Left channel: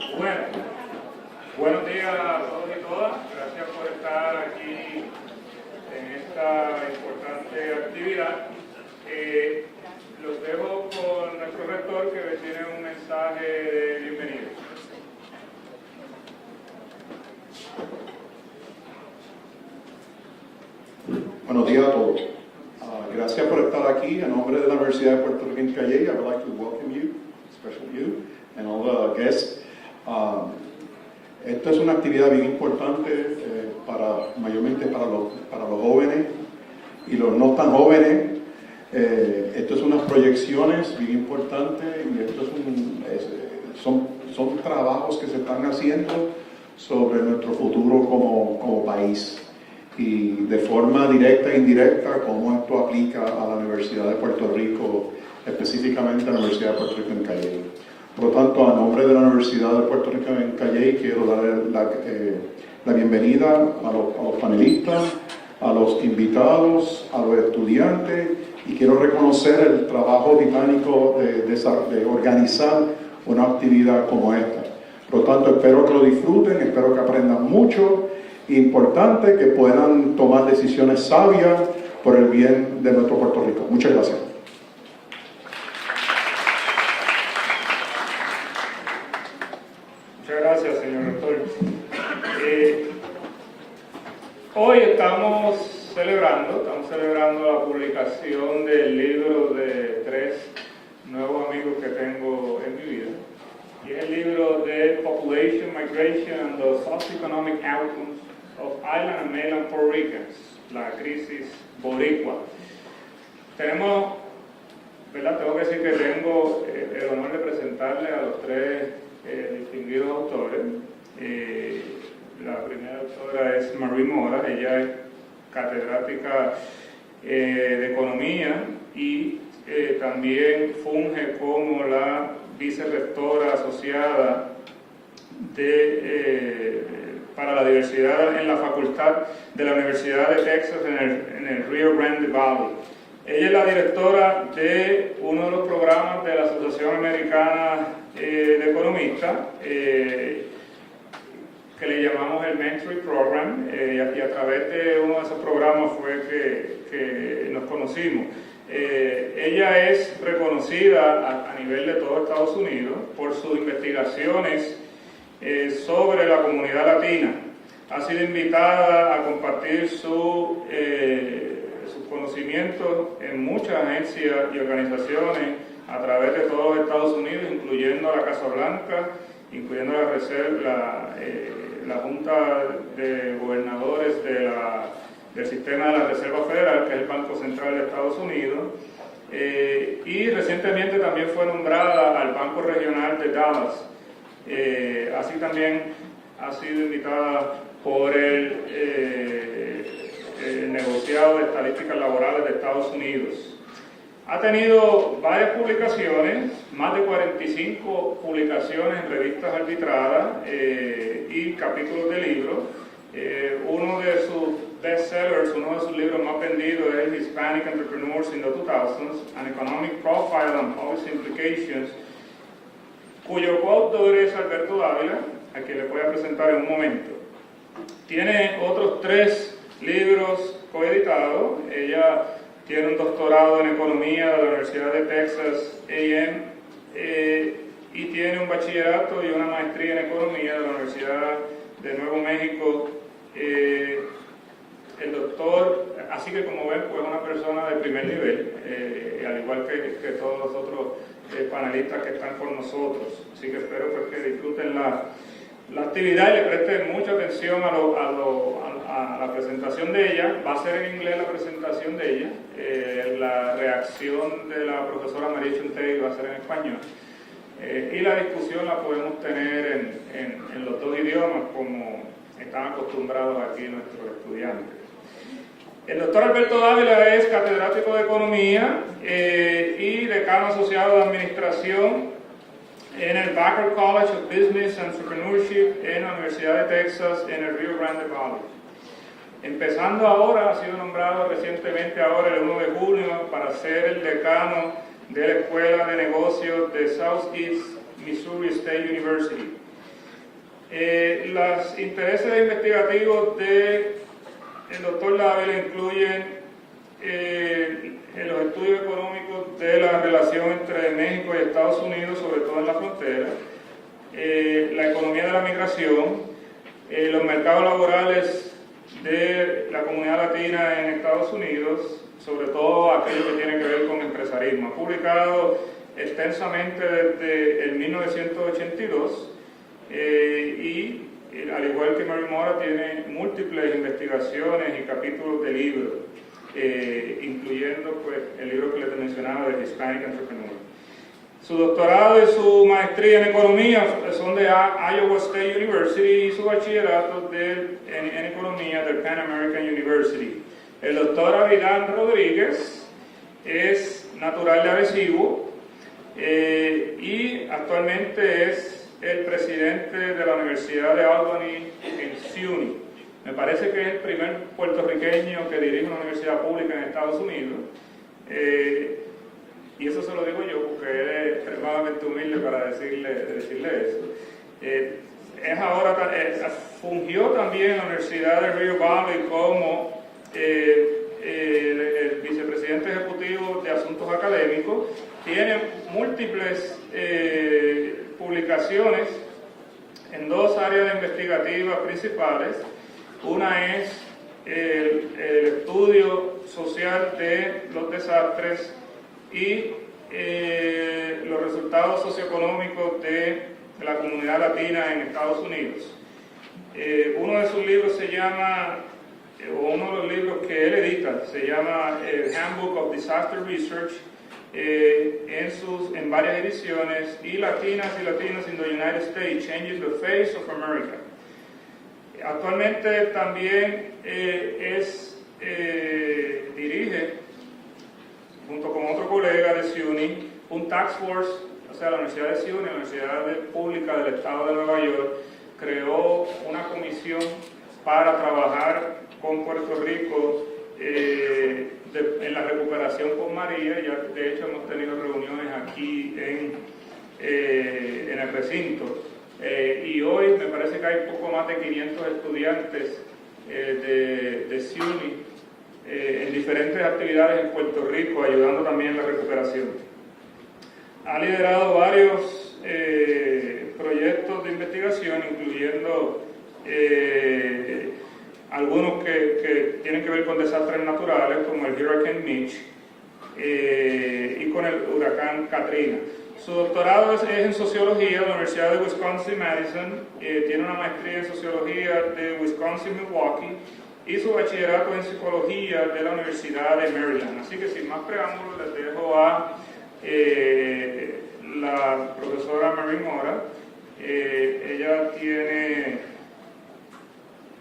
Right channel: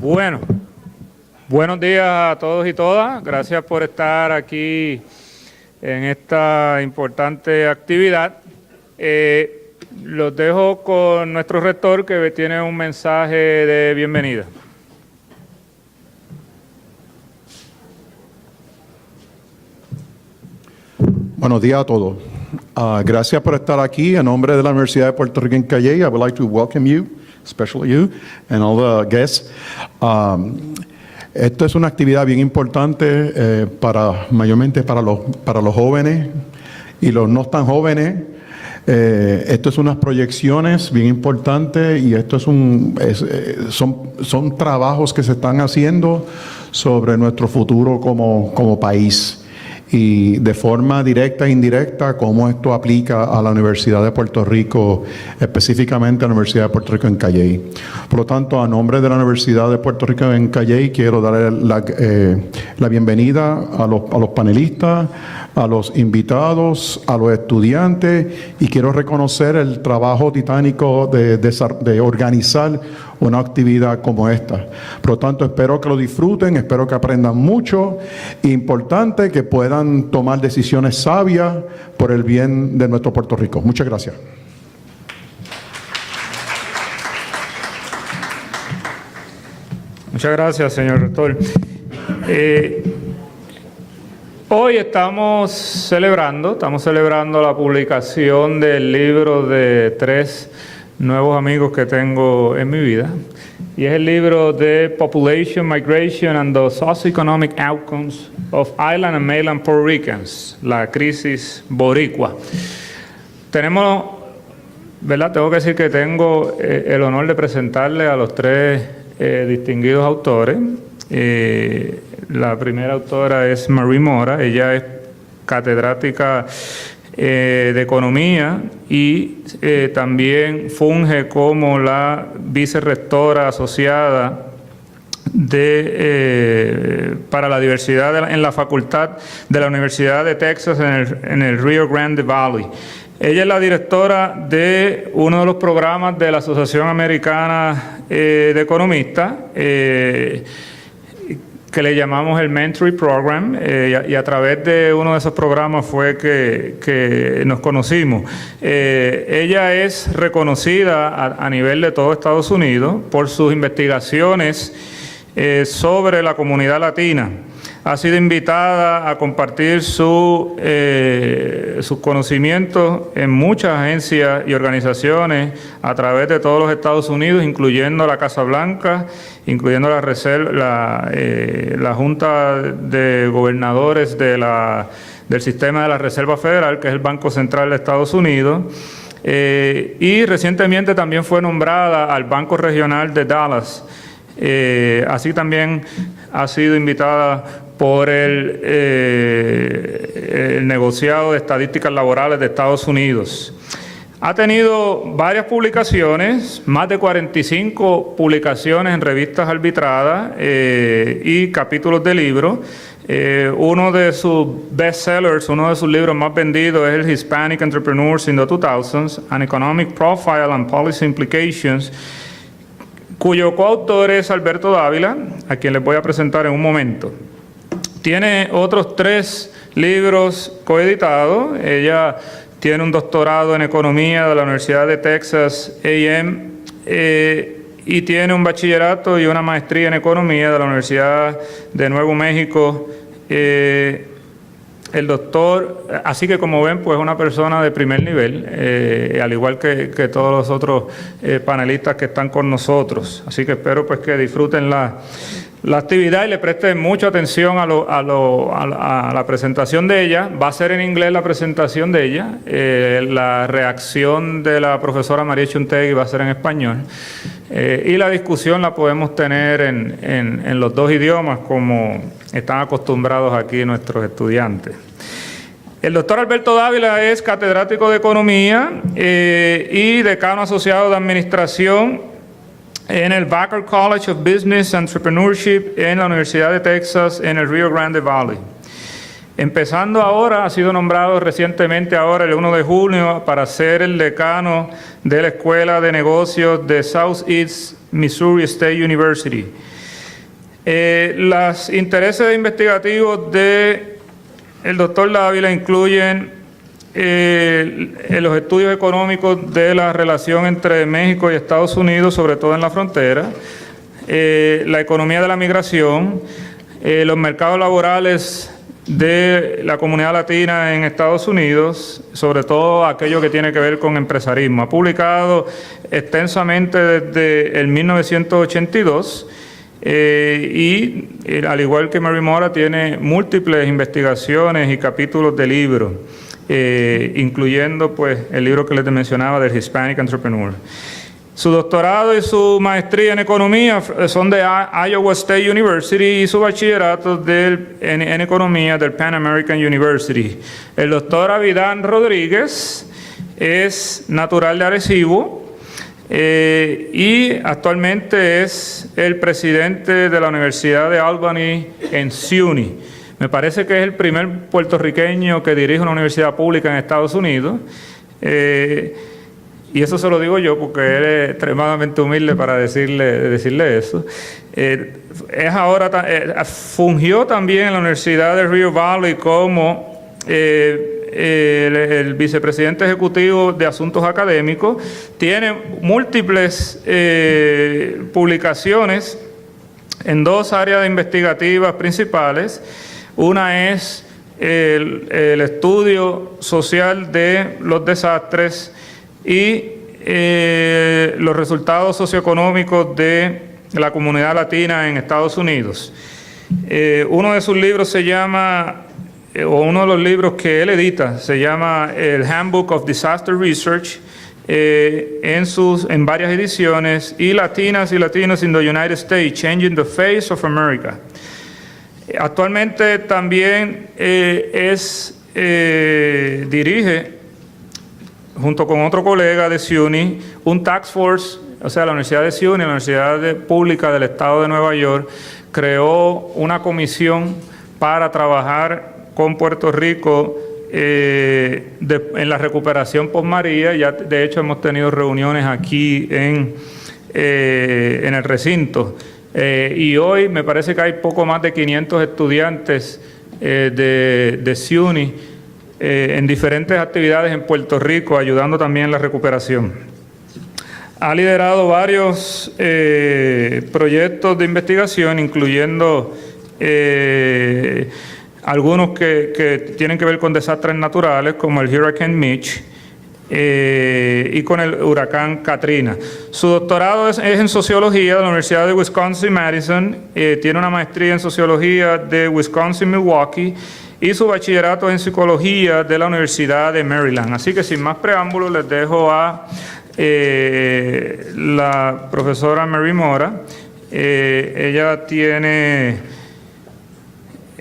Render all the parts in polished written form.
Bueno, buenos días a todos y todas. Gracias por estar aquí en esta importante actividad. Los dejo con nuestro rector, que tiene un mensaje de bienvenida. Buenos días a todos. Gracias por estar aquí. En nombre de la Universidad de Puerto Rico en Calley, I would like to welcome you, especially you, and all the guests. Esto es una actividad bien importante mayormente para los jóvenes y los no tan jóvenes. Esto es unas proyecciones bien importantes y esto son trabajos que se están haciendo sobre nuestro futuro como país. Y de forma directa e indirecta, cómo esto aplica a la Universidad de Puerto Rico, específicamente a la Universidad de Puerto Rico en Calley. Por lo tanto, a nombre de la Universidad de Puerto Rico en Calley, quiero dar la bienvenida a los panelistas, a los invitados, a los estudiantes, y quiero reconocer el trabajo titánico de organizar una actividad como esta. Por lo tanto, espero que lo disfruten, espero que aprendan mucho. Importante que puedan tomar decisiones sabias por el bien de nuestro Puerto Rico. Muchas gracias. Muchas gracias, señor rector. Hoy estamos celebrando la publicación del libro de 3 nuevos amigos que tengo en mi vida. Y es el libro de Population, Migration and the Socioeconomic Outcomes of Island and Mainland Puerto Ricans, la crisis boricua. Tengo que decir que tengo el honor de presentarle a los 3 distinguidos autores. La primera autora es Marie Mora. Ella es catedrática de Economía y también funge como la vicerrectora asociada para la diversidad en la Facultad de la Universidad de Texas en el Rio Grande Valley. Ella es la directora de uno de los programas de la Asociación Americana de Economistas, que le llamamos el Mentoring Program, y a través de uno de esos programas fue que nos conocimos. Ella es reconocida a nivel de todo Estados Unidos por sus investigaciones sobre la comunidad latina. Ha sido invitada a compartir sus conocimientos en muchas agencias y organizaciones a través de todos los Estados Unidos, incluyendo la Casa Blanca, incluyendo la Junta de Gobernadores del Sistema de la Reserva Federal, que es el Banco Central de Estados Unidos, y recientemente también fue nombrada al Banco Regional de Dallas. Así también ha sido invitada por el negociado de estadísticas laborales de Estados Unidos. Ha tenido varias publicaciones, más de 45 publicaciones en revistas arbitradas y capítulos de libros. Uno de sus bestsellers, uno de sus libros más vendidos es el Hispanic Entrepreneurs in the 2000s, An Economic Profile and Policy Implications, cuyo coautor es Alberto Dávila, a quien les voy a presentar en un momento. Tiene otros 3 libros coeditados. Ella tiene un doctorado en Economía de la Universidad de Texas A&M y tiene un bachillerato y una maestría en Economía de la Universidad de Nuevo México. El doctor, así que como ven, pues es una persona de primer nivel, al igual que todos los otros panelistas que están con nosotros. Así que espero pues que disfruten la actividad y le presten mucha atención a la presentación de ella. Va a ser en inglés la presentación de ella. La reacción de la profesora María Chuntegui va a ser en español. Y la discusión la podemos tener en los 2 idiomas, como están acostumbrados aquí nuestros estudiantes. El doctor Alberto Dávila es catedrático de Economía y decano asociado de Administración en el Baker College of Business Entrepreneurship en la Universidad de Texas en el Rio Grande Valley. Empezando ahora, ha sido nombrado recientemente ahora el 1 de junio para ser el decano de la Escuela de Negocios de Southeast Missouri State University. Los intereses investigativos del doctor Dávila incluyen los estudios económicos de la relación entre México y Estados Unidos, sobre todo en la frontera, la economía de la migración, los mercados laborales de la comunidad latina en Estados Unidos, sobre todo aquello que tiene que ver con empresarismo. Ha publicado extensamente desde el 1982 y al igual que Mary Mora tiene múltiples investigaciones y capítulos de libros, incluyendo pues el libro que les mencionaba del Hispanic Entrepreneur. Su doctorado y su maestría en economía son de Iowa State University y su bachillerato en economía del Pan American University. El doctor Abidán Rodríguez es natural de Arecibo y actualmente es el presidente de la Universidad de Albany en SUNY. Me parece que es el primer puertorriqueño que dirige una universidad pública en Estados Unidos. Y eso se lo digo yo porque él es extremadamente humilde para decirle eso. Fungió también en la Universidad de Rio Valley como el vicepresidente ejecutivo de Asuntos Académicos. Tiene múltiples publicaciones en dos áreas investigativas principales. Una es el estudio social de los desastres y los resultados socioeconómicos de la comunidad latina en Estados Unidos. Uno de sus libros se llama, o uno de los libros que él edita, se llama el Handbook of Disaster Research, en varias ediciones, y Latinas y Latinos in the United States, Changing the Face of America. Actualmente también dirige, junto con otro colega de SUNY, un task force, o sea, la Universidad de SUNY, la Universidad Pública del Estado de Nueva York, creó una comisión para trabajar con Puerto Rico en la recuperación post-María. Ya de hecho hemos tenido reuniones aquí en el recinto. Y hoy me parece que hay poco más de 500 estudiantes de SUNY en diferentes actividades en Puerto Rico, ayudando también en la recuperación. Ha liderado varios proyectos de investigación, incluyendo algunos que tienen que ver con desastres naturales, como el Hurricane Mitch, y con el huracán Katrina. Su doctorado es en Sociología de la Universidad de Wisconsin-Madison, tiene una maestría en Sociología de Wisconsin-Milwaukee, y su bachillerato en Psicología de la Universidad de Maryland. Así que sin más preámbulos les dejo a la profesora Mary Mora. Ella tiene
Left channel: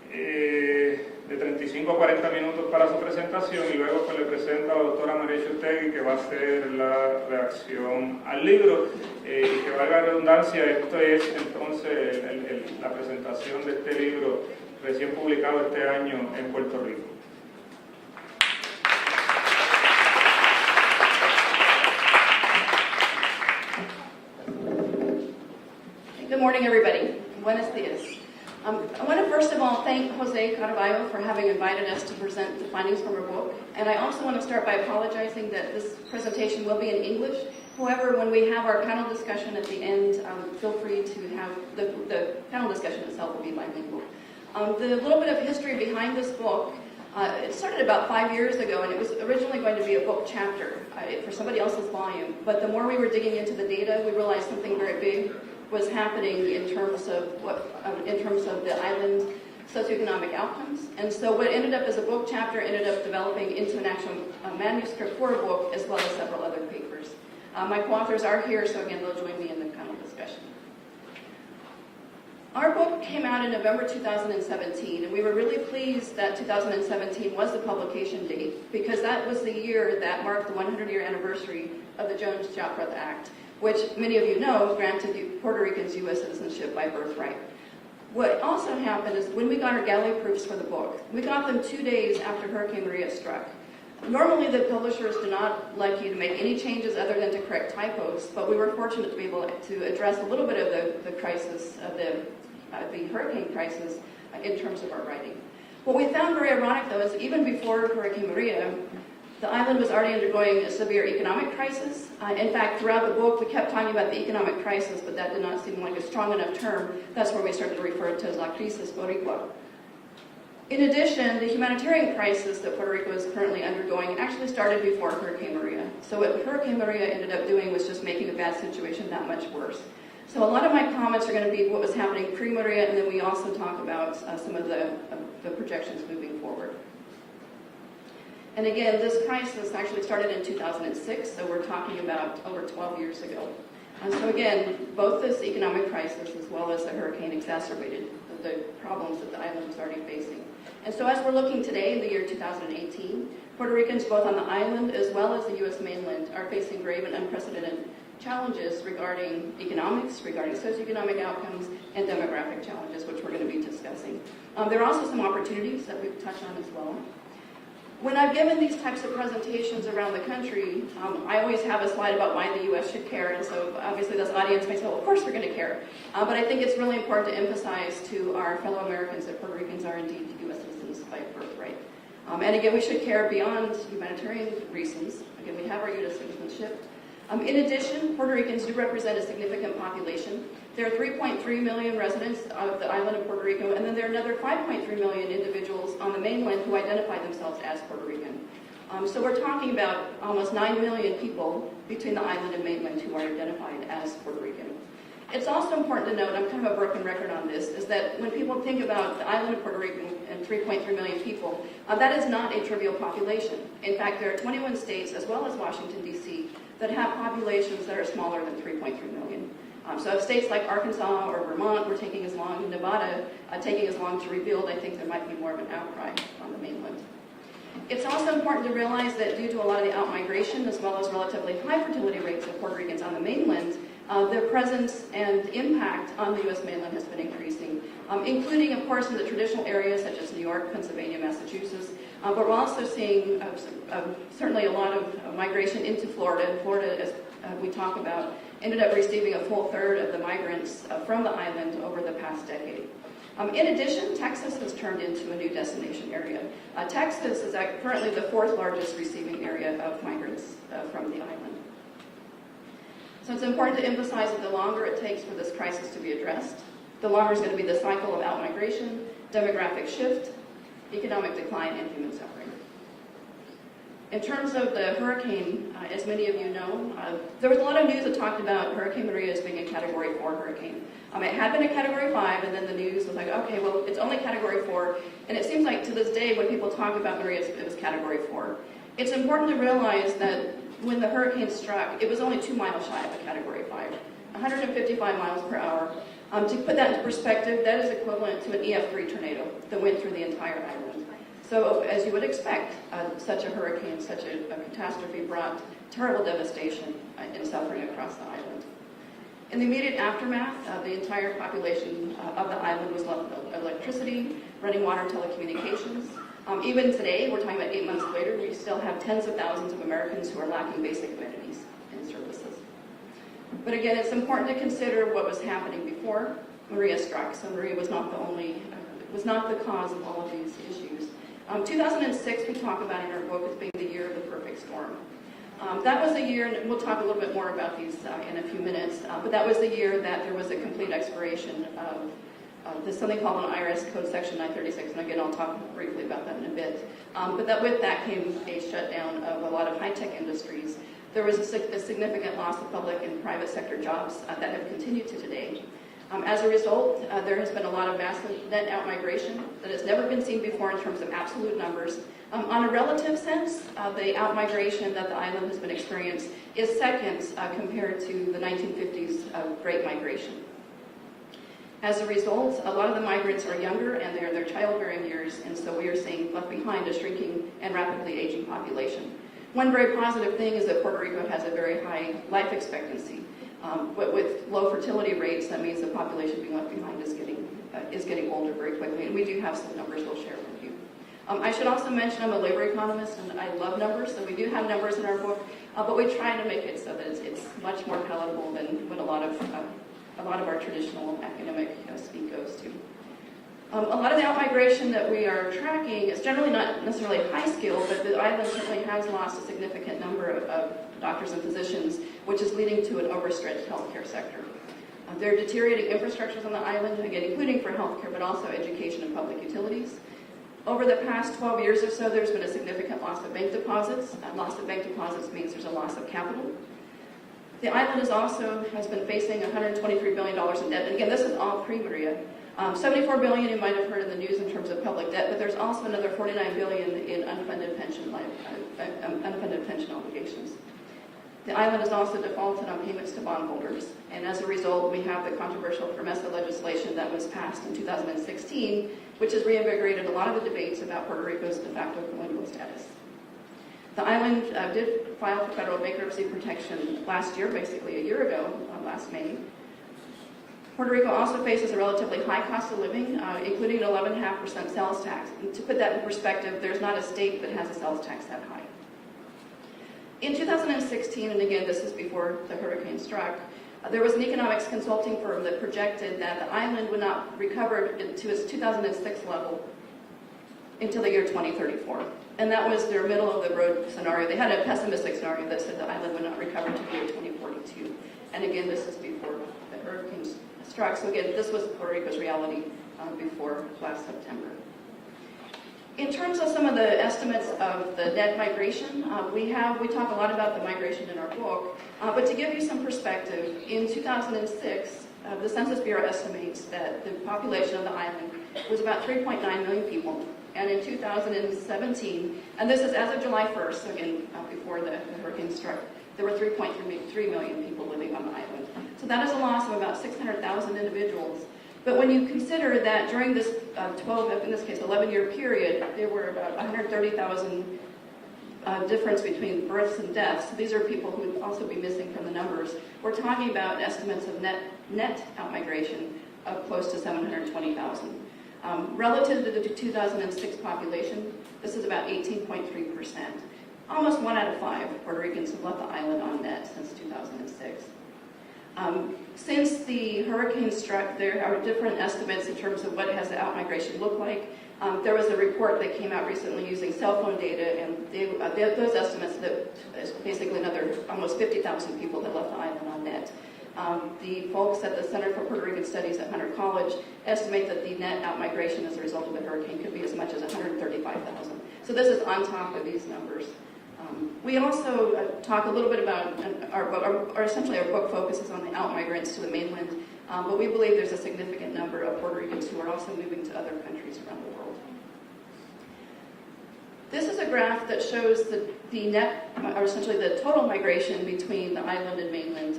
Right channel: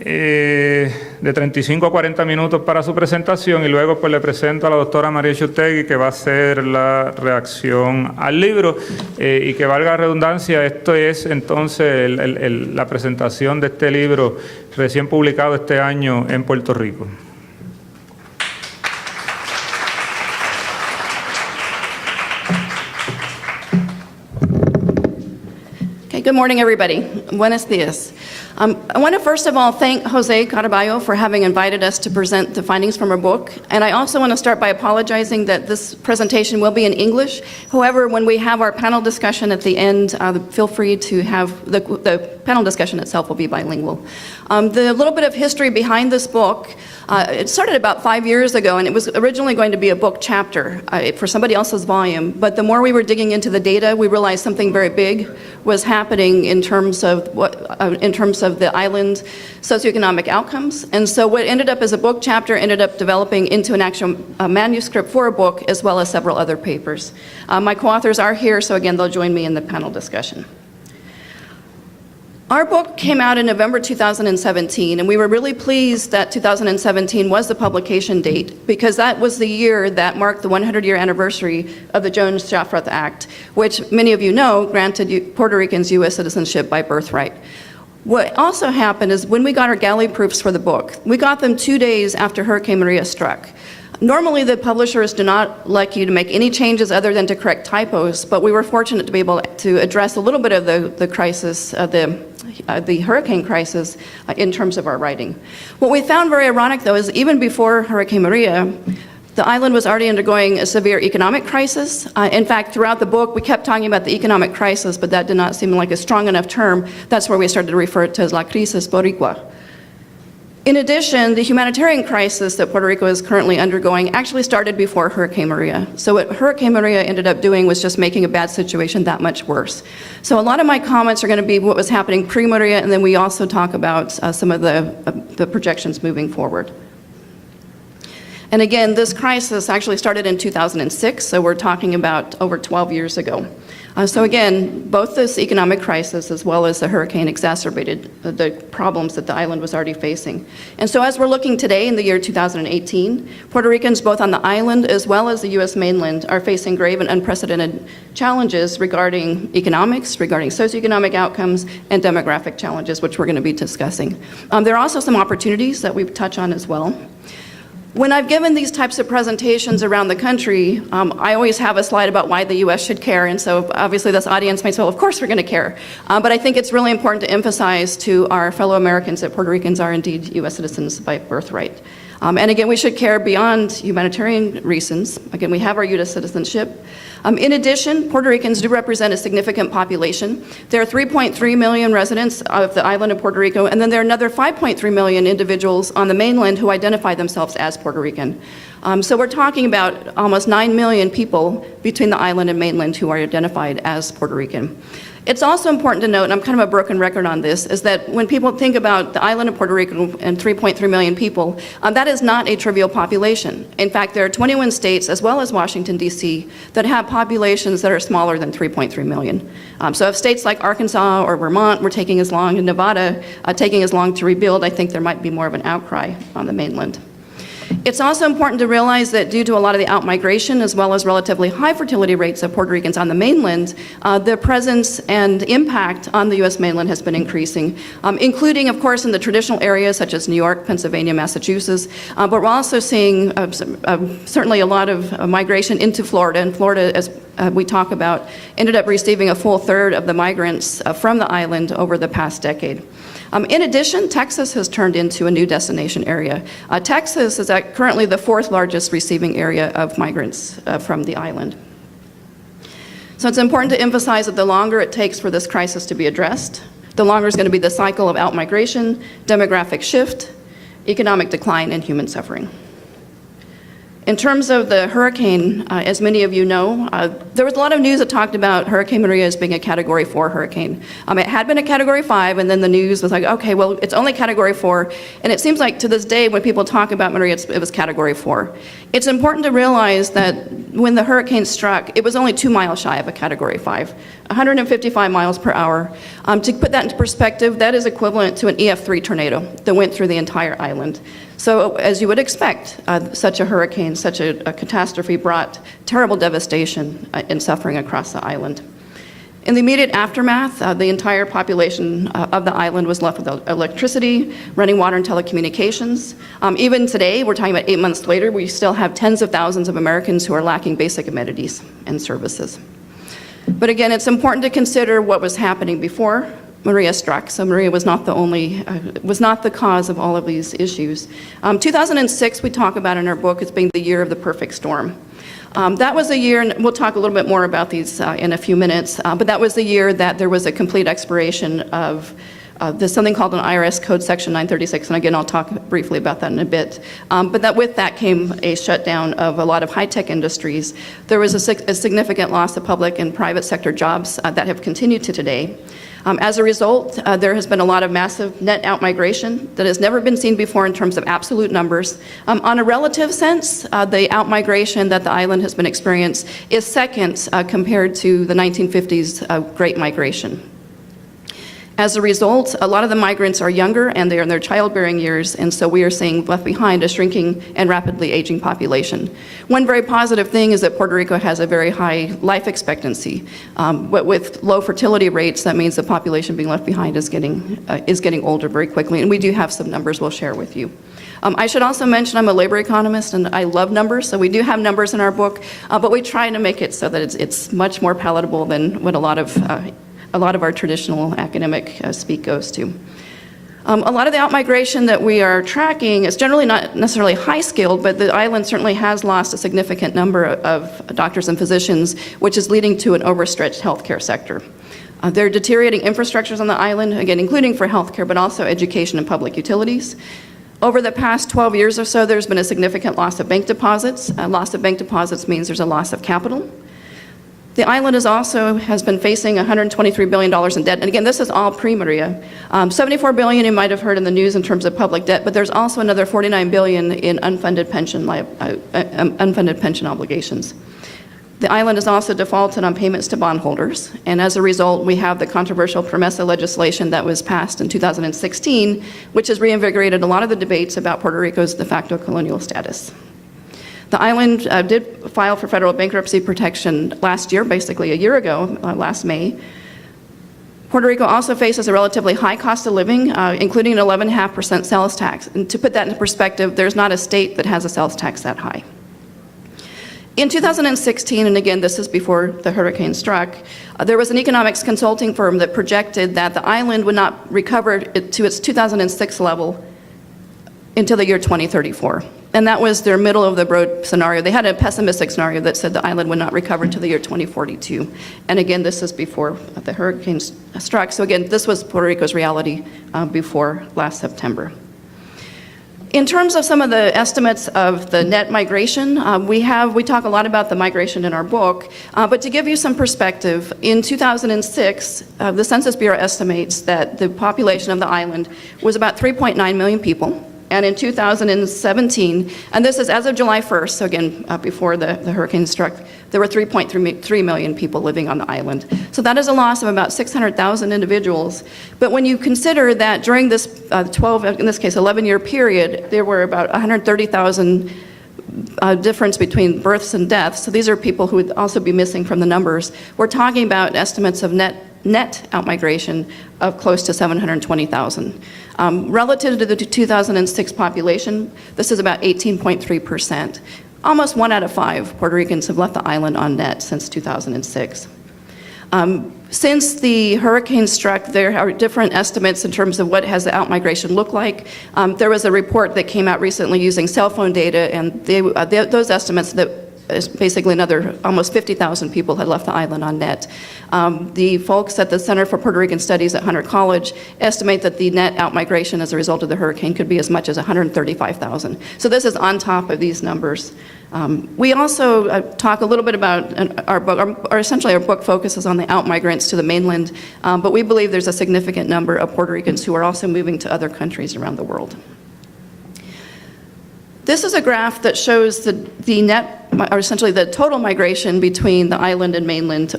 de 35 a 40 minutos para su presentación y luego pues le presento a la doctora María Chutegui, que va a hacer la reacción al libro, y que valga la redundancia, esto es entonces la presentación de este libro recién publicado este año en Puerto Rico. Okay, good morning, everybody. Buenos días. I want to first of all thank Jose Caraballo for having invited us to present the findings from our book. And I also want to start by apologizing that this presentation will be in English. However, when we have our panel discussion at the end, feel free to have the panel discussion itself will be bilingual. The little bit of history behind this book, it started about 5 years ago, and it was originally going to be a book chapter for somebody else's volume. But the more we were digging into the data, we realized something very big was happening in terms of the island socioeconomic outcomes. And so what ended up as a book chapter ended up developing into an actual manuscript for a book, as well as several other papers. My co-authors are here, so again, they'll join me in the panel discussion. Our book came out in November 2017, and we were really pleased that 2017 was the publication date, because that was the year that marked the 100-year anniversary of the Jones-Shafrath Act, which many of you know granted Puerto Ricans U.S. citizenship by birthright. What also happened is when we got our galley proofs for the book, we got them 2 days after Hurricane Maria struck. Normally, the publishers do not like you to make any changes other than to correct typos, but we were fortunate to be able to address a little bit of the crisis, the hurricane crisis in terms of our writing. What we found very ironic, though, is even before Hurricane Maria, the island was already undergoing a severe economic crisis. In fact, throughout the book, we kept talking about the economic crisis, but that did not seem like a strong enough term. That's where we started to refer to as La Crisis Boricua. In addition, the humanitarian crisis that Puerto Rico is currently undergoing actually started before Hurricane Maria. So what Hurricane Maria ended up doing was just making a bad situation that much worse. So a lot of my comments are going to be what was happening pre-Maria, and then we also talk about some of the projections moving forward. And again, this crisis actually started in 2006, so we're talking about over 12 years ago. So again, both this economic crisis as well as the hurricane exacerbated the problems that the island was already facing. And so as we're looking today in the year 2018, Puerto Ricans both on the island as well as the U.S. mainland are facing grave and unprecedented challenges regarding economics, regarding socioeconomic outcomes, and demographic challenges, which we're going to be discussing. There are also some opportunities that we touch on as well. When I've given these types of presentations around the country, I always have a slide about why the U.S. should care, and so obviously this audience may say, well, of course we're going to care. But I think it's really important to emphasize to our fellow Americans that Puerto Ricans are indeed U.S. citizens by birthright. And again, we should care beyond humanitarian reasons. Again, we have our U.S. citizenship. In addition, Puerto Ricans do represent a significant population. There are 3.3 million residents of the island of Puerto Rico, and then there are another 5.3 million individuals on the mainland who identify themselves as Puerto Rican. So we're talking about almost 9 million people between the island and mainland who are identified as Puerto Rican. It's also important to note, and I'm kind of a broken record on this, is that when people think about the island of Puerto Rico and 3.3 million people, that is not a trivial population. In fact, there are 21 states, as well as Washington, D.C., that have populations that are smaller than 3.3 million. So if states like Arkansas or Vermont were taking as long, and Nevada taking as long to rebuild, I think there might be more of an outcry on the mainland. It's also important to realize that due to a lot of the outmigration, as well as relatively high fertility rates of Puerto Ricans on the mainland, their presence and impact on the U.S. mainland has been increasing, including, of course, in the traditional areas such as New York, Pennsylvania, Massachusetts, but we're also seeing certainly a lot of migration into Florida, and Florida, as we talk about, ended up receiving a full third of the migrants from the island over the past decade. In addition, Texas has turned into a new destination area. Texas is currently the fourth largest receiving area of migrants from the island. So it's important to emphasize that the longer it takes for this crisis to be addressed, the longer is going to be the cycle of outmigration, demographic shift, economic decline, and human suffering. In terms of the hurricane, as many of you know, there was a lot of news that talked about Hurricane Maria as being a Category 4 hurricane. It had been a Category 5, and then the news was like, okay, well, it's only Category 4. And it seems like to this day, when people talk about Maria, it was Category 4. It's important to realize that when the hurricane struck, it was only 2 miles shy of a Category 5. 155 miles per hour. To put that into perspective, that is equivalent to an EF3 tornado that went through the entire island. So as you would expect, such a hurricane, such a catastrophe brought terrible devastation and suffering across the island. In the immediate aftermath, the entire population of the island was left without electricity, running water, and telecommunications. Even today, we're talking about 8 months later, we still have tens of thousands of Americans who are lacking basic amenities and services. But again, it's important to consider what was happening before Maria struck. So Maria was not the cause of all of these issues. 2006, we talk about in our book as being the year of the perfect storm. That was the year, and we'll talk a little bit more about these in a few minutes, but that was the year that there was a complete expiration of there's something called an IRS Code Section 936, and again, I'll talk briefly about that in a bit. But with that came a shutdown of a lot of high-tech industries. There was a significant loss of public and private sector jobs that have continued to today. As a result, there has been a lot of massive net outmigration that has never been seen before in terms of absolute numbers. On a relative sense, the outmigration that the island has been experienced is second compared to the 1950s Great Migration. As a result, a lot of the migrants are younger and they are in their childbearing years, and so we are seeing left behind a shrinking and rapidly aging population. One very positive thing is that Puerto Rico has a very high life expectancy, but with low fertility rates, that means the population being left behind is getting older very quickly, and we do have some numbers we'll share with you. I should also mention I'm a labor economist and I love numbers, so we do have numbers in our book, but we try to make it so that it's much more palatable than what a lot of our traditional academic speak goes to. A lot of the outmigration that we are tracking is generally not necessarily high-skilled, but the island certainly has lost a significant number of doctors and physicians, which is leading to an overstretched healthcare sector. There are deteriorating infrastructures on the island, again, including for healthcare, but also education and public utilities. Over the past 12 years or so, there's been a significant loss of bank deposits. Loss of bank deposits means there's a loss of capital. The island has been facing $123 billion in debt. And again, this is all pre-Maria. $74 billion you might have heard in the news in terms of public debt, but there's also another $49 billion in unfunded pension obligations. The island is also defaulted on payments to bondholders. And as a result, we have the controversial PROMESA legislation that was passed in 2016, which has reinvigorated a lot of the debates about Puerto Rico's de facto colonial status. The island did file for federal bankruptcy protection last year, basically a year ago, last May. Puerto Rico also faces a relatively high cost of living, including an 11.5% sales tax. And to put that into perspective, there's not a state that has a sales tax that high. In 2016, and again, this is before the hurricane struck, there was an economics consulting firm that projected that the island would not recover to its 2006 level until the year 2034. And that was their middle of the road scenario. They had a pessimistic scenario that said the island would not recover to the year 2042. And again, this is before the hurricane struck. So again, this was Puerto Rico's reality before last September. In terms of some of the estimates of the net migration, we talk a lot about the migration in our book, but to give you some perspective, in 2006, the Census Bureau estimates that the population of the island was about 3.9 million people. And in 2017, and this is as of July 1st, so again, before the hurricane struck, there were 3.3 million people living on the island. So that is a loss of about 600,000 individuals. But when you consider that during this 11-year period, there were about 130,000 difference between births and deaths. So these are people who would also be missing from the numbers. We're talking about estimates of net outmigration of close to 720,000. Relative to the 2006 population, this is about 18.3%. Almost 1 out of 5 Puerto Ricans have left the island on net since 2006. Since the hurricane struck, there are different estimates in terms of what has the outmigration look like. There was a report that came out recently using cell phone data, and those estimates that basically another almost 50,000 people had left the island on net. The folks at the Center for Puerto Rican Studies at Hunter College estimate that the net outmigration as a result of the hurricane could be as much as 135,000. So this is on top of these numbers. We also talk a little bit about our book, or essentially our book focuses on the outmigrants to the mainland, but we believe there's a significant number of Puerto Ricans who are also moving to other countries around the world. This is a graph that shows the net, or essentially the total migration between the island and mainland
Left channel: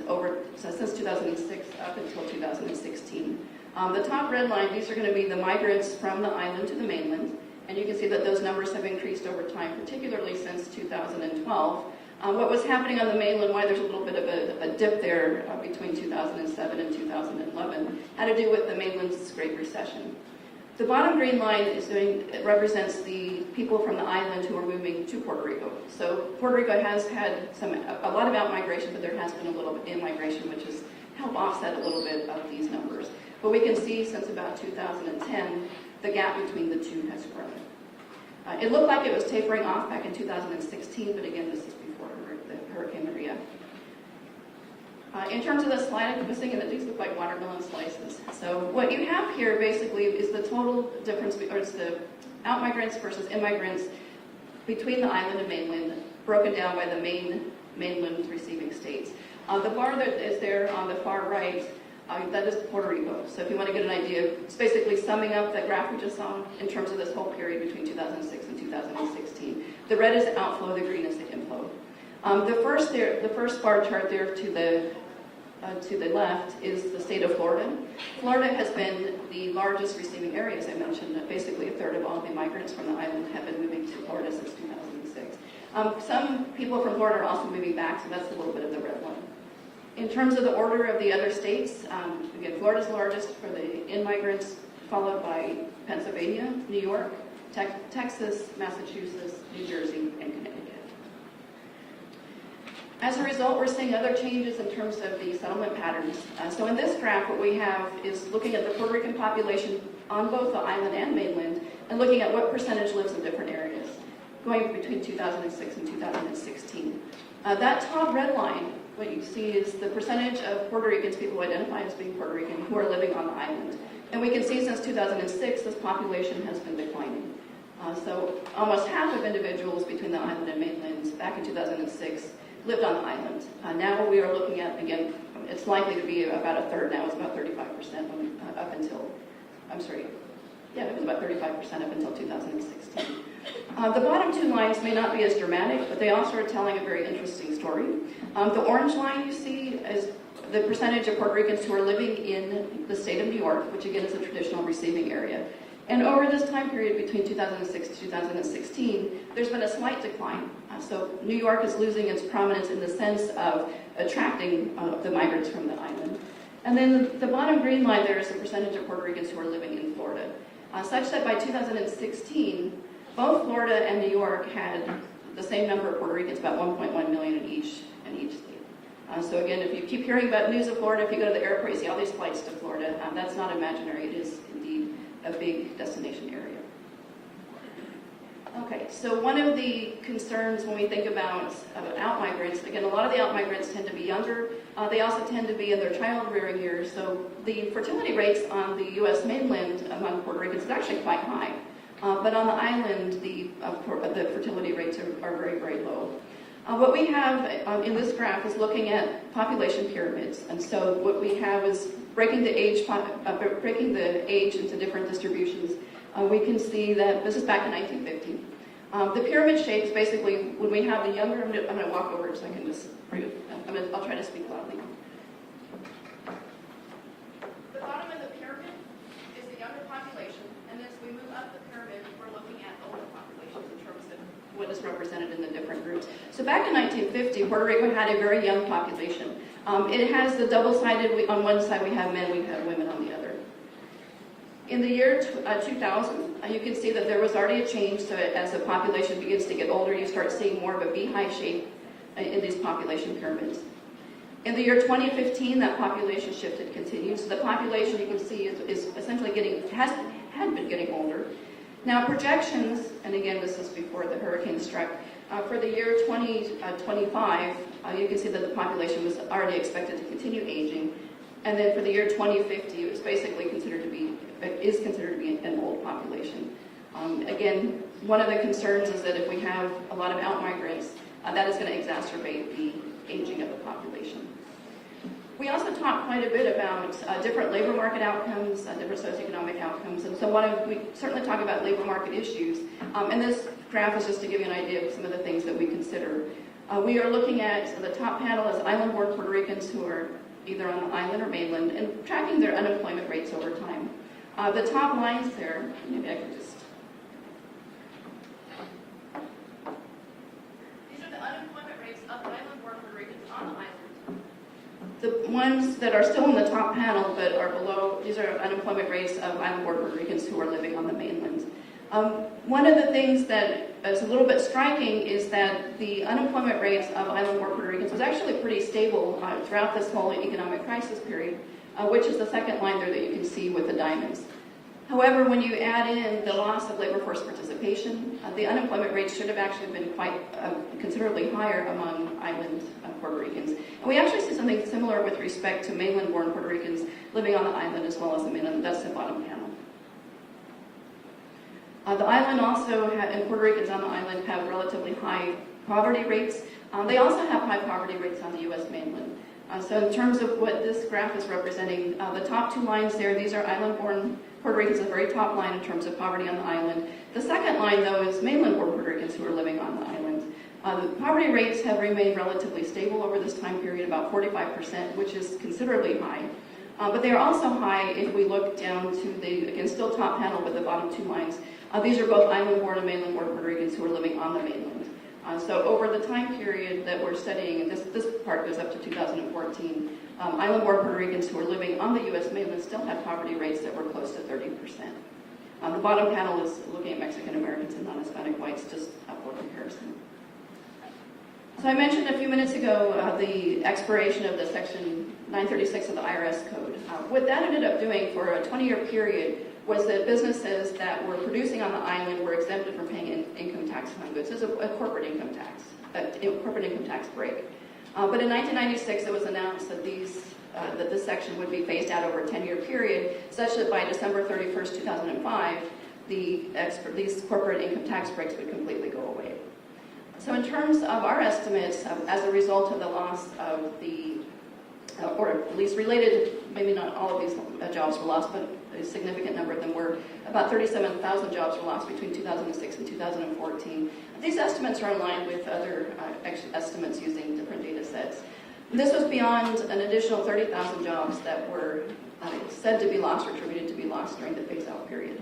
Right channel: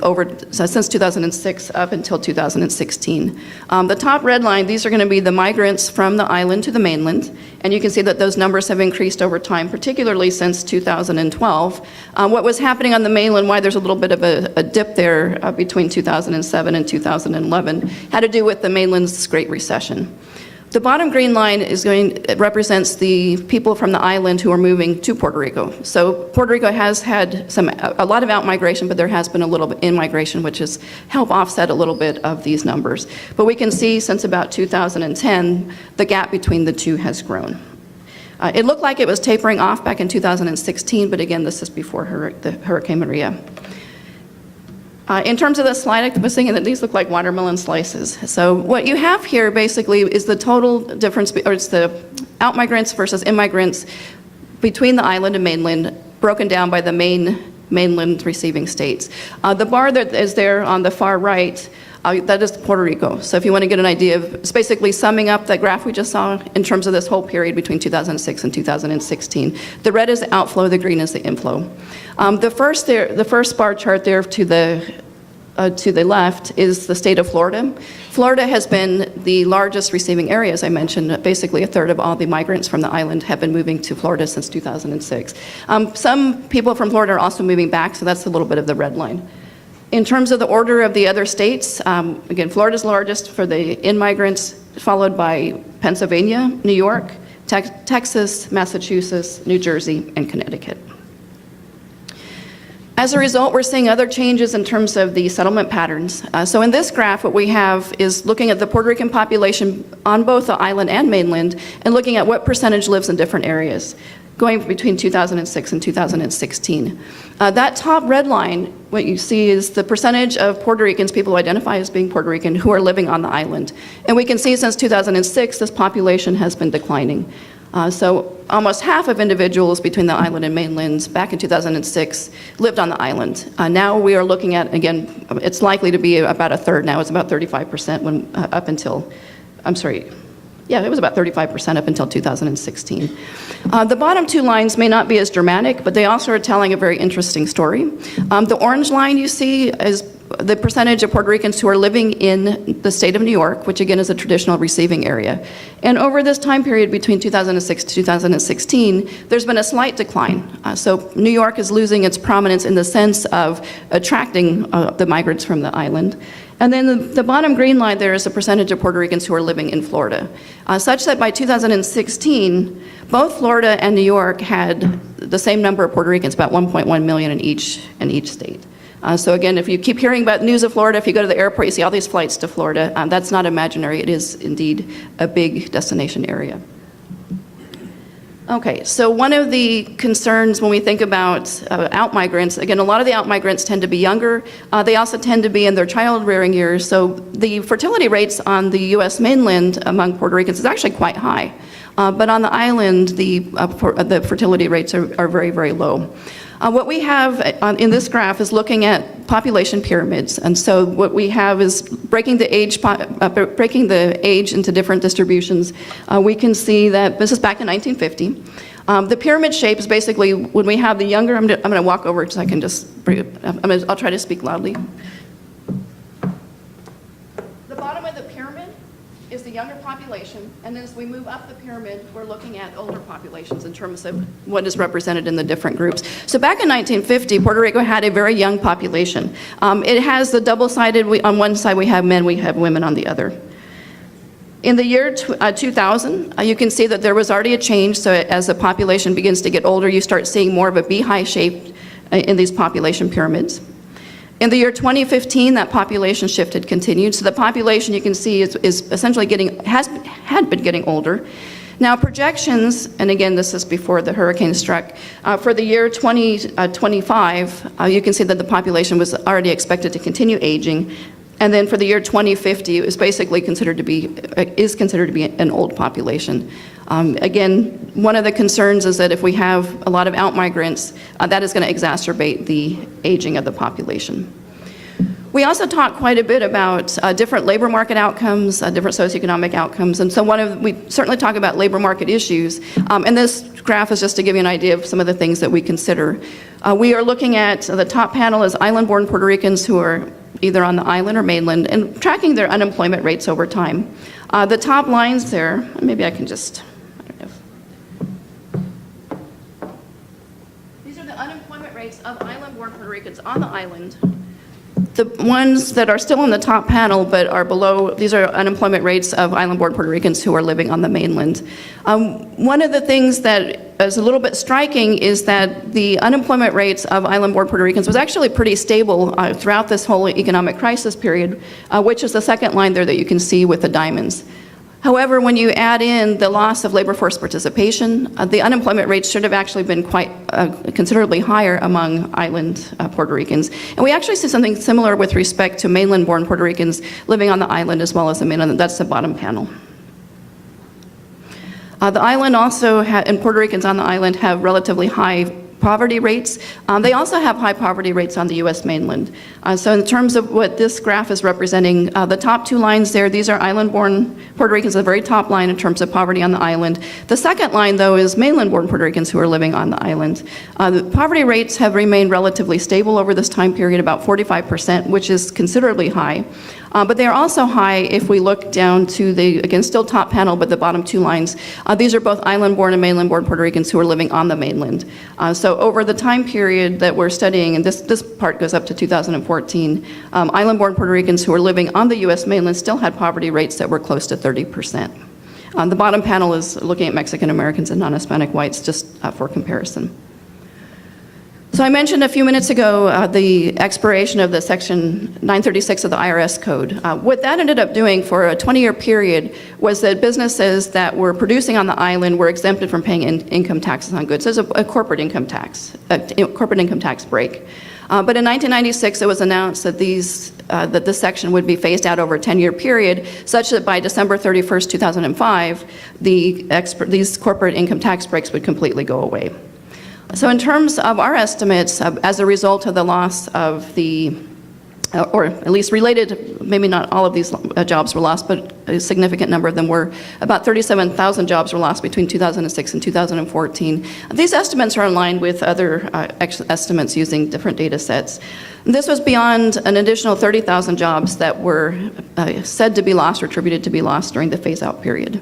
since 2006 up until 2016. The top red line, these are going to be the migrants from the island to the mainland, and you can see that those numbers have increased over time, particularly since 2012. What was happening on the mainland, why there's a little bit of a dip there between 2007 and 2011, had to do with the mainland's Great Recession. The bottom green line represents the people from the island who are moving to Puerto Rico. So Puerto Rico has had a lot of outmigration, but there has been a little bit in-migration, which has helped offset a little bit of these numbers. But we can see since about 2010, the gap between the two has grown. It looked like it was tapering off back in 2016, but again, this is before the Hurricane Maria. In terms of the slide, I was thinking that these look like watermelon slices. So what you have here basically is the total difference, or it's the outmigrants versus immigrants between the island and mainland, broken down by the mainland receiving states. The bar that is there on the far right, that is Puerto Rico. So if you want to get an idea of, it's basically summing up the graph we just saw in terms of this whole period between 2006 and 2016. The red is the outflow, the green is the inflow. The first bar chart there to the left is the state of Florida. Florida has been the largest receiving area, as I mentioned. Basically, a third of all the migrants from the island have been moving to Florida since 2006. Some people from Florida are also moving back, so that's a little bit of the red line. In terms of the order of the other states, again, Florida's largest for the in-migrants, followed by Pennsylvania, New York, Texas, Massachusetts, New Jersey, and Connecticut. As a result, we're seeing other changes in terms of the settlement patterns. So in this graph, what we have is looking at the Puerto Rican population on both the island and mainland and looking at what percentage lives in different areas, going between 2006 and 2016. That top red line, what you see is the percentage of Puerto Ricans, people who identify as being Puerto Rican, who are living on the island. And we can see since 2006, this population has been declining. So almost half of individuals between the island and mainland back in 2006 lived on the island. Now we are looking at, again, it's likely to be about a third now. It's about 35% when up until, I'm sorry, yeah, it was about 35% up until 2016. The bottom two lines may not be as dramatic, but they also are telling a very interesting story. The orange line you see is the percentage of Puerto Ricans who are living in the state of New York, which again is a traditional receiving area. And over this time period between 2006 to 2016, there's been a slight decline. So New York is losing its prominence in the sense of attracting the migrants from the island. And then the bottom green line there is the percentage of Puerto Ricans who are living in Florida, such that by 2016, both Florida and New York had the same number of Puerto Ricans, about 1.1 million in each state. So again, if you keep hearing about news of Florida, if you go to the airport, you see all these flights to Florida. That's not imaginary. It is indeed a big destination area. Okay, so one of the concerns when we think about out-migrants, again, a lot of the out-migrants tend to be younger. They also tend to be in their child-rearing years. So the fertility rates on the U.S. mainland among Puerto Ricans is actually quite high. But on the island, the fertility rates are very, very low. What we have in this graph is looking at population pyramids. And so what we have is breaking the age into different distributions. We can see that this is back in 1950. The pyramid shape is basically when we have the younger, I'm going to walk over so I can just, I'll try to speak loudly. The bottom of the pyramid is the younger population, and as we move up the pyramid, we're looking at older populations in terms of what is represented in the different groups. So back in 1950, Puerto Rico had a very young population. It has the double-sided, on one side we have men, we have women on the other. In the year 2000, you can see that there was already a change, so as the population begins to get older, you start seeing more of a beehive shape in these population pyramids. In the year 2015, that population shift had continued. So the population you can see is essentially had been getting older. Now projections, and again this is before the hurricane struck, for the year 2025, you can see that the population was already expected to continue aging. And then for the year 2050, it was basically considered to be an old population. Again, one of the concerns is that if we have a lot of out-migrants, that is going to exacerbate the aging of the population. We also talk quite a bit about different labor market outcomes, different socioeconomic outcomes, and so we certainly talk about labor market issues, and this graph is just to give you an idea of some of the things that we consider. We are looking at, the top panel is island-born Puerto Ricans who are either on the island or mainland, and tracking their unemployment rates over time. The top lines there, maybe I can just, these are the unemployment rates of island-born Puerto Ricans on the island. The ones that are still on the top panel but are below, these are unemployment rates of island-born Puerto Ricans who are living on the mainland. One of the things that is a little bit striking is that the unemployment rates of island-born Puerto Ricans was actually pretty stable throughout this whole economic crisis period, which is the second line there that you can see with the diamonds. However, when you add in the loss of labor force participation, the unemployment rates should have actually been quite considerably higher among island Puerto Ricans. And we actually see something similar with respect to mainland-born Puerto Ricans living on the island as well as the mainland. That's the bottom panel. The island also, and Puerto Ricans on the island have relatively high poverty rates. They also have high poverty rates on the U.S. mainland. So in terms of what this graph is representing, the top two lines there, these are island-born Puerto Ricans, the very top line in terms of poverty on the island. The second line, though, is mainland-born Puerto Ricans who are living on the island. The poverty rates have remained relatively stable over this time period, about 45%, which is considerably high. But they are also high if we look down to the, again, still top panel, but the bottom two lines. These are both island-born and mainland-born Puerto Ricans who are living on the mainland. So over the time period that we're studying, and this part goes up to 2014, island-born Puerto Ricans who are living on the U.S. mainland still had poverty rates that were close to 30%. The bottom panel is looking at Mexican Americans and non-Hispanic whites, just for comparison. So I mentioned a few minutes ago the expiration of the Section 936 of the IRS code. What that ended up doing for a 20-year period was that businesses that were producing on the island were exempted from paying income taxes on goods. There's a corporate income tax, break. But in 1996, it was announced that that this section would be phased out over a 10-year period, such that by December 31st, 2005, these corporate income tax breaks would completely go away. So in terms of our estimates, as a result of the loss of or at least related, maybe not all of these jobs were lost, but a significant number of them were, about 37,000 jobs were lost between 2006 and 2014. These estimates are in line with other estimates using different data sets. This was beyond an additional 30,000 jobs that were said to be lost or attributed to be lost during the phase-out period.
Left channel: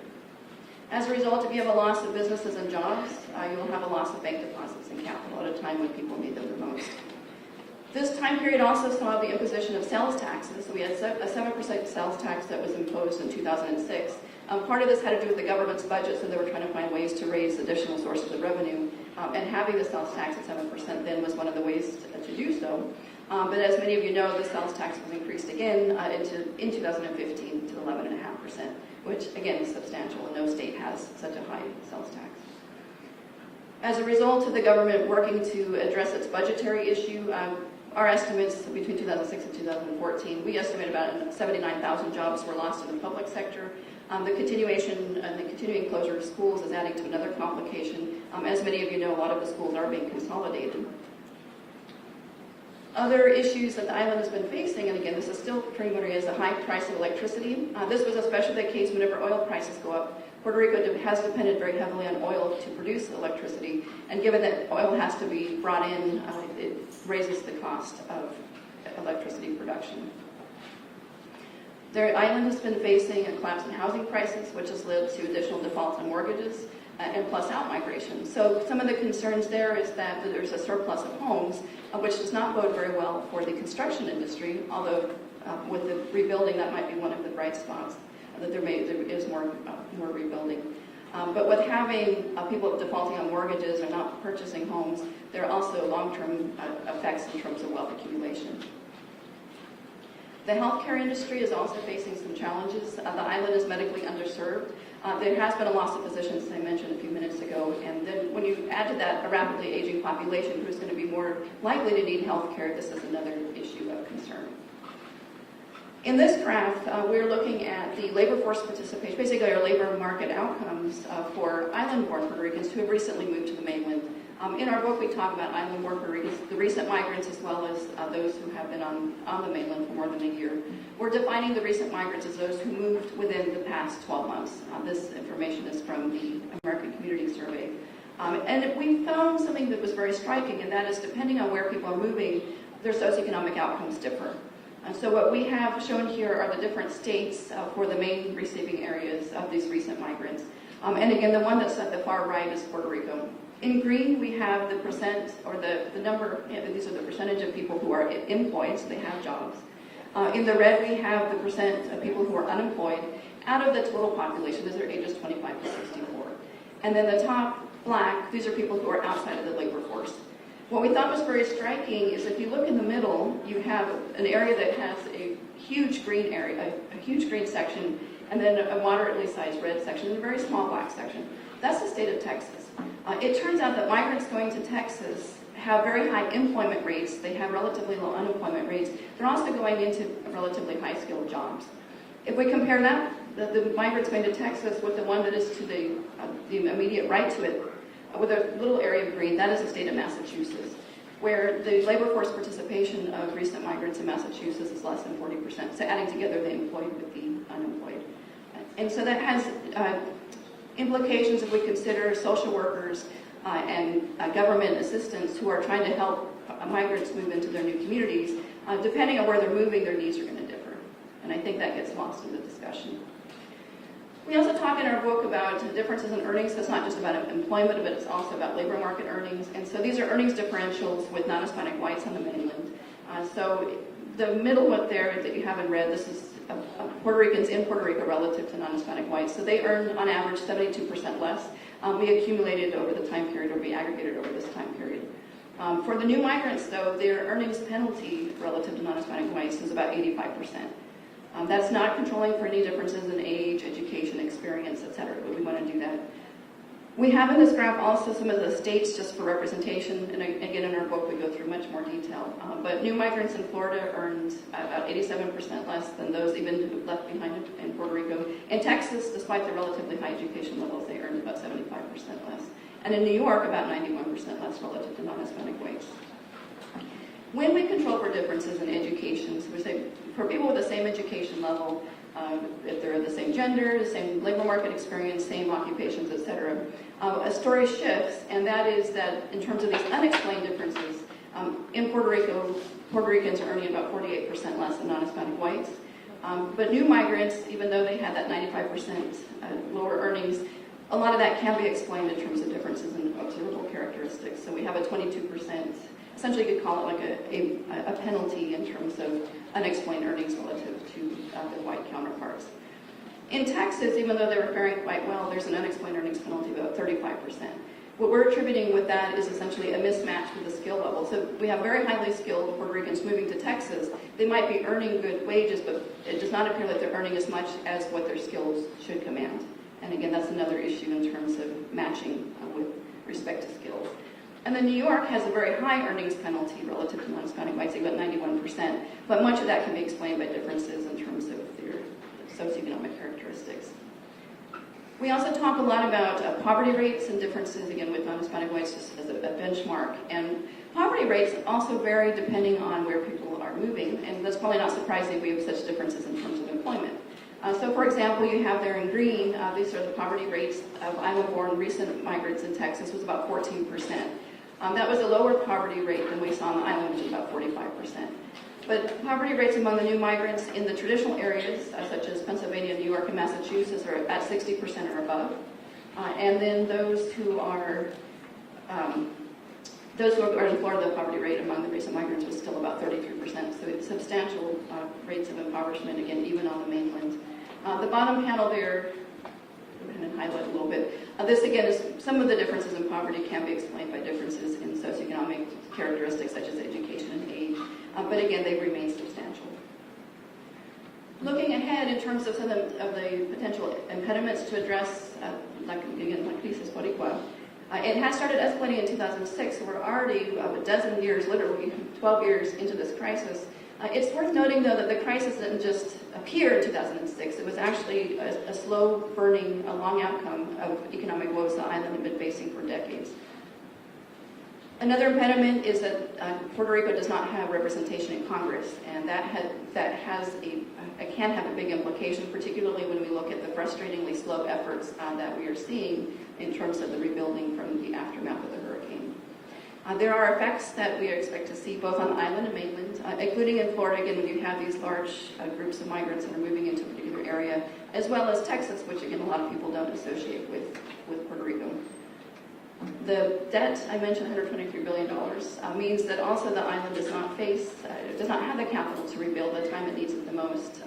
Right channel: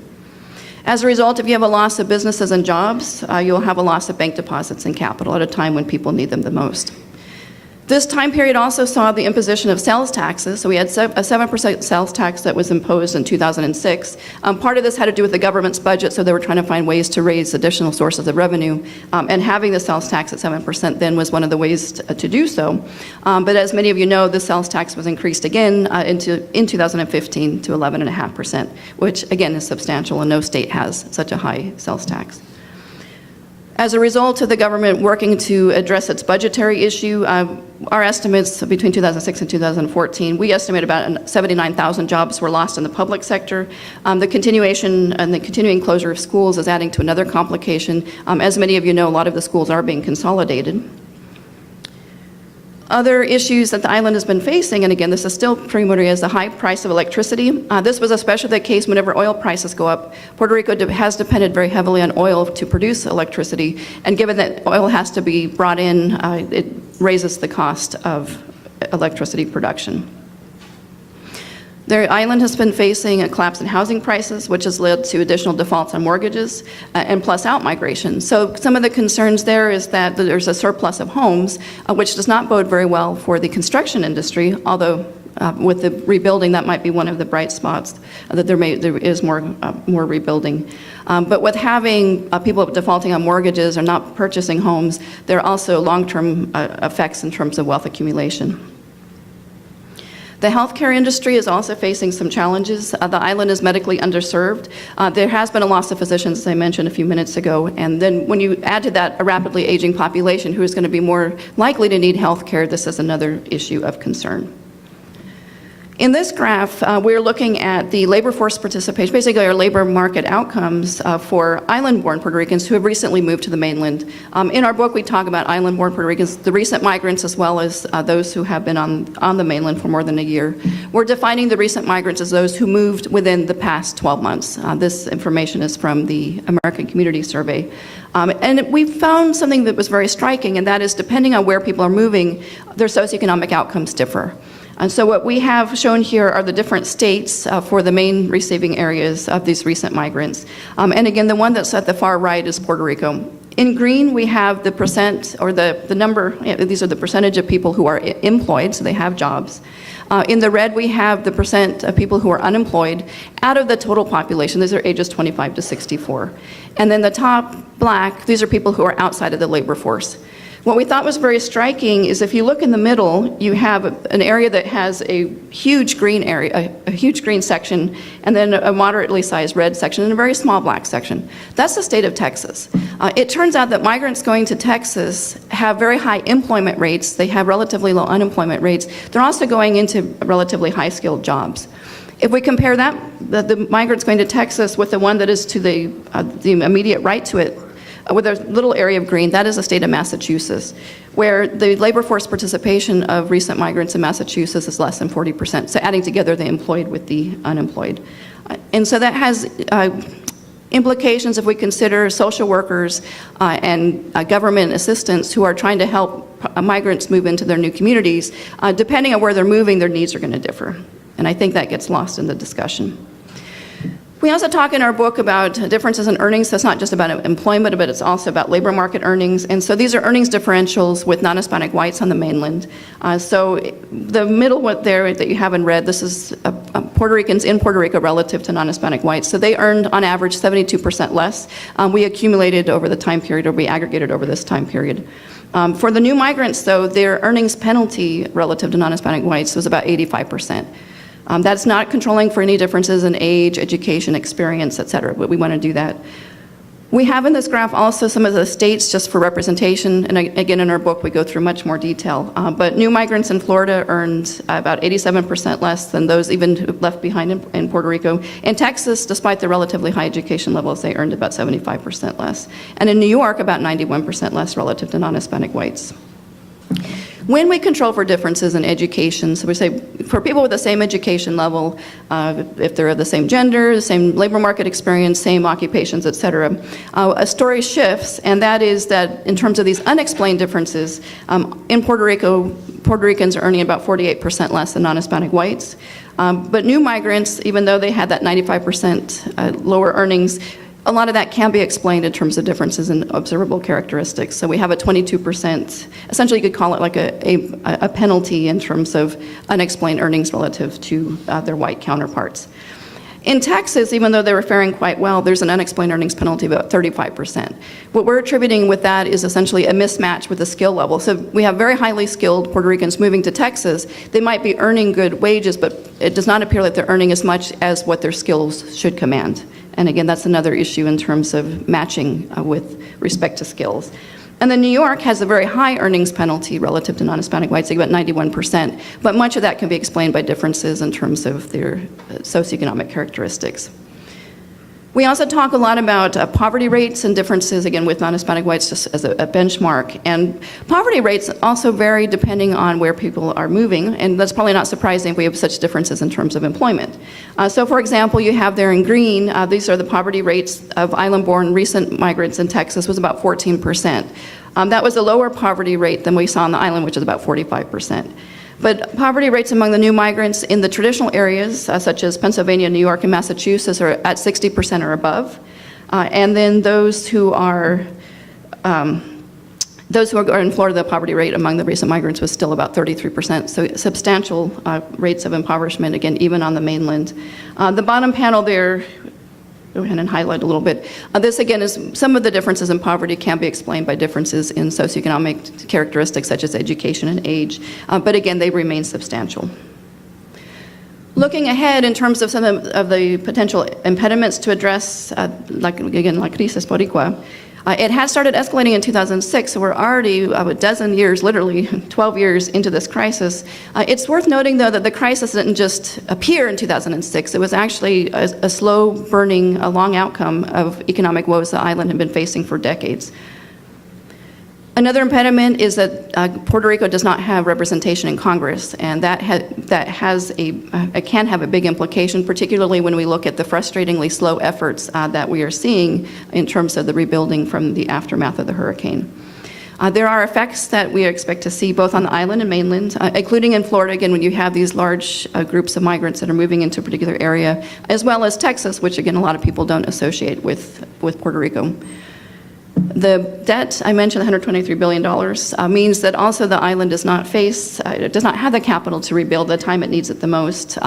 As a result, if you have a loss of businesses and jobs, you'll have a loss of bank deposits and capital at a time when people need them the most. This time period also saw the imposition of sales taxes. So we had a 7% sales tax that was imposed in 2006. Part of this had to do with the government's budget, so they were trying to find ways to raise additional sources of revenue. And having the sales tax at 7% then was one of the ways to do so. But as many of you know, the sales tax was increased again in 2015 to 11.5%, which again is substantial, and no state has such a high sales tax. As a result of the government working to address its budgetary issue, our estimates between 2006 and 2014, we estimate about 79,000 jobs were lost in the public sector. The continuation and the continuing closure of schools is adding to another complication. As many of you know, a lot of the schools are being consolidated. Other issues that the island has been facing, and again, this is still preliminary, is the high price of electricity. This was especially the case whenever oil prices go up. Puerto Rico has depended very heavily on oil to produce electricity, and given that oil has to be brought in, it raises the cost of electricity production. The island has been facing a collapse in housing prices, which has led to additional defaults on mortgages and plus out-migration. So some of the concerns there is that there's a surplus of homes, which does not bode very well for the construction industry, although with the rebuilding, that might be one of the bright spots, that there is more rebuilding. But with having people defaulting on mortgages or not purchasing homes, there are also long-term effects in terms of wealth accumulation. The healthcare industry is also facing some challenges. The island is medically underserved. There has been a loss of physicians, as I mentioned a few minutes ago, and then when you add to that a rapidly aging population who is going to be more likely to need healthcare, this is another issue of concern. In this graph, we're looking at the labor force participation, basically our labor market outcomes for island-born Puerto Ricans who have recently moved to the mainland. In our book, we talk about island-born Puerto Ricans, the recent migrants, as well as those who have been on the mainland for more than a year. We're defining the recent migrants as those who moved within the past 12 months. This information is from the American Community Survey. And we found something that was very striking, and that is depending on where people are moving, their socioeconomic outcomes differ. And so what we have shown here are the different states for the main receiving areas of these recent migrants. And again, the one that's at the far right is Puerto Rico. In green, we have the percent, or the number, these are the percentage of people who are employed, so they have jobs. In the red, we have the percent of people who are unemployed out of the total population. These are ages 25 to 64. And then the top black, these are people who are outside of the labor force. What we thought was very striking is if you look in the middle, you have an area that has a huge green area, a huge green section, and then a moderately sized red section and a very small black section. That's the state of Texas. It turns out that migrants going to Texas have very high employment rates. They have relatively low unemployment rates. They're also going into relatively high-skilled jobs. If we compare that, the migrants going to Texas with the one that is to the immediate right to it, with a little area of green, that is the state of Massachusetts, where the labor force participation of recent migrants in Massachusetts is less than 40%. So adding together the employed with the unemployed. And so that has implications if we consider social workers and government assistants who are trying to help migrants move into their new communities. Depending on where they're moving, their needs are going to differ. And I think that gets lost in the discussion. We also talk in our book about differences in earnings. That's not just about employment, but it's also about labor market earnings. And so these are earnings differentials with non-Hispanic whites on the mainland. So the middle one there that you have in red, this is Puerto Ricans in Puerto Rico relative to non-Hispanic whites. So they earned, on average, 72% less. We accumulated over the time period, or we aggregated over this time period. For the new migrants, though, their earnings penalty relative to non-Hispanic whites was about 85%. That's not controlling for any differences in age, education, experience, et cetera, but we want to do that. We have in this graph also some of the states just for representation, and again in our book we go through much more detail. But new migrants in Florida earned about 87% less than those even who left behind in Puerto Rico. In Texas, despite the relatively high education levels, they earned about 75% less. And in New York, about 91% less relative to non-Hispanic whites. When we control for differences in education, so we say for people with the same education level, if they're of the same gender, the same labor market experience, same occupations, et cetera, a story shifts, and that is that in terms of these unexplained differences, in Puerto Rico, Puerto Ricans are earning about 48% less than non-Hispanic whites. But new migrants, even though they had that 95% lower earnings, a lot of that can be explained in terms of differences in observable characteristics. So we have a 22%, essentially you could call it like a penalty in terms of unexplained earnings relative to their white counterparts. In Texas, even though they were faring quite well, there's an unexplained earnings penalty of about 35%. What we're attributing with that is essentially a mismatch with the skill level. So we have very highly skilled Puerto Ricans moving to Texas. They might be earning good wages, but it does not appear that they're earning as much as what their skills should command. And again, that's another issue in terms of matching with respect to skills. And then New York has a very high earnings penalty relative to non-Hispanic whites, about 91%, but much of that can be explained by differences in terms of their socioeconomic characteristics. We also talk a lot about poverty rates and differences, again, with non-Hispanic whites just as a benchmark. And poverty rates also vary depending on where people are moving, and that's probably not surprising if we have such differences in terms of employment. So for example, you have there in green, these are the poverty rates of island-born recent migrants in Texas was about 14%. That was a lower poverty rate than we saw on the island, which is about 45%. But poverty rates among the new migrants in the traditional areas, such as Pennsylvania, New York, and Massachusetts, are at 60% or above. And then those who are in Florida, the poverty rate among the recent migrants was still about 33%. So substantial rates of impoverishment, again, even on the mainland. The bottom panel there, go ahead and highlight a little bit. This, again, is some of the differences in poverty can be explained by differences in socioeconomic characteristics such as education and age. But again, they remain substantial. Looking ahead in terms of some of the potential impediments to address, like crisis boricua, it has started escalating in 2006, so we're already a dozen years, literally 12 years into this crisis. It's worth noting, though, that the crisis didn't just appear in 2006. It was actually a slow-burning, a long outcome of economic woes the island had been facing for decades. Another impediment is that Puerto Rico does not have representation in Congress, and that can have a big implication, particularly when we look at the frustratingly slow efforts that we are seeing in terms of the rebuilding from the aftermath of the hurricane. There are effects that we expect to see both on the island and mainland, including in Florida, again, when you have these large groups of migrants that are moving into a particular area, as well as Texas, which, again, a lot of people don't associate with Puerto Rico. The debt, I mentioned, $123 billion, means that also the island does not have the capital to rebuild the time it needs it the most,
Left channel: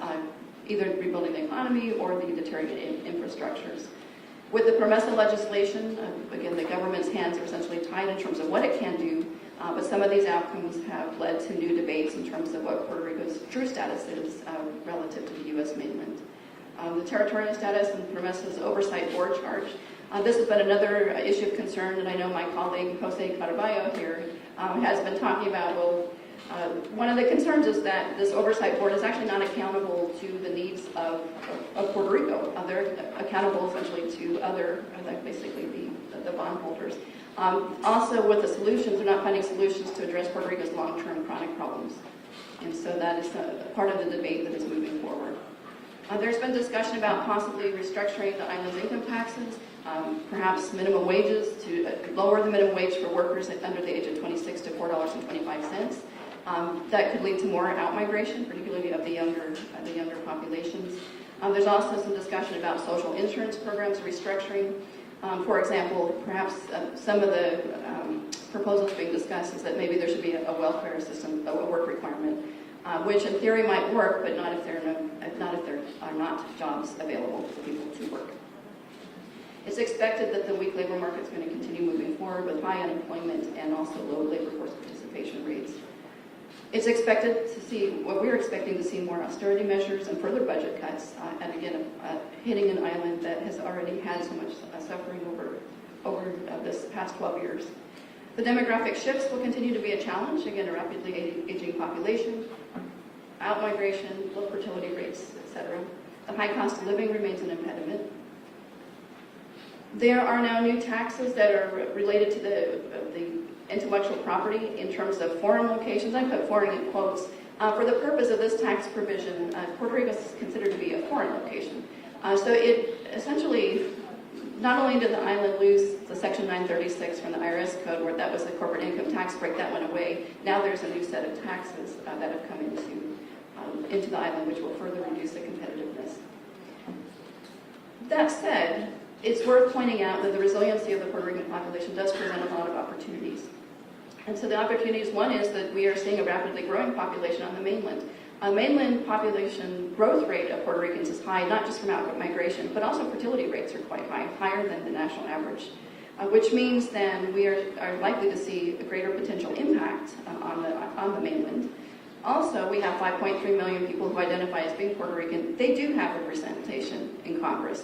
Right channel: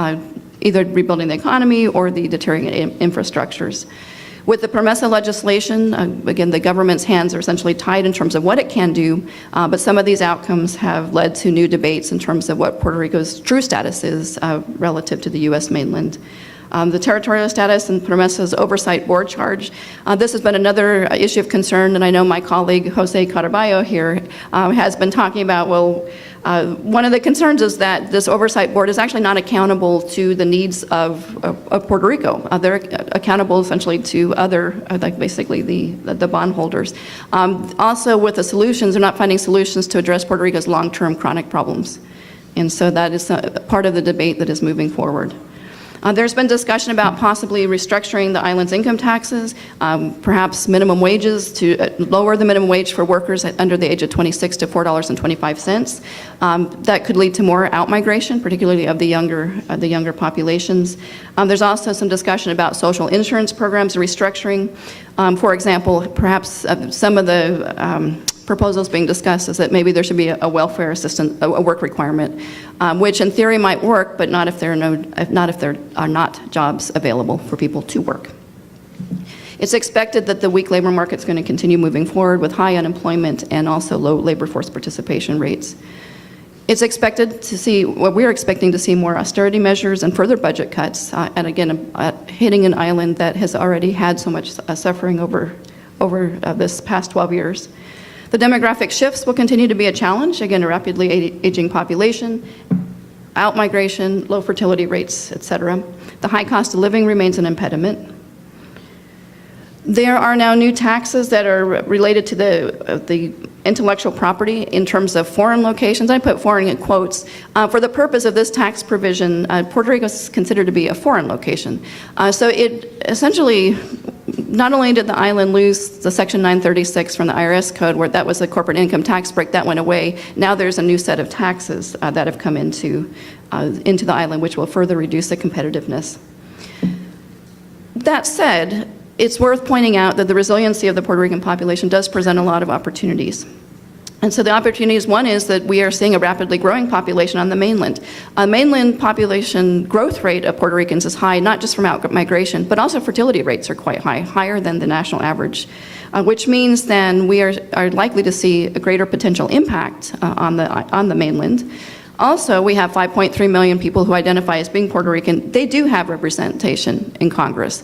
either rebuilding the economy or the deteriorating infrastructures. With the PROMESA legislation, again, the government's hands are essentially tied in terms of what it can do, but some of these outcomes have led to new debates in terms of what Puerto Rico's true status is relative to the U.S. mainland. The territorial status and PROMESA's oversight board charge. This has been another issue of concern, and I know my colleague Jose Caraballo here has been talking about, well, one of the concerns is that this oversight board is actually not accountable to the needs of Puerto Rico. They're accountable essentially to other, like basically the bondholders. Also with the solutions, they're not finding solutions to address Puerto Rico's long-term chronic problems. And so that is part of the debate that is moving forward. There's been discussion about possibly restructuring the island's income taxes, perhaps minimum wages to lower the minimum wage for workers under the age of 26 to $4.25. That could lead to more outmigration, particularly of the younger populations. There's also some discussion about social insurance programs restructuring. For example, perhaps some of the proposal is being discussed is that maybe there should be a welfare assistant, a work requirement, which in theory might work, but not if there are not jobs available for people to work. It's expected that the weak labor market is going to continue moving forward with high unemployment and also low labor force participation rates. It's expected to see, we're expecting to see more austerity measures and further budget cuts, and again, hitting an island that has already had so much suffering over this past 12 years. The demographic shifts will continue to be a challenge, again, a rapidly aging population, out-migration, low fertility rates, et cetera. The high cost of living remains an impediment. There are now new taxes that are related to the intellectual property in terms of foreign locations. I put foreign in quotes. For the purpose of this tax provision, Puerto Rico is considered to be a foreign location. So it essentially, not only did the island lose the Section 936 from the IRS code, where that was a corporate income tax break, that went away. Now there's a new set of taxes that have come into the island, which will further reduce the competitiveness. That said, it's worth pointing out that the resiliency of the Puerto Rican population does present a lot of opportunities. And so the opportunities, one is that we are seeing a rapidly growing population on the mainland. Mainland population growth rate of Puerto Ricans is high, not just from out-migration, but also fertility rates are quite high, higher than the national average, which means then we are likely to see a greater potential impact on the mainland. Also, we have 5.3 million people who identify as being Puerto Rican. They do have representation in Congress.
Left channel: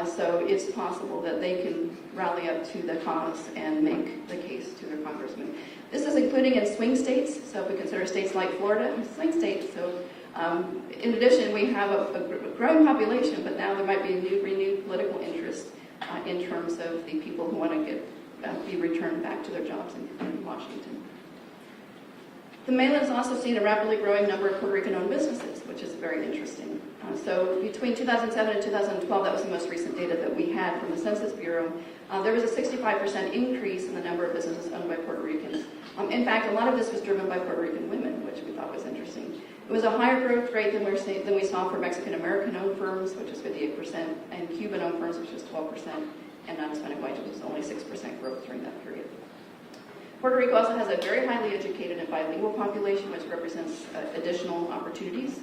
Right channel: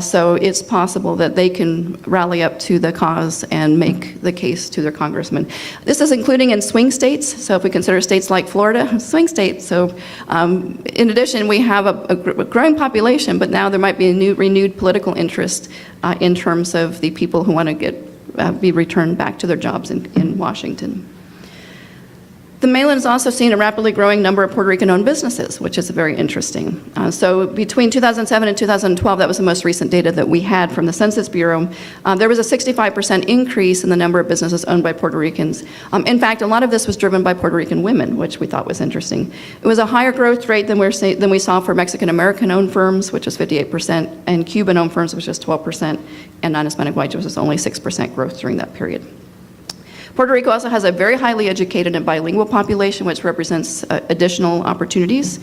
So it's possible that they can rally up to the cause and make the case to their congressman. This is including in swing states. So if we consider states like Florida, swing states. So in addition, we have a growing population, but now there might be a renewed political interest in terms of the people who want to be returned back to their jobs in Washington. The mainland has also seen a rapidly growing number of Puerto Rican-owned businesses, which is very interesting. So between 2007 and 2012, that was the most recent data that we had from the Census Bureau, there was a 65% increase in the number of businesses owned by Puerto Ricans. In fact, a lot of this was driven by Puerto Rican women, which we thought was interesting. It was a higher growth rate than we saw for Mexican-American-owned firms, which was 58%, and Cuban-owned firms, which was 12%, and non-Hispanic white, which was only 6% growth during that period. Puerto Rico also has a very highly educated and bilingual population, which represents additional opportunities.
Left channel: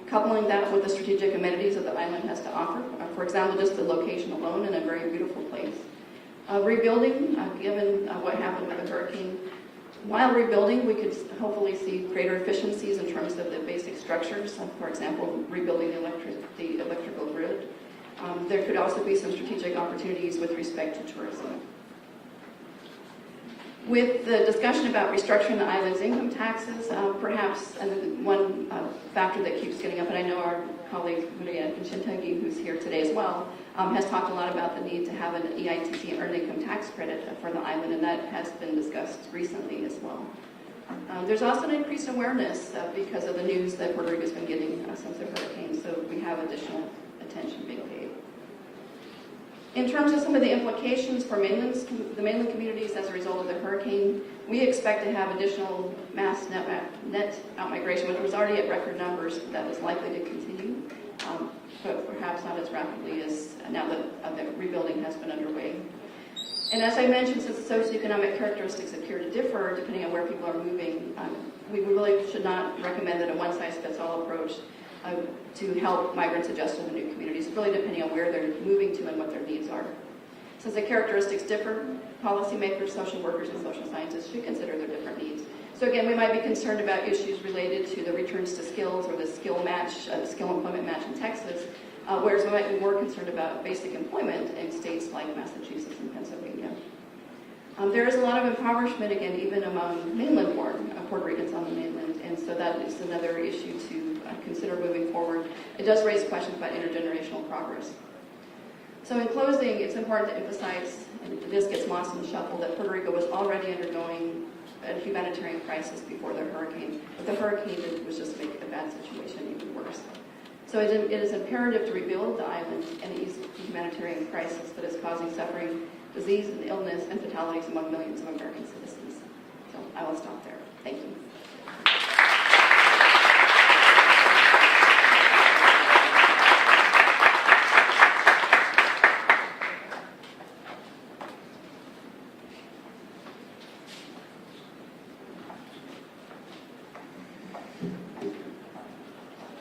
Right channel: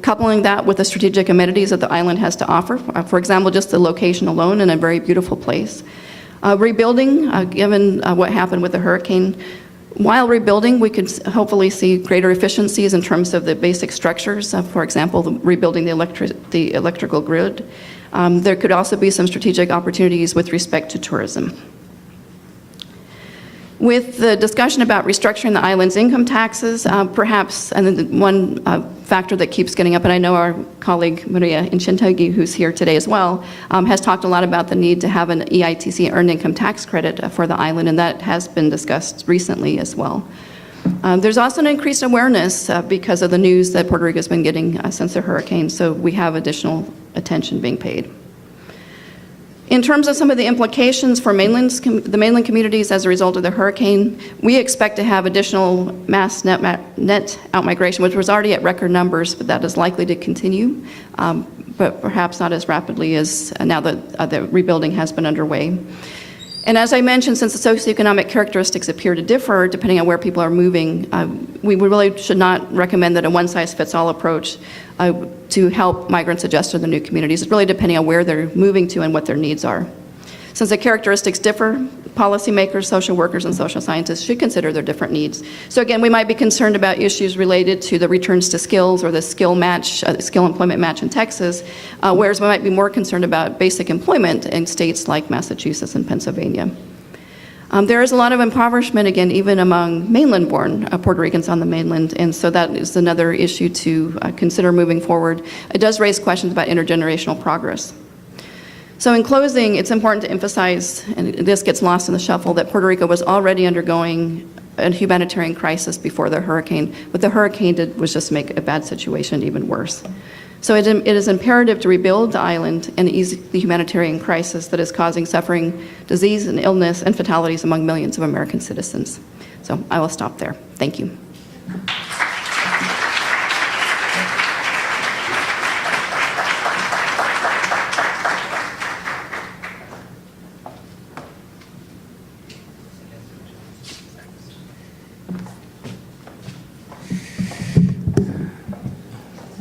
Coupling that with the strategic amenities that the island has to offer, for example, just the location alone in a very beautiful place. Rebuilding, given what happened with the hurricane, while rebuilding, we could hopefully see greater efficiencies in terms of the basic structures, for example, rebuilding the electrical grid. There could also be some strategic opportunities with respect to tourism. With the discussion about restructuring the island's income taxes, perhaps, and one factor that keeps getting up, and I know our colleague Maria Inchentegui, who's here today as well, has talked a lot about the need to have an EITC, Earned Income Tax Credit, for the island, and that has been discussed recently as well. There's also an increased awareness because of the news that Puerto Rico has been getting since the hurricane, so we have additional attention being paid. In terms of some of the implications for the mainland communities as a result of the hurricane, we expect to have additional mass net outmigration, which was already at record numbers, but that is likely to continue, but perhaps not as rapidly as now that the rebuilding has been underway. And as I mentioned, since the socioeconomic characteristics appear to differ depending on where people are moving, we really should not recommend that a one-size-fits-all approach to help migrants adjust to the new communities. It's really depending on where they're moving to and what their needs are. Since the characteristics differ, policymakers, social workers, and social scientists should consider their different needs. So again, we might be concerned about issues related to the returns to skills or the skill employment match in Texas, whereas we might be more concerned about basic employment in states like Massachusetts and Pennsylvania. There is a lot of impoverishment, again, even among mainland-born Puerto Ricans on the mainland, and so that is another issue to consider moving forward. It does raise questions about intergenerational progress. So in closing, it's important to emphasize, and this gets lost in the shuffle, that Puerto Rico was already undergoing a humanitarian crisis before the hurricane. What the hurricane did was just make a bad situation even worse. So it is imperative to rebuild the island and ease the humanitarian crisis that is causing suffering, disease, and illness and fatalities among millions of American citizens. So I will stop there. Thank you.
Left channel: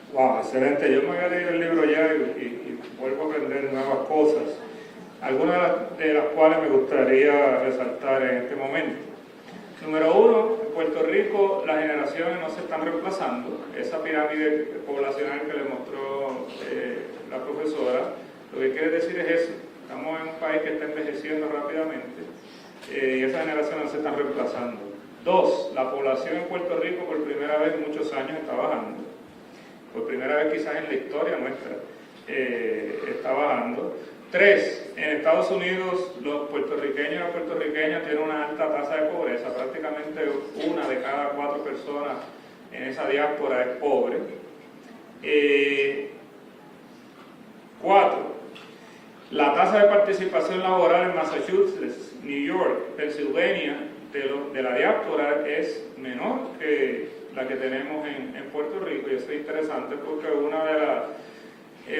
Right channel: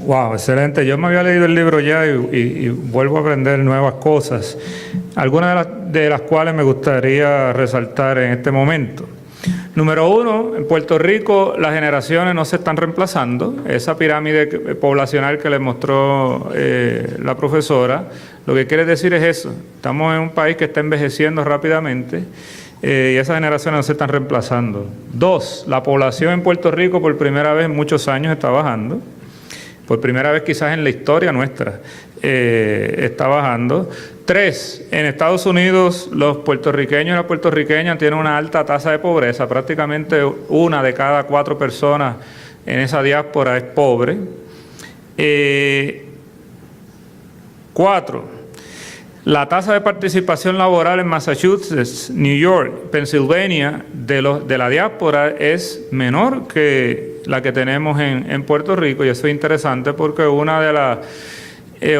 Wow, excelente. Yo me había leído el libro ya y vuelvo a aprender nuevas cosas, algunas de las cuales me gustaría resaltar en este momento. Número uno, en Puerto Rico las generaciones no se están reemplazando. Esa pirámide poblacional que les mostró la profesora, lo que quiere decir es eso. Estamos en un país que está envejeciendo rápidamente y esas generaciones no se están reemplazando. Dos, la población en Puerto Rico por primera vez en muchos años está bajando. Por primera vez quizás en la historia nuestra está bajando. Tres, en Estados Unidos los puertorriqueños y las puertorriqueñas tienen una alta tasa de pobreza. Prácticamente 1 de cada 4 personas en esa diáspora es pobre. 4, la tasa de participación laboral en Massachusetts, New York, Pennsylvania de la diáspora es menor que la que tenemos en Puerto Rico, y eso es interesante porque uno de los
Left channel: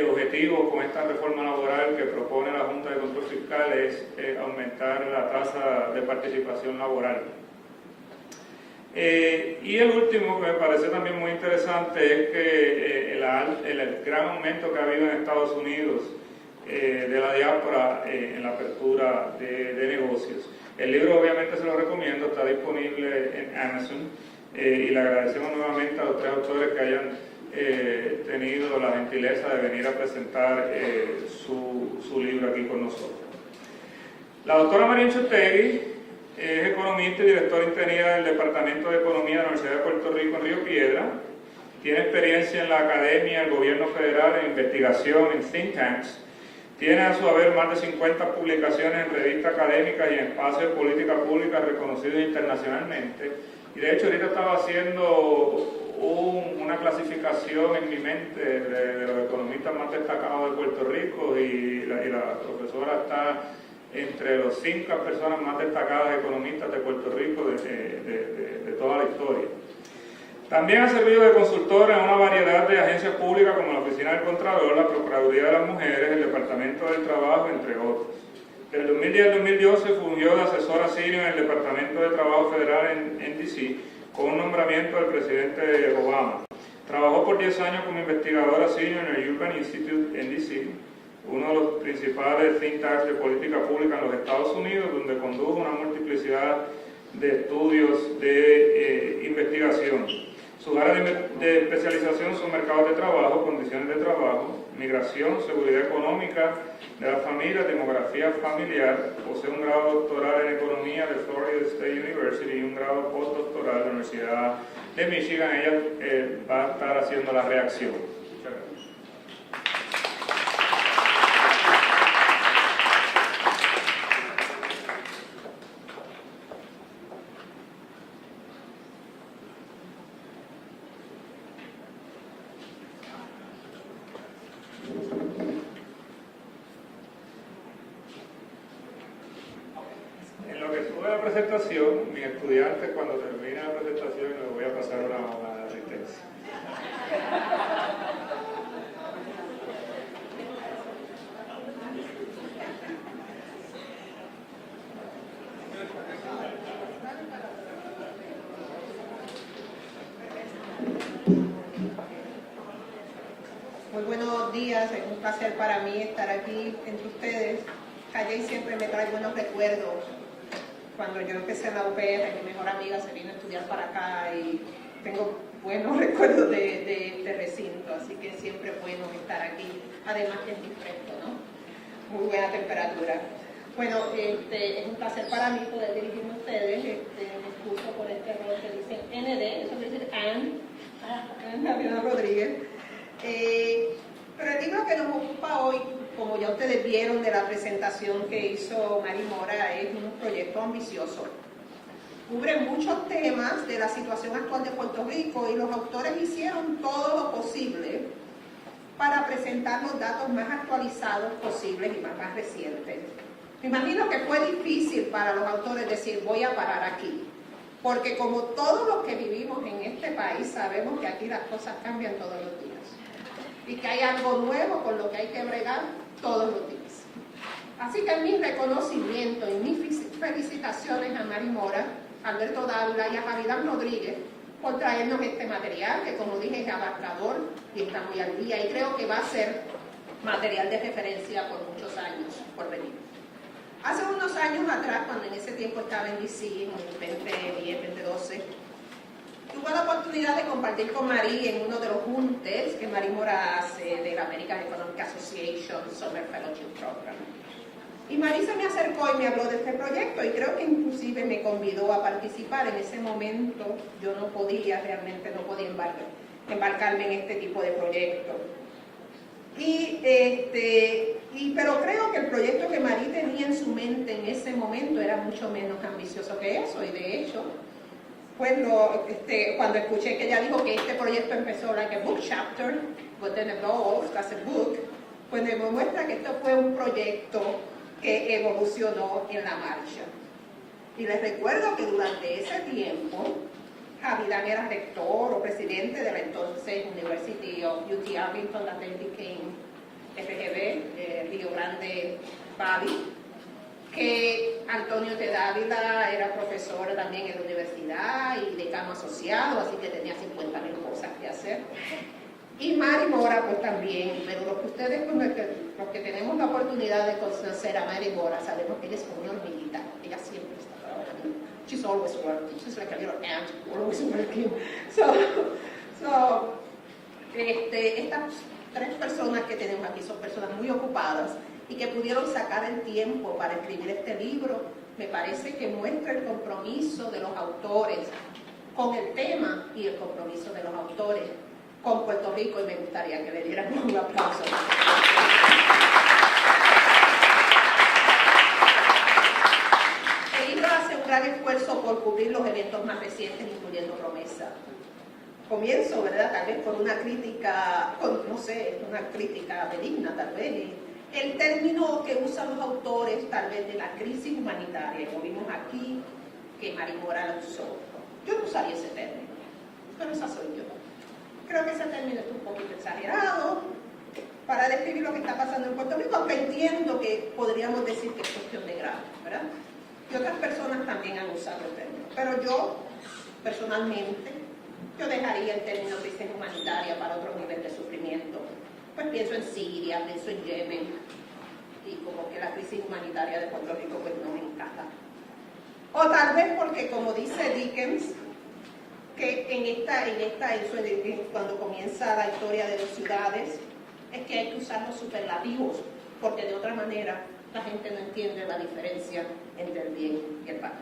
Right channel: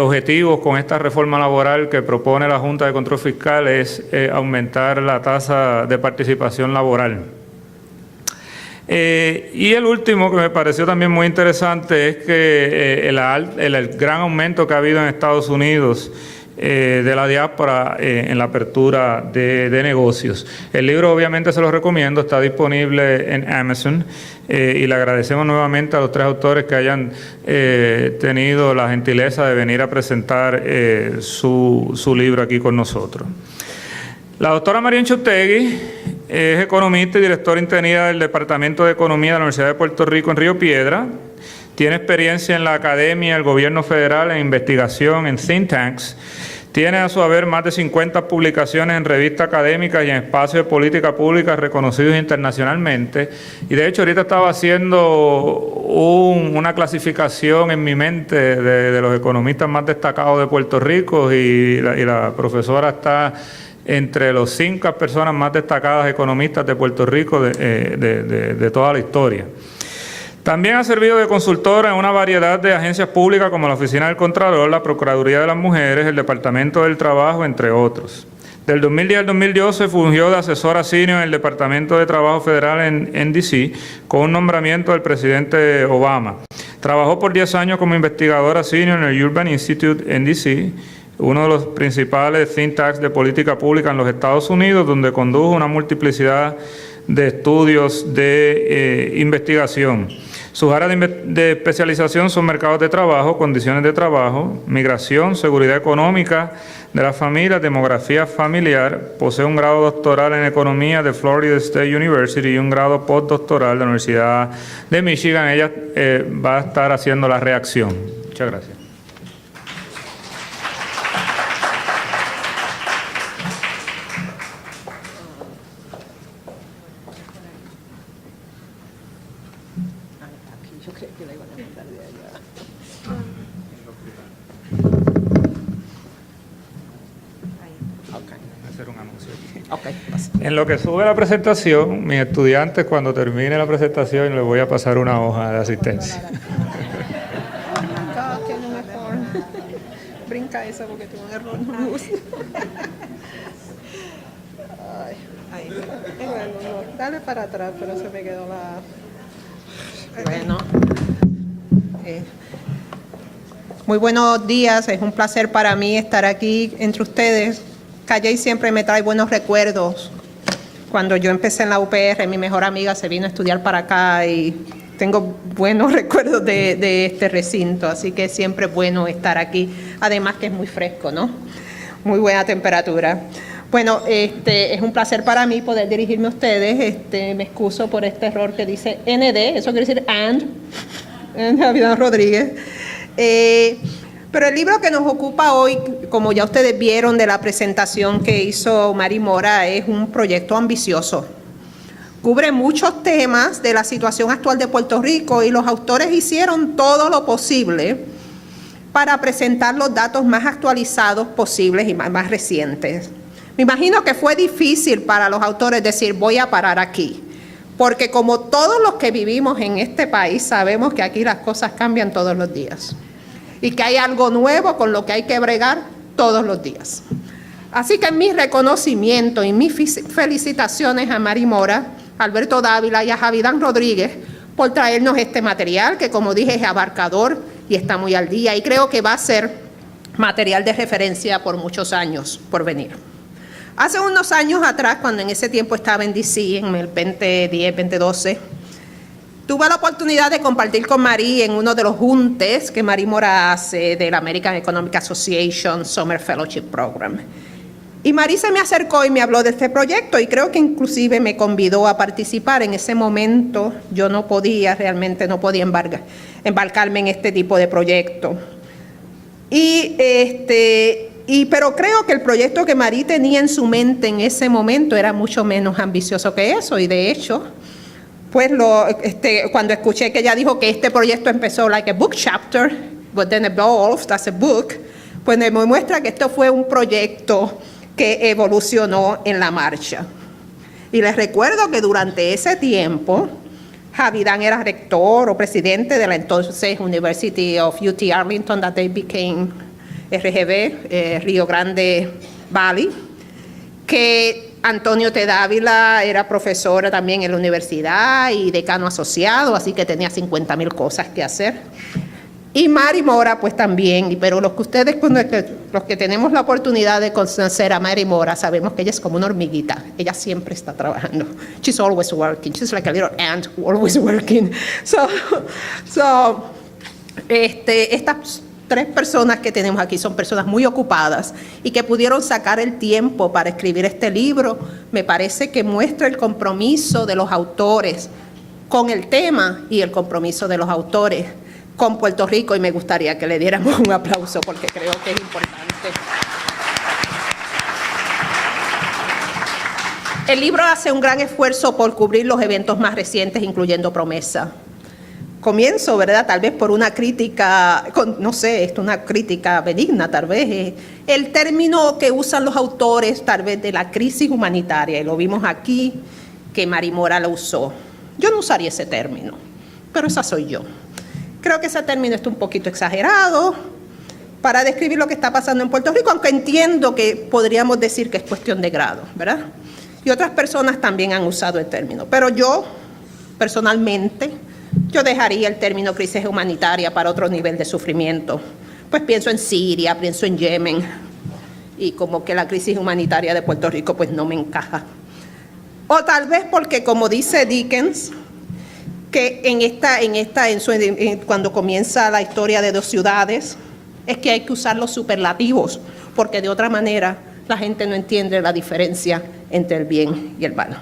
objetivos con esta reforma laboral que propone la Junta de Control Fiscal es aumentar la tasa de participación laboral. Y el último que me pareció también muy interesante es que el gran aumento que ha habido en Estados Unidos de la diáspora en la apertura de negocios. El libro obviamente se lo recomiendo, está disponible en Amazon y le agradecemos nuevamente a los 3 autores que hayan tenido la gentileza de venir a presentar su libro aquí con nosotros. La doctora María Inchautegui es economista y directora interina del Departamento de Economía de la Universidad de Puerto Rico en Río Piedra. Tiene experiencia en la academia, el gobierno federal, en investigación, en think tanks. Tiene a su haber más de 50 publicaciones en revistas académicas y en espacios de política pública reconocidos internacionalmente. Y de hecho ahorita estaba haciendo una clasificación en mi mente de los economistas más destacados de Puerto Rico y la profesora está entre los 5 personas más destacadas economistas de Puerto Rico de toda la historia. También ha servido de consultora en una variedad de agencias públicas como la Oficina del Contralor, la Procuraduría de las Mujeres, el Departamento del Trabajo, entre otros. Del 2010 al 2012 fungió de asesora senior en el Departamento de Trabajo Federal en D.C. con un nombramiento del presidente Obama. Trabajó por 10 años como investigadora senior en el Urban Institute en D.C., uno de los principales think tanks de política pública en los Estados Unidos, donde condujo una multiplicidad de estudios de investigación. Sus áreas de especialización son mercados de trabajo, condiciones de trabajo, migración, seguridad económica de las familias, demografía familiar. Posee un grado doctoral en economía de Florida State University y un grado postdoctoral de la Universidad de Michigan. Ella va a estar haciendo la reacción. Muchas gracias. En lo que sube la presentación, mis estudiantes, cuando termine la presentación, les voy a pasar una hoja de asistencia. Brinca eso porque tuvo un error. Bueno, dale para atrás, pero se me quedó la... Bueno. Muy buenos días, es un placer para mí estar aquí entre ustedes. Calley siempre me trae buenos recuerdos. Cuando yo empecé en la UPR, mi mejor amiga se vino a estudiar para acá y tengo buenos recuerdos de este recinto, así que siempre es bueno estar aquí. Además que es muy fresco, ¿no? Muy buena temperatura. Bueno, es un placer para mí poder dirigirme a ustedes. Me excuso por este error que dice ND, eso quiere decir Javier Rodríguez. Pero el libro que nos ocupa hoy, como ya ustedes vieron de la presentación que hizo Mari Mora, es un proyecto ambicioso. Cubre muchos temas de la situación actual de Puerto Rico y los autores hicieron todo lo posible para presentar los datos más actualizados posibles y más recientes. Me imagino que fue difícil para los autores decir voy a parar aquí, porque como todos los que vivimos en este país sabemos que aquí las cosas cambian todos los días. Y que hay algo nuevo con lo que hay que bregar todos los días. Así que mi reconocimiento y mis felicitaciones a Mari Mora, a Alberto Dávila y a Javidán Rodríguez por traernos este material que, como dije, es abarcador, y está muy al día y creo que va a ser material de referencia por muchos años por venir. Hace unos años atrás, cuando en ese tiempo estaba en DC, en el 2010, 2012, tuve la oportunidad de compartir con Marí en uno de los juntes que Marí Mora hace del American Economic Association Summer Fellowship Program. Y Marí se me acercó y me habló de este proyecto y creo que inclusive me convidó a participar. En ese momento yo realmente no podía embarcarme en este tipo de proyecto. Pero creo que el proyecto que Marí tenía en su mente en ese momento era mucho menos ambicioso que eso y de hecho, pues cuando escuché que ella dijo que este proyecto empezó like a book chapter, but then evolved as a book, pues me muestra que esto fue un proyecto que evolucionó en la marcha. Y les recuerdo que durante ese tiempo, Javidán era rector o presidente de la entonces University of UT Arlington, that they became RGV, Río Grande Valley, que Antonio T. Dávila era profesor también en la universidad y decano asociado, así que tenía 50,000 cosas que hacer. Y Mary Mora, pues también, pero los que tenemos la oportunidad de conocer a Mary Mora, sabemos que ella es como una hormiguita. Ella siempre está trabajando. She's always working. She's like a little ant always working. Estas 3 personas que tenemos aquí son personas muy ocupadas y que pudieron sacar el tiempo para escribir este libro. Me parece que muestra el compromiso de los autores con el tema y el compromiso de los autores con Puerto Rico, y me gustaría que le diéramos un aplauso porque creo que es importante. El libro hace un gran esfuerzo por cubrir los eventos más recientes, incluyendo Promesa. Comienzo, ¿verdad? Tal vez por una crítica, no sé, esto es una crítica benigna, tal vez. El término que usan los autores, tal vez, de la crisis humanitaria, y lo vimos aquí, que Mary Mora lo usó. Yo no usaría ese término, pero esa soy yo. Creo que ese término está un poquito exagerado para describir lo que está pasando en Puerto Rico, aunque entiendo que podríamos decir que es cuestión de grado, ¿verdad? Y otras personas también han usado el término. Pero yo, personalmente, yo dejaría el término crisis humanitaria para otro nivel de sufrimiento. Pues pienso en Siria, pienso en Yemen, y como que la crisis humanitaria de Puerto Rico pues no me encaja. O tal vez porque, como dice Dickens, que cuando comienza la historia de 2 ciudades, es que hay que usar los superlativos, porque de otra manera la gente no entiende la diferencia entre el bien y el mal.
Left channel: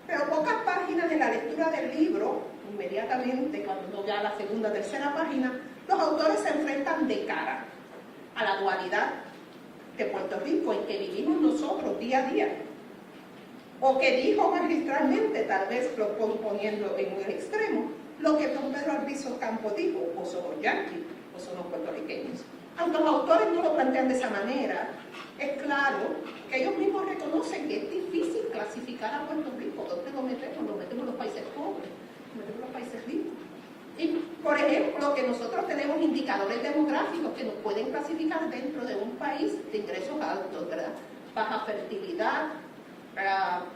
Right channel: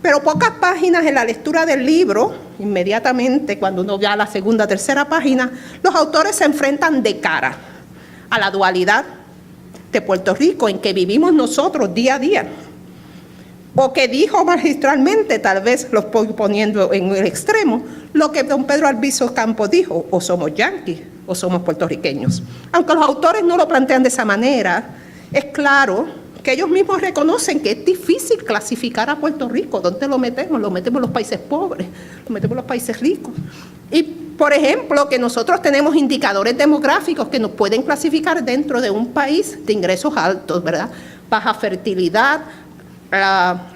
Pero pocas páginas en la lectura del libro, inmediatamente cuando uno va a la segunda, tercera página, los autores se enfrentan de cara a la dualidad de Puerto Rico en que vivimos nosotros día a día. O que dijo magistralmente, tal vez los poniendo en el extremo, lo que don Pedro Albizu Campos dijo: o somos yanquis o somos puertorriqueños. Aunque los autores no lo plantean de esa manera, es claro que ellos mismos reconocen que es difícil clasificar a Puerto Rico. ¿Dónde lo metemos? Lo metemos en los países pobres, lo metemos en los países ricos. Y, por ejemplo, que nosotros tenemos indicadores demográficos que nos pueden clasificar dentro de un país de ingresos altos, ¿verdad? Baja fertilidad,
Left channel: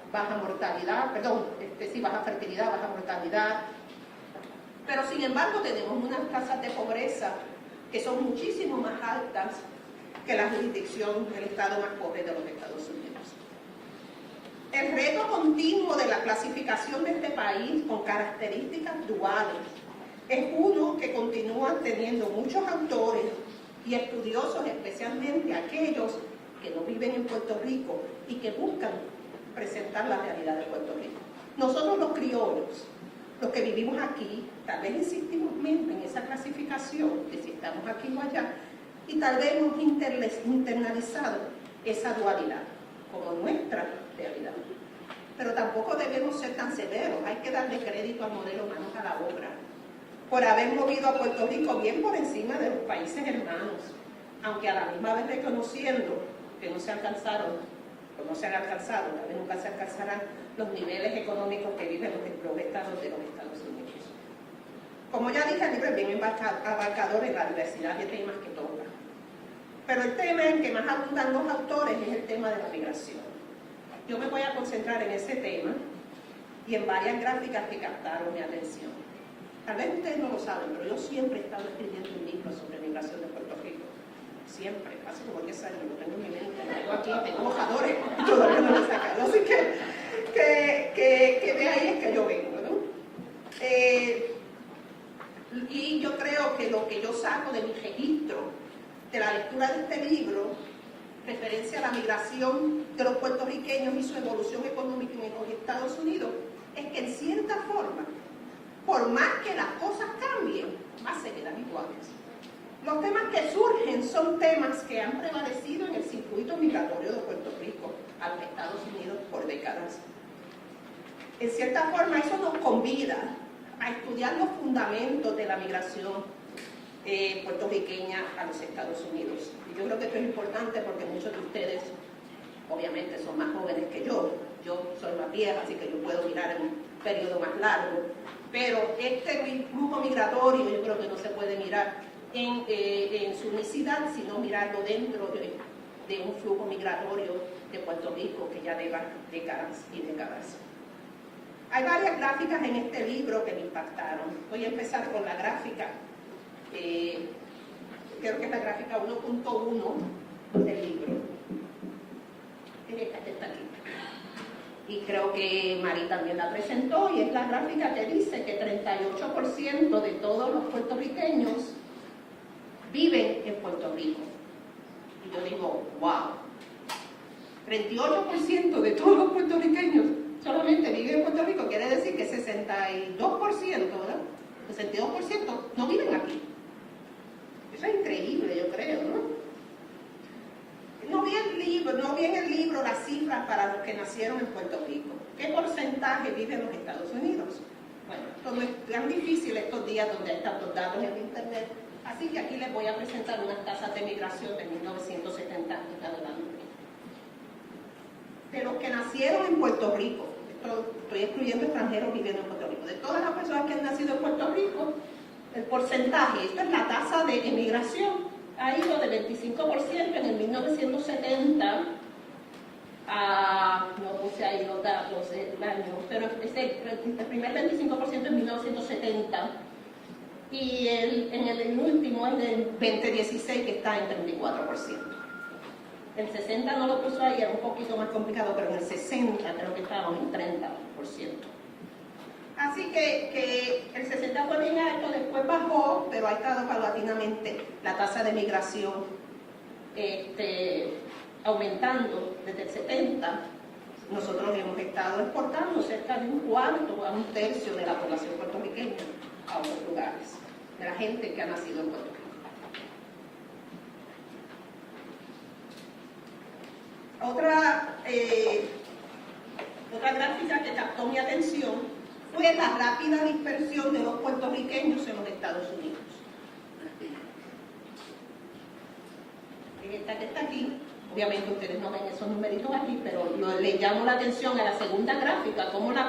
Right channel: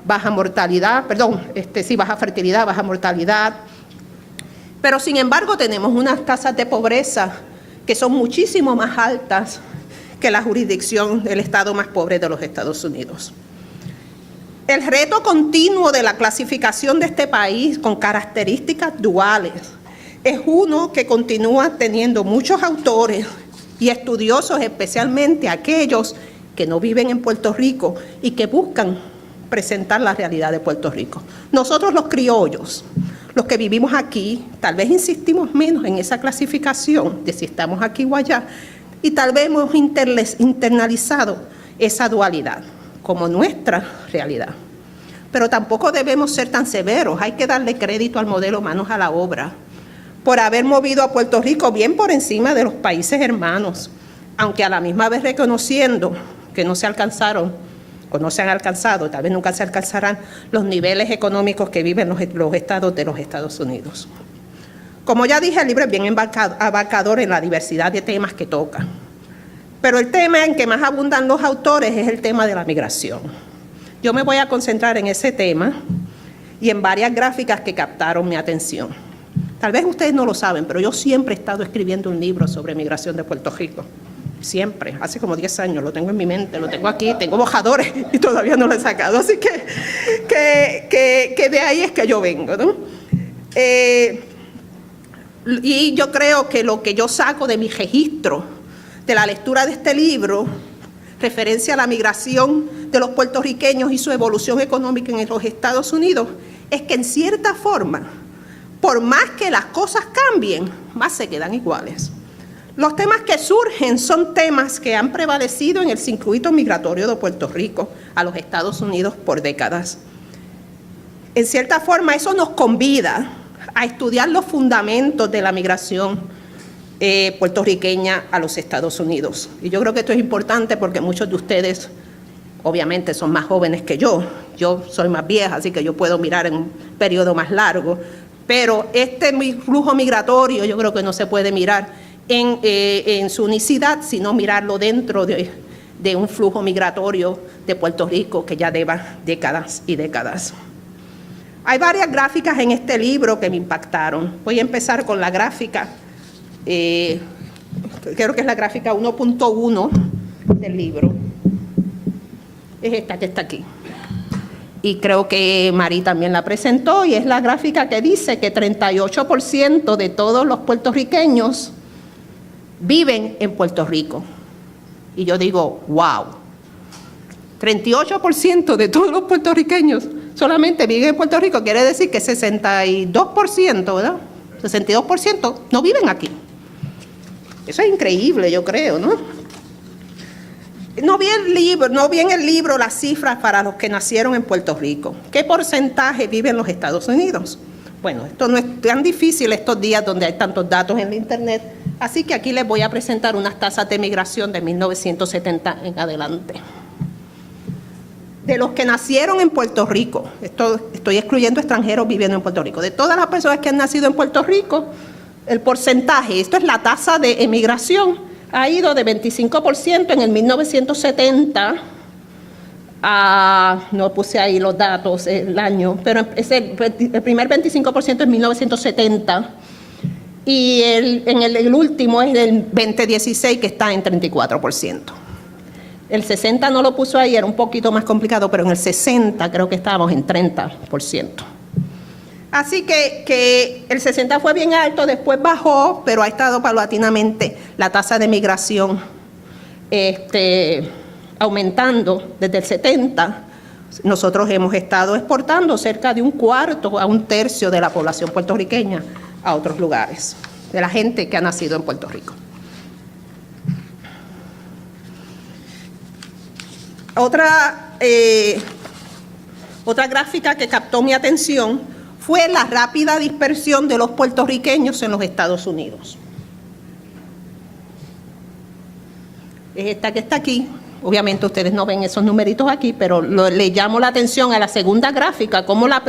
baja mortalidad, baja fertilidad, baja mortalidad. Pero sin embargo tenemos unas tasas de pobreza que son muchísimo más altas que la jurisdicción del estado más pobre de los Estados Unidos. El reto continuo de la clasificación de este país con características duales es uno que continúa teniendo muchos autores y estudiosos, especialmente aquellos que no viven en Puerto Rico y que buscan presentar la realidad de Puerto Rico. Nosotros los criollos, los que vivimos aquí, tal vez insistimos menos en esa clasificación de si estamos aquí o allá, y tal vez hemos internalizado esa dualidad como nuestra realidad. Pero tampoco debemos ser tan severos, hay que darle crédito al modelo Manos a la Obra por haber movido a Puerto Rico bien por encima de los países hermanos, aunque a la misma vez reconociendo que no se alcanzaron o no se han alcanzado, tal vez nunca se alcanzarán los niveles económicos que viven los estados de los Estados Unidos. Como ya dije, el libro es bien abarcador en la diversidad de temas que toca. Pero el tema en que más abundan los autores es el tema de la migración. Yo me voy a concentrar en ese tema y en varias gráficas que captaron mi atención. Tal vez ustedes no lo saben, pero yo siempre he estado escribiendo un libro sobre migración de Puerto Rico. Siempre, hace como 10 años, lo tengo en mi mente, lo tengo aquí, tengo bojadores y todavía no lo he sacado. Así que de ahí es que yo vengo, ¿no? Y yo creo que lo que yo saco de mi registro, de la lectura de este libro, referencia a la migración de los puertorriqueños y su evolución económica en los Estados Unidos, es que en cierta forma, por más que las cosas cambien, más se quedan iguales. Los temas que surgen son temas que han prevalecido en el circuito migratorio de Puerto Rico a los Estados Unidos por décadas. En cierta forma, eso nos convida a estudiar los fundamentos de la migración puertorriqueña a los Estados Unidos. Y yo creo que esto es importante porque muchos de ustedes, obviamente, son más jóvenes que yo. Yo soy más vieja, así que yo puedo mirar en un periodo más largo. Pero este flujo migratorio yo creo que no se puede mirar en su unicidad, sino mirarlo dentro de un flujo migratorio de Puerto Rico que ya lleva décadas y décadas. Hay varias gráficas en este libro que me impactaron. Voy a empezar con la gráfica, creo que es la gráfica 1.1 del libro. Es esta que está aquí. Y creo que Mari también la presentó, y es la gráfica que dice que 38% de todos los puertorriqueños viven en Puerto Rico. Y yo digo, wow, 38% de todos los puertorriqueños solamente viven en Puerto Rico, quiere decir que 62%, ¿verdad? 62% no viven aquí. Eso es increíble, yo creo, ¿no? No vi en el libro las cifras para los que nacieron en Puerto Rico. ¿Qué porcentaje vive en los Estados Unidos? Bueno, esto no es tan difícil estos días donde hay tantos datos en la internet, así que aquí les voy a presentar unas tasas de migración de 1970 en adelante. De los que nacieron en Puerto Rico, estoy excluyendo extranjeros viviendo en Puerto Rico, de todas las personas que han nacido en Puerto Rico, el porcentaje, esto es la tasa de emigración, ha ido de 25% en el 1970 a, no puse ahí los datos, el año, pero es el primer 25% en 1970 y el último es del 2016 que está en 34%. El 60 no lo puso ahí, era un poquito más complicado, pero en el 60 creo que estábamos en 30%. Así que el 60 fue bien alto, después bajó, pero ha estado paulatinamente la tasa de migración aumentando desde el 70. Nosotros hemos estado exportando cerca de un cuarto a un tercio de la población puertorriqueña a otros lugares, de la gente que ha nacido en Puerto Rico. Otra gráfica que captó mi atención fue la rápida dispersión de los puertorriqueños en los Estados Unidos. Es esta que está aquí. Obviamente ustedes no ven esos numeritos aquí, pero le llamo la atención a la segunda gráfica, como la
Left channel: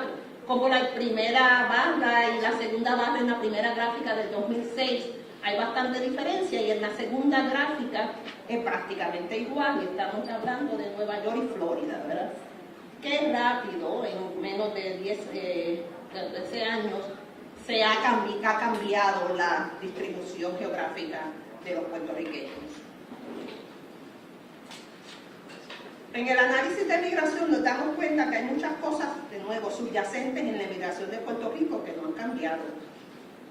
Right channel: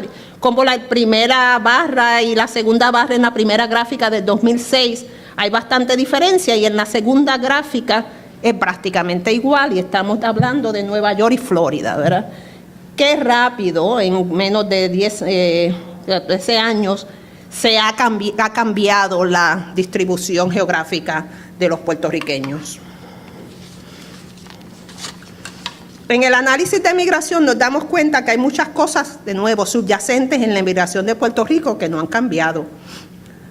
primera barra y la segunda barra en la primera gráfica del 2006 hay bastante diferencia, y en la segunda gráfica es prácticamente igual, y estamos hablando de Nueva York y Florida, ¿verdad? Qué rápido, en menos de 13 años, ha cambiado la distribución geográfica de los puertorriqueños. En el análisis de migración nos damos cuenta que hay muchas cosas, de nuevo, subyacentes en la migración de Puerto Rico que no han cambiado.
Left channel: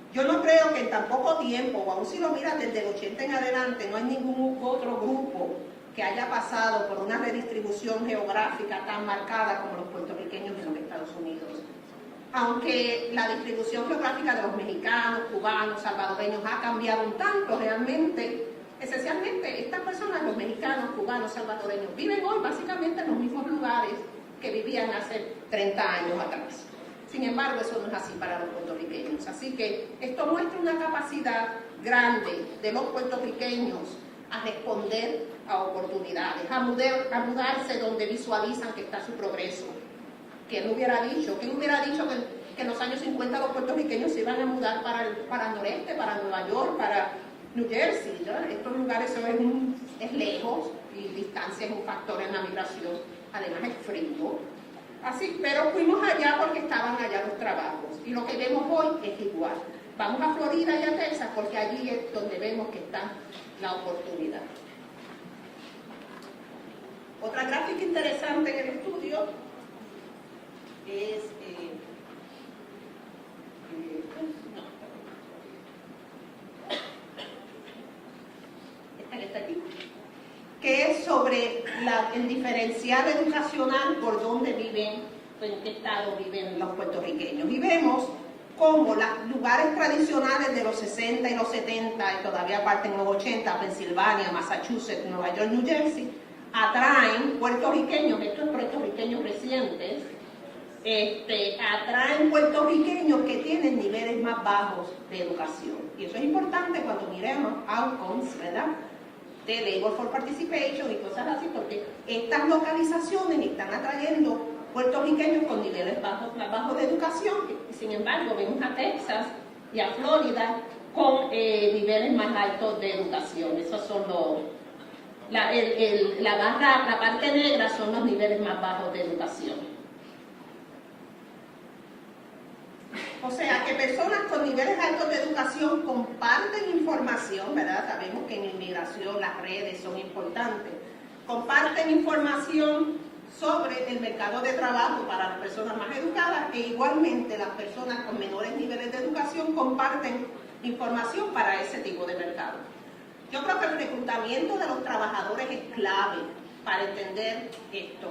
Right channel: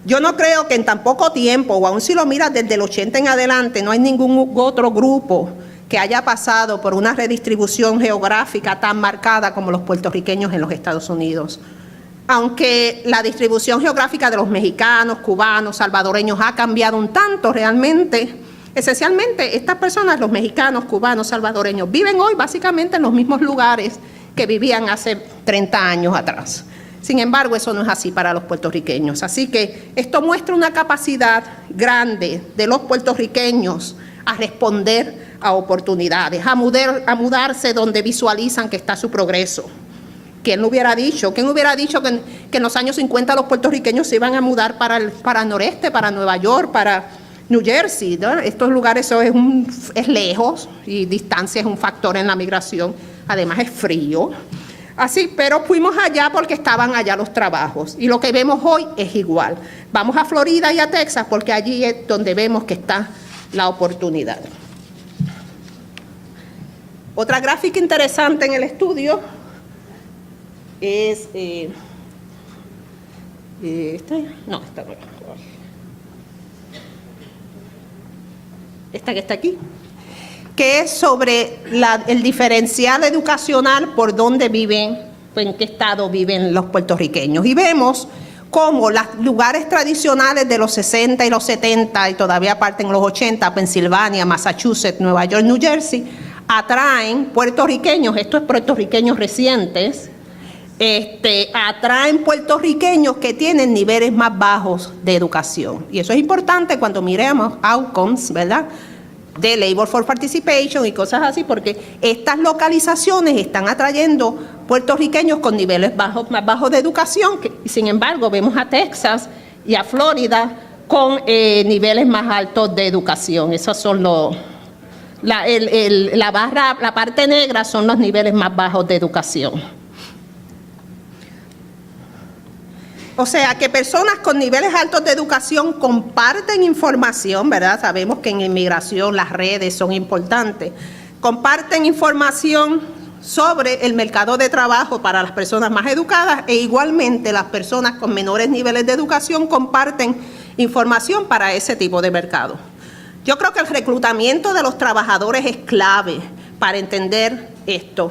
Yo no creo que en tan poco tiempo, o aún si lo miras desde el 80 en adelante, no hay ningún otro grupo que haya pasado por una redistribución geográfica tan marcada como los puertorriqueños en los Estados Unidos. Aunque la distribución geográfica de los mexicanos, cubanos, salvadoreños ha cambiado un tanto realmente, esencialmente estas personas, los mexicanos, cubanos, salvadoreños, viven hoy básicamente en los mismos lugares que vivían hace 30 años atrás. Sin embargo, eso no es así para los puertorriqueños. Así que esto muestra una capacidad grande de los puertorriqueños a responder a oportunidades, a mudarse donde visualizan que está su progreso. ¿Quién lo hubiera dicho? ¿Quién hubiera dicho que en los años 50 los puertorriqueños se iban a mudar para el noreste, para Nueva York, para New Jersey, ¿no? Estos lugares es lejos y distancia es un factor en la migración. Además es frío. Así, pero fuimos allá porque estaban allá los trabajos. Y lo que vemos hoy es igual. Vamos a Florida y a Texas porque allí es donde vemos que está la oportunidad. Otra gráfica interesante en el estudio es... esta no. Esta que está aquí, que es sobre el diferencial educacional por dónde viven, en qué estado viven los puertorriqueños. Y vemos cómo los lugares tradicionales de los 60 y los 70 y todavía parte en los 80, Pensilvania, Massachusetts, Nueva York, New Jersey, atraen puertorriqueños, estos puertorriqueños recientes, atraen puertorriqueños que tienen niveles más bajos de educación. Y eso es importante cuando miremos outcomes, ¿verdad?, de Labor for Participation y cosas así, porque estas localizaciones están atrayendo puertorriqueños con niveles más bajos de educación, y sin embargo vemos a Texas y a Florida con niveles más altos de educación. Esos son la parte negra son los niveles más bajos de educación. O sea, que personas con niveles altos de educación comparten información, ¿verdad? Sabemos que en inmigración las redes son importantes. Comparten información sobre el mercado de trabajo para las personas más educadas, e igualmente las personas con menores niveles de educación comparten información para ese tipo de mercado. Yo creo que el reclutamiento de los trabajadores es clave para entender esto.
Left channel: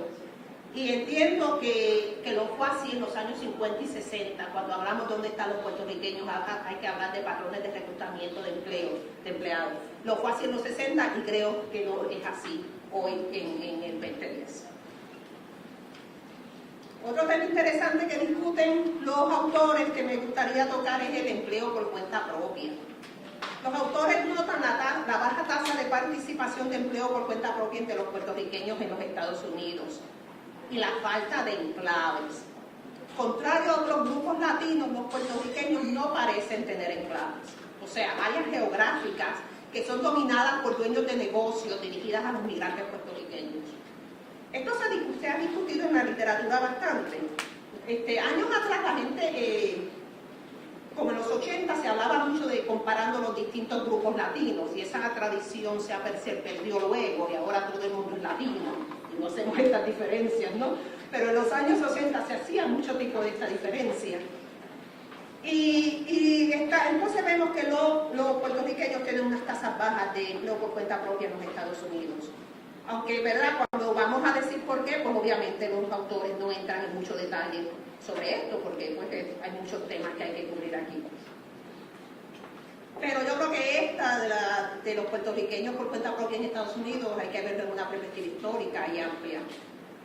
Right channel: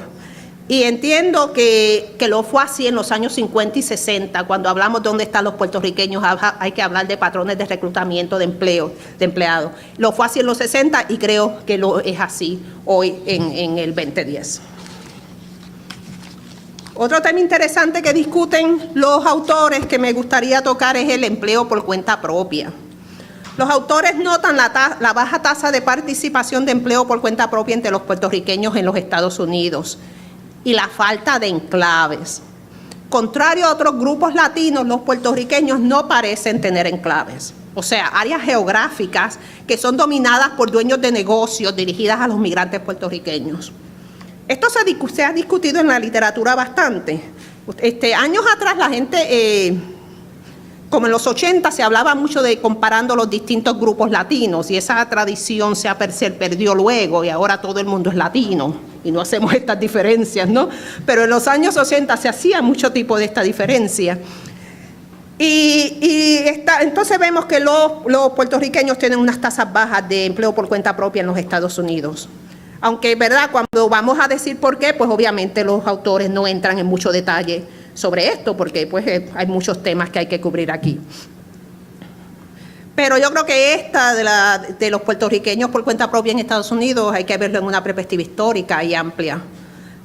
Y entiendo que lo fue así en los años 50 y 60, cuando hablamos de dónde están los puertorriqueños, hay que hablar de patrones de reclutamiento de empleados. Lo fue así en los 60 y creo que lo es así hoy en el 2010. Otro tema interesante que discuten los autores que me gustaría tocar es el empleo por cuenta propia. Los autores notan la baja tasa de participación de empleo por cuenta propia entre los puertorriqueños en los Estados Unidos y la falta de enclaves. Contrario a otros grupos latinos, los puertorriqueños no parecen tener enclaves, o sea, áreas geográficas que son dominadas por dueños de negocios dirigidas a los migrantes puertorriqueños. Esto se ha discutido en la literatura bastante. Años atrás la gente, como en los 80, se hablaba mucho de comparando los distintos grupos latinos, y esa tradición se perdió luego, y ahora todo el mundo es latino y no hacemos estas diferencias, ¿no? Pero en los años 80 se hacía mucho tipo de esta diferencia. Entonces vemos que los puertorriqueños tienen unas tasas bajas de empleo por cuenta propia en los Estados Unidos. Aunque, ¿verdad?, cuando vamos a decir por qué, pues obviamente los autores no entran en mucho detalle sobre esto, porque pues hay muchos temas que hay que cubrir aquí. Pero yo creo que esta de los puertorriqueños por cuenta propia en Estados Unidos hay que verlo en una perspectiva histórica y amplia.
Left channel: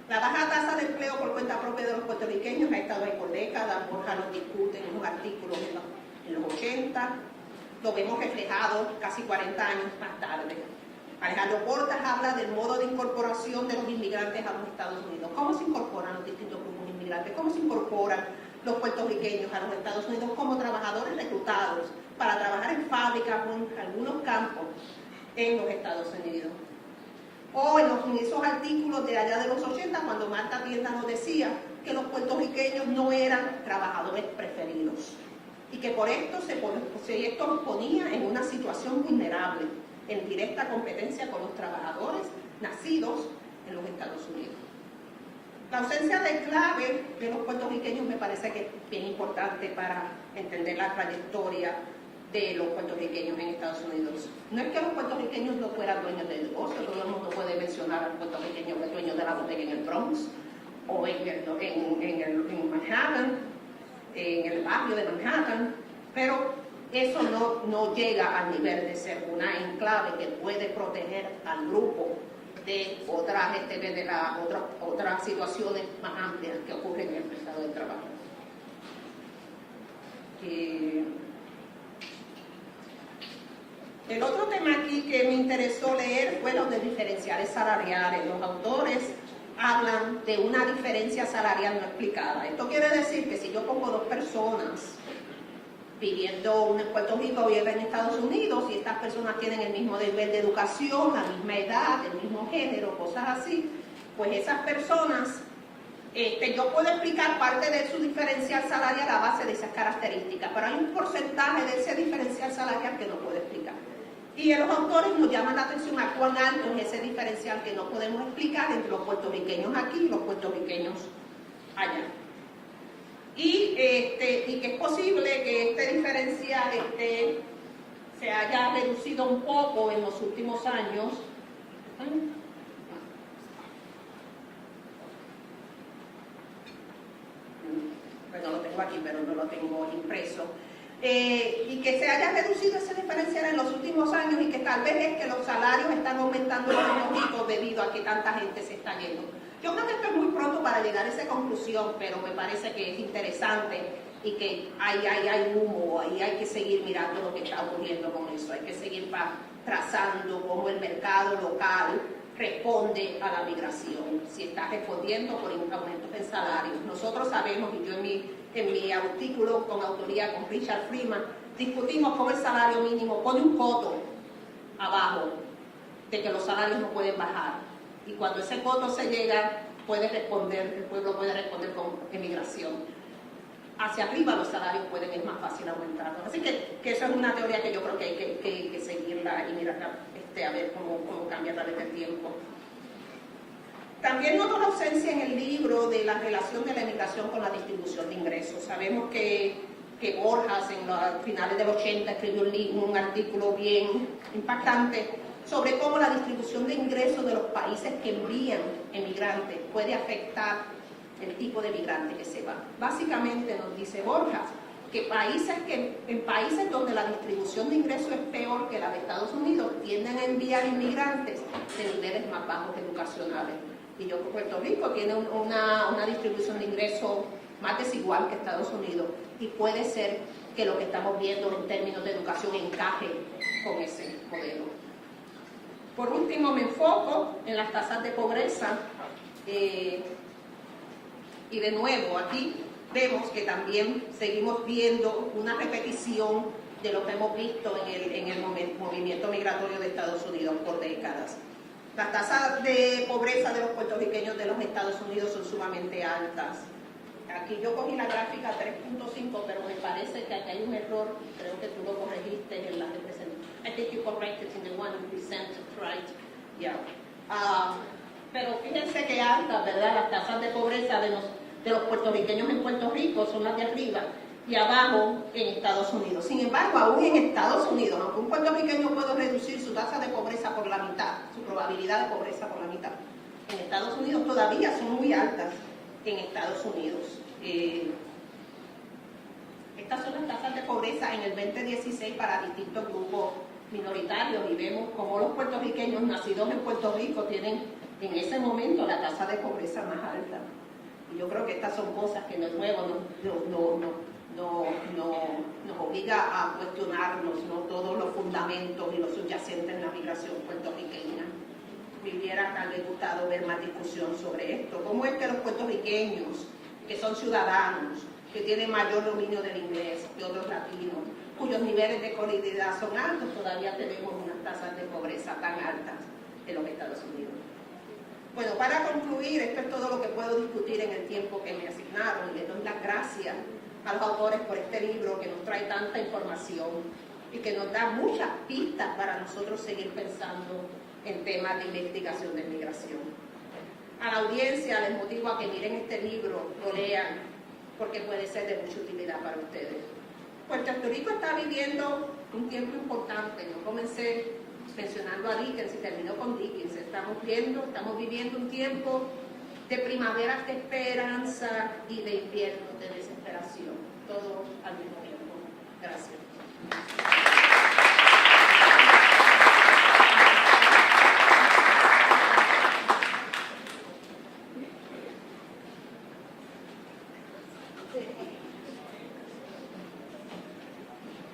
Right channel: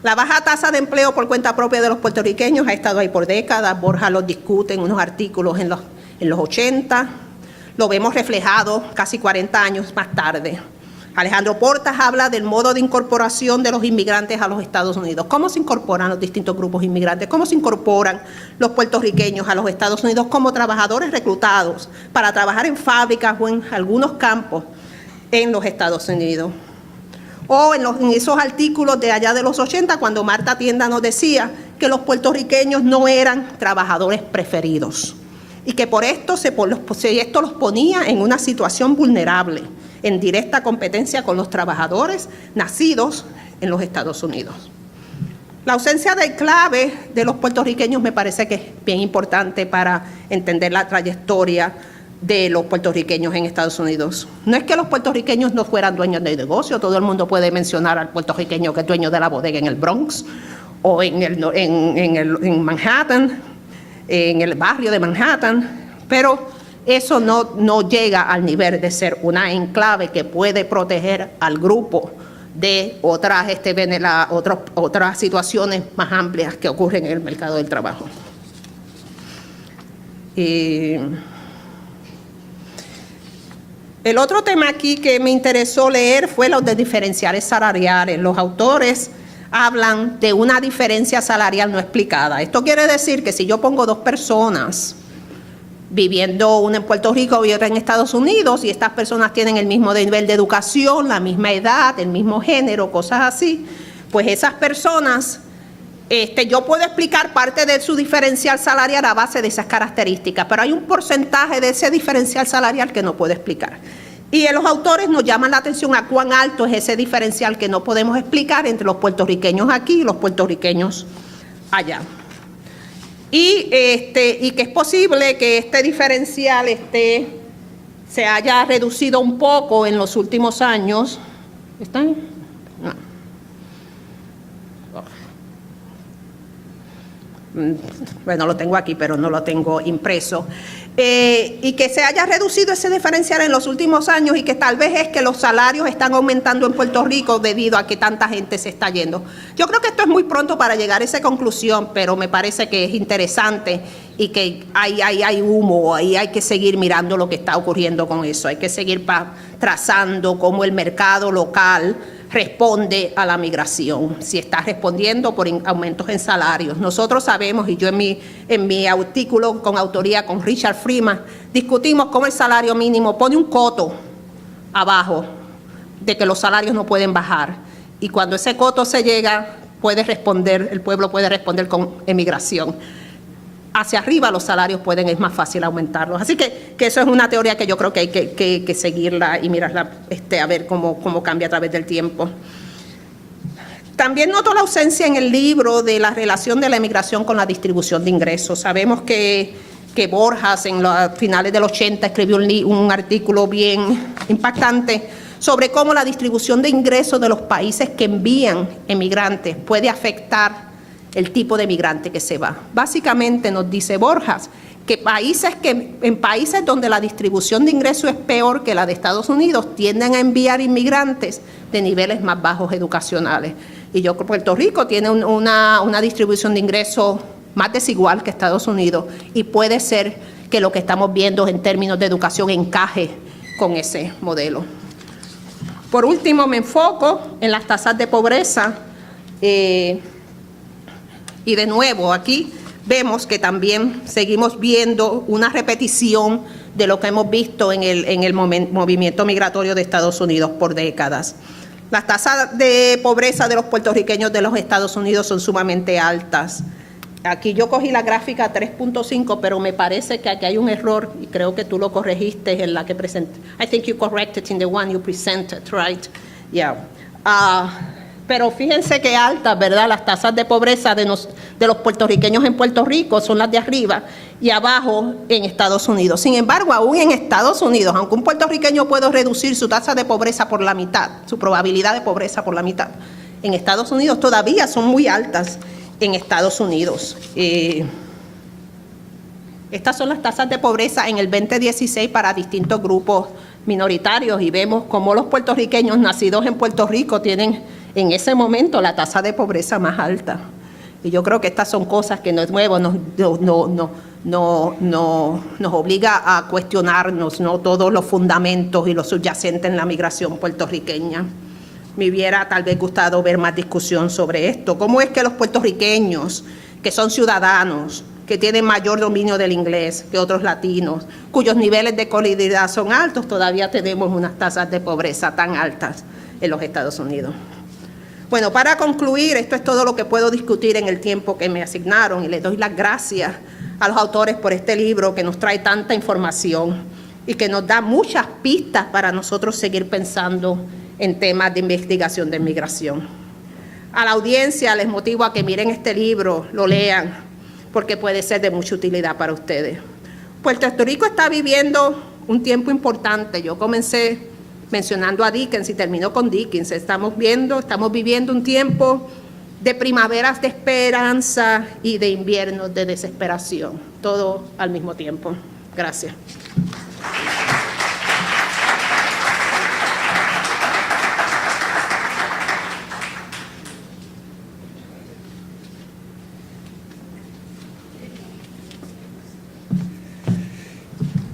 La baja tasa de empleo por cuenta propia de los puertorriqueños ha estado ahí por décadas. Borja lo discute en unos artículos en los 80. Lo vemos reflejado casi 40 años más tarde. Alejandro Portas habla del modo de incorporación de los inmigrantes a los Estados Unidos. ¿Cómo se incorporan los distintos grupos inmigrantes? ¿Cómo se incorporan los puertorriqueños a los Estados Unidos como trabajadores reclutados para trabajar en fábricas o en algunos campos en los Estados Unidos? O en esos artículos de allá de los 80, cuando Marta Tienda nos decía que los puertorriqueños no eran trabajadores preferidos y que por esto esto los ponía en una situación vulnerable, en directa competencia con los trabajadores nacidos en los Estados Unidos. La ausencia de enclave de los puertorriqueños me parece que es bien importante para entender la trayectoria de los puertorriqueños en Estados Unidos. No es que los puertorriqueños no fueran dueños de negocio, todo el mundo puede mencionar al puertorriqueño que es dueño de la bodega en el Bronx o en Manhattan, en el barrio de Manhattan, pero eso no llega al nivel de ser una enclave que puede proteger al grupo de otras situaciones más amplias que ocurren en el mercado del trabajo. El otro tema aquí que me interesó leer fue los de diferenciales salariales. Los autores hablan de una diferencia salarial no explicada. Esto quiere decir que si yo pongo dos personas viviendo una en Puerto Rico y otra en Estados Unidos, y estas personas tienen el mismo nivel de educación, la misma edad, el mismo género, cosas así, pues esas personas Yo puedo explicar parte de su diferencial salarial a base de esas características, pero hay un porcentaje de ese diferencial salarial que no puedo explicar. Y los autores nos llaman la atención a cuán alto es ese diferencial que no podemos explicar entre los puertorriqueños aquí y los puertorriqueños allá. Y que es posible que este diferencial se haya reducido un poco en los últimos años. ¿Están? No. Bueno, lo tengo aquí, pero no lo tengo impreso. Y que se haya reducido ese diferencial en los últimos años y que tal vez es que los salarios están aumentando en Puerto Rico debido a que tanta gente se está yendo. Yo creo que esto es muy pronto para llegar a esa conclusión, pero me parece que es interesante y que hay humo y hay que seguir mirando lo que está ocurriendo con eso. Hay que seguir trazando cómo el mercado local responde a la migración, si está respondiendo por aumentos en salarios. Nosotros sabemos, y yo en mi artículo con autoría con Richard Freeman, discutimos cómo el salario mínimo pone un coto abajo de que los salarios no pueden bajar. Y cuando ese coto se llega, el pueblo puede responder con emigración. Hacia arriba los salarios es más fácil aumentarlos. Así que eso es una teoría que yo creo que hay que seguirla y mirarla a ver cómo cambia a través del tiempo. También noto la ausencia en el libro de la relación de la emigración con la distribución de ingresos. Sabemos que Borjas en los finales del 80 escribió un artículo bien impactante sobre cómo la distribución de ingresos de los países que envían emigrantes puede afectar el tipo de migrante que se va. Básicamente nos dice Borjas que en países donde la distribución de ingresos es peor que la de Estados Unidos, tienden a enviar inmigrantes de niveles más bajos educacionales. Y yo creo que Puerto Rico tiene una distribución de ingresos más desigual que Estados Unidos y puede ser que lo que estamos viendo en términos de educación encaje con ese modelo. Por último, me enfoco en las tasas de pobreza. Y de nuevo, aquí vemos que también seguimos viendo una repetición de lo que hemos visto en el movimiento migratorio de Estados Unidos por décadas. Las tasas de pobreza de los puertorriqueños de los Estados Unidos son sumamente altas. Aquí yo cogí la gráfica 3.5, pero me parece que aquí hay un error y creo que tú lo corregiste en la que presenté. I think you corrected in the one you presented, right? Yeah. Pero fíjense qué altas, ¿verdad? Las tasas de pobreza de los puertorriqueños en Puerto Rico son las de arriba y abajo en Estados Unidos. Sin embargo, aún en Estados Unidos, aunque un puertorriqueño puede reducir su tasa de pobreza por la mitad, su probabilidad de pobreza por la mitad, en Estados Unidos todavía son muy altas en Estados Unidos. Estas son las tasas de pobreza en el 2016 para distintos grupos minoritarios y vemos cómo los puertorriqueños nacidos en Puerto Rico tienen en ese momento la tasa de pobreza más alta. Y yo creo que estas son cosas que no es nuevo, nos obliga a cuestionarnos, ¿no?, todos los fundamentos y los subyacentes en la migración puertorriqueña. Me hubiera tal vez gustado ver más discusión sobre esto. ¿Cómo es que los puertorriqueños, que son ciudadanos, que tienen mayor dominio del inglés que otros latinos, cuyos niveles de escolaridad son altos, todavía tenemos unas tasas de pobreza tan altas en los Estados Unidos? Bueno, para concluir, esto es todo lo que puedo discutir en el tiempo que me asignaron y les doy las gracias a los autores por este libro que nos trae tanta información y que nos da muchas pistas para nosotros seguir pensando en temas de investigación de migración. A la audiencia les motivo a que miren este libro, lo lean, porque puede ser de mucha utilidad para ustedes. Puerto Rico está viviendo un tiempo importante. Yo comencé mencionando a Dickens y terminó con Dickens. Estamos viviendo un tiempo de primaveras de esperanza y de inviernos de desesperación, todo al mismo tiempo. Gracias.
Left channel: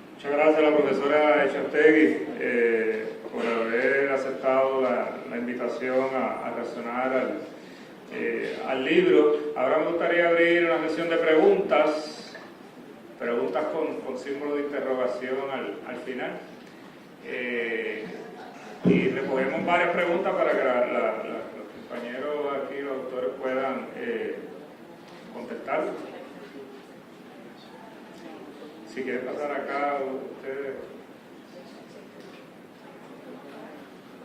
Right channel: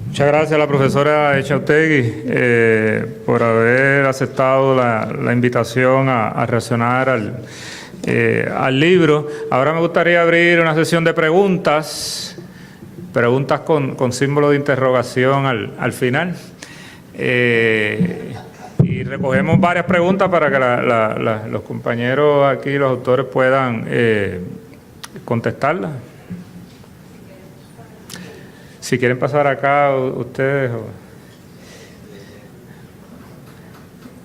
Muchas gracias a la profesora Echautegui por haber aceptado la invitación a reaccionar al libro. Ahora me gustaría abrir una sesión de preguntas con símbolo de interrogación al final. Y recogemos varias preguntas para que los compañeros aquí, los autores, puedan contestarla. Si quieren pasar acá ustedes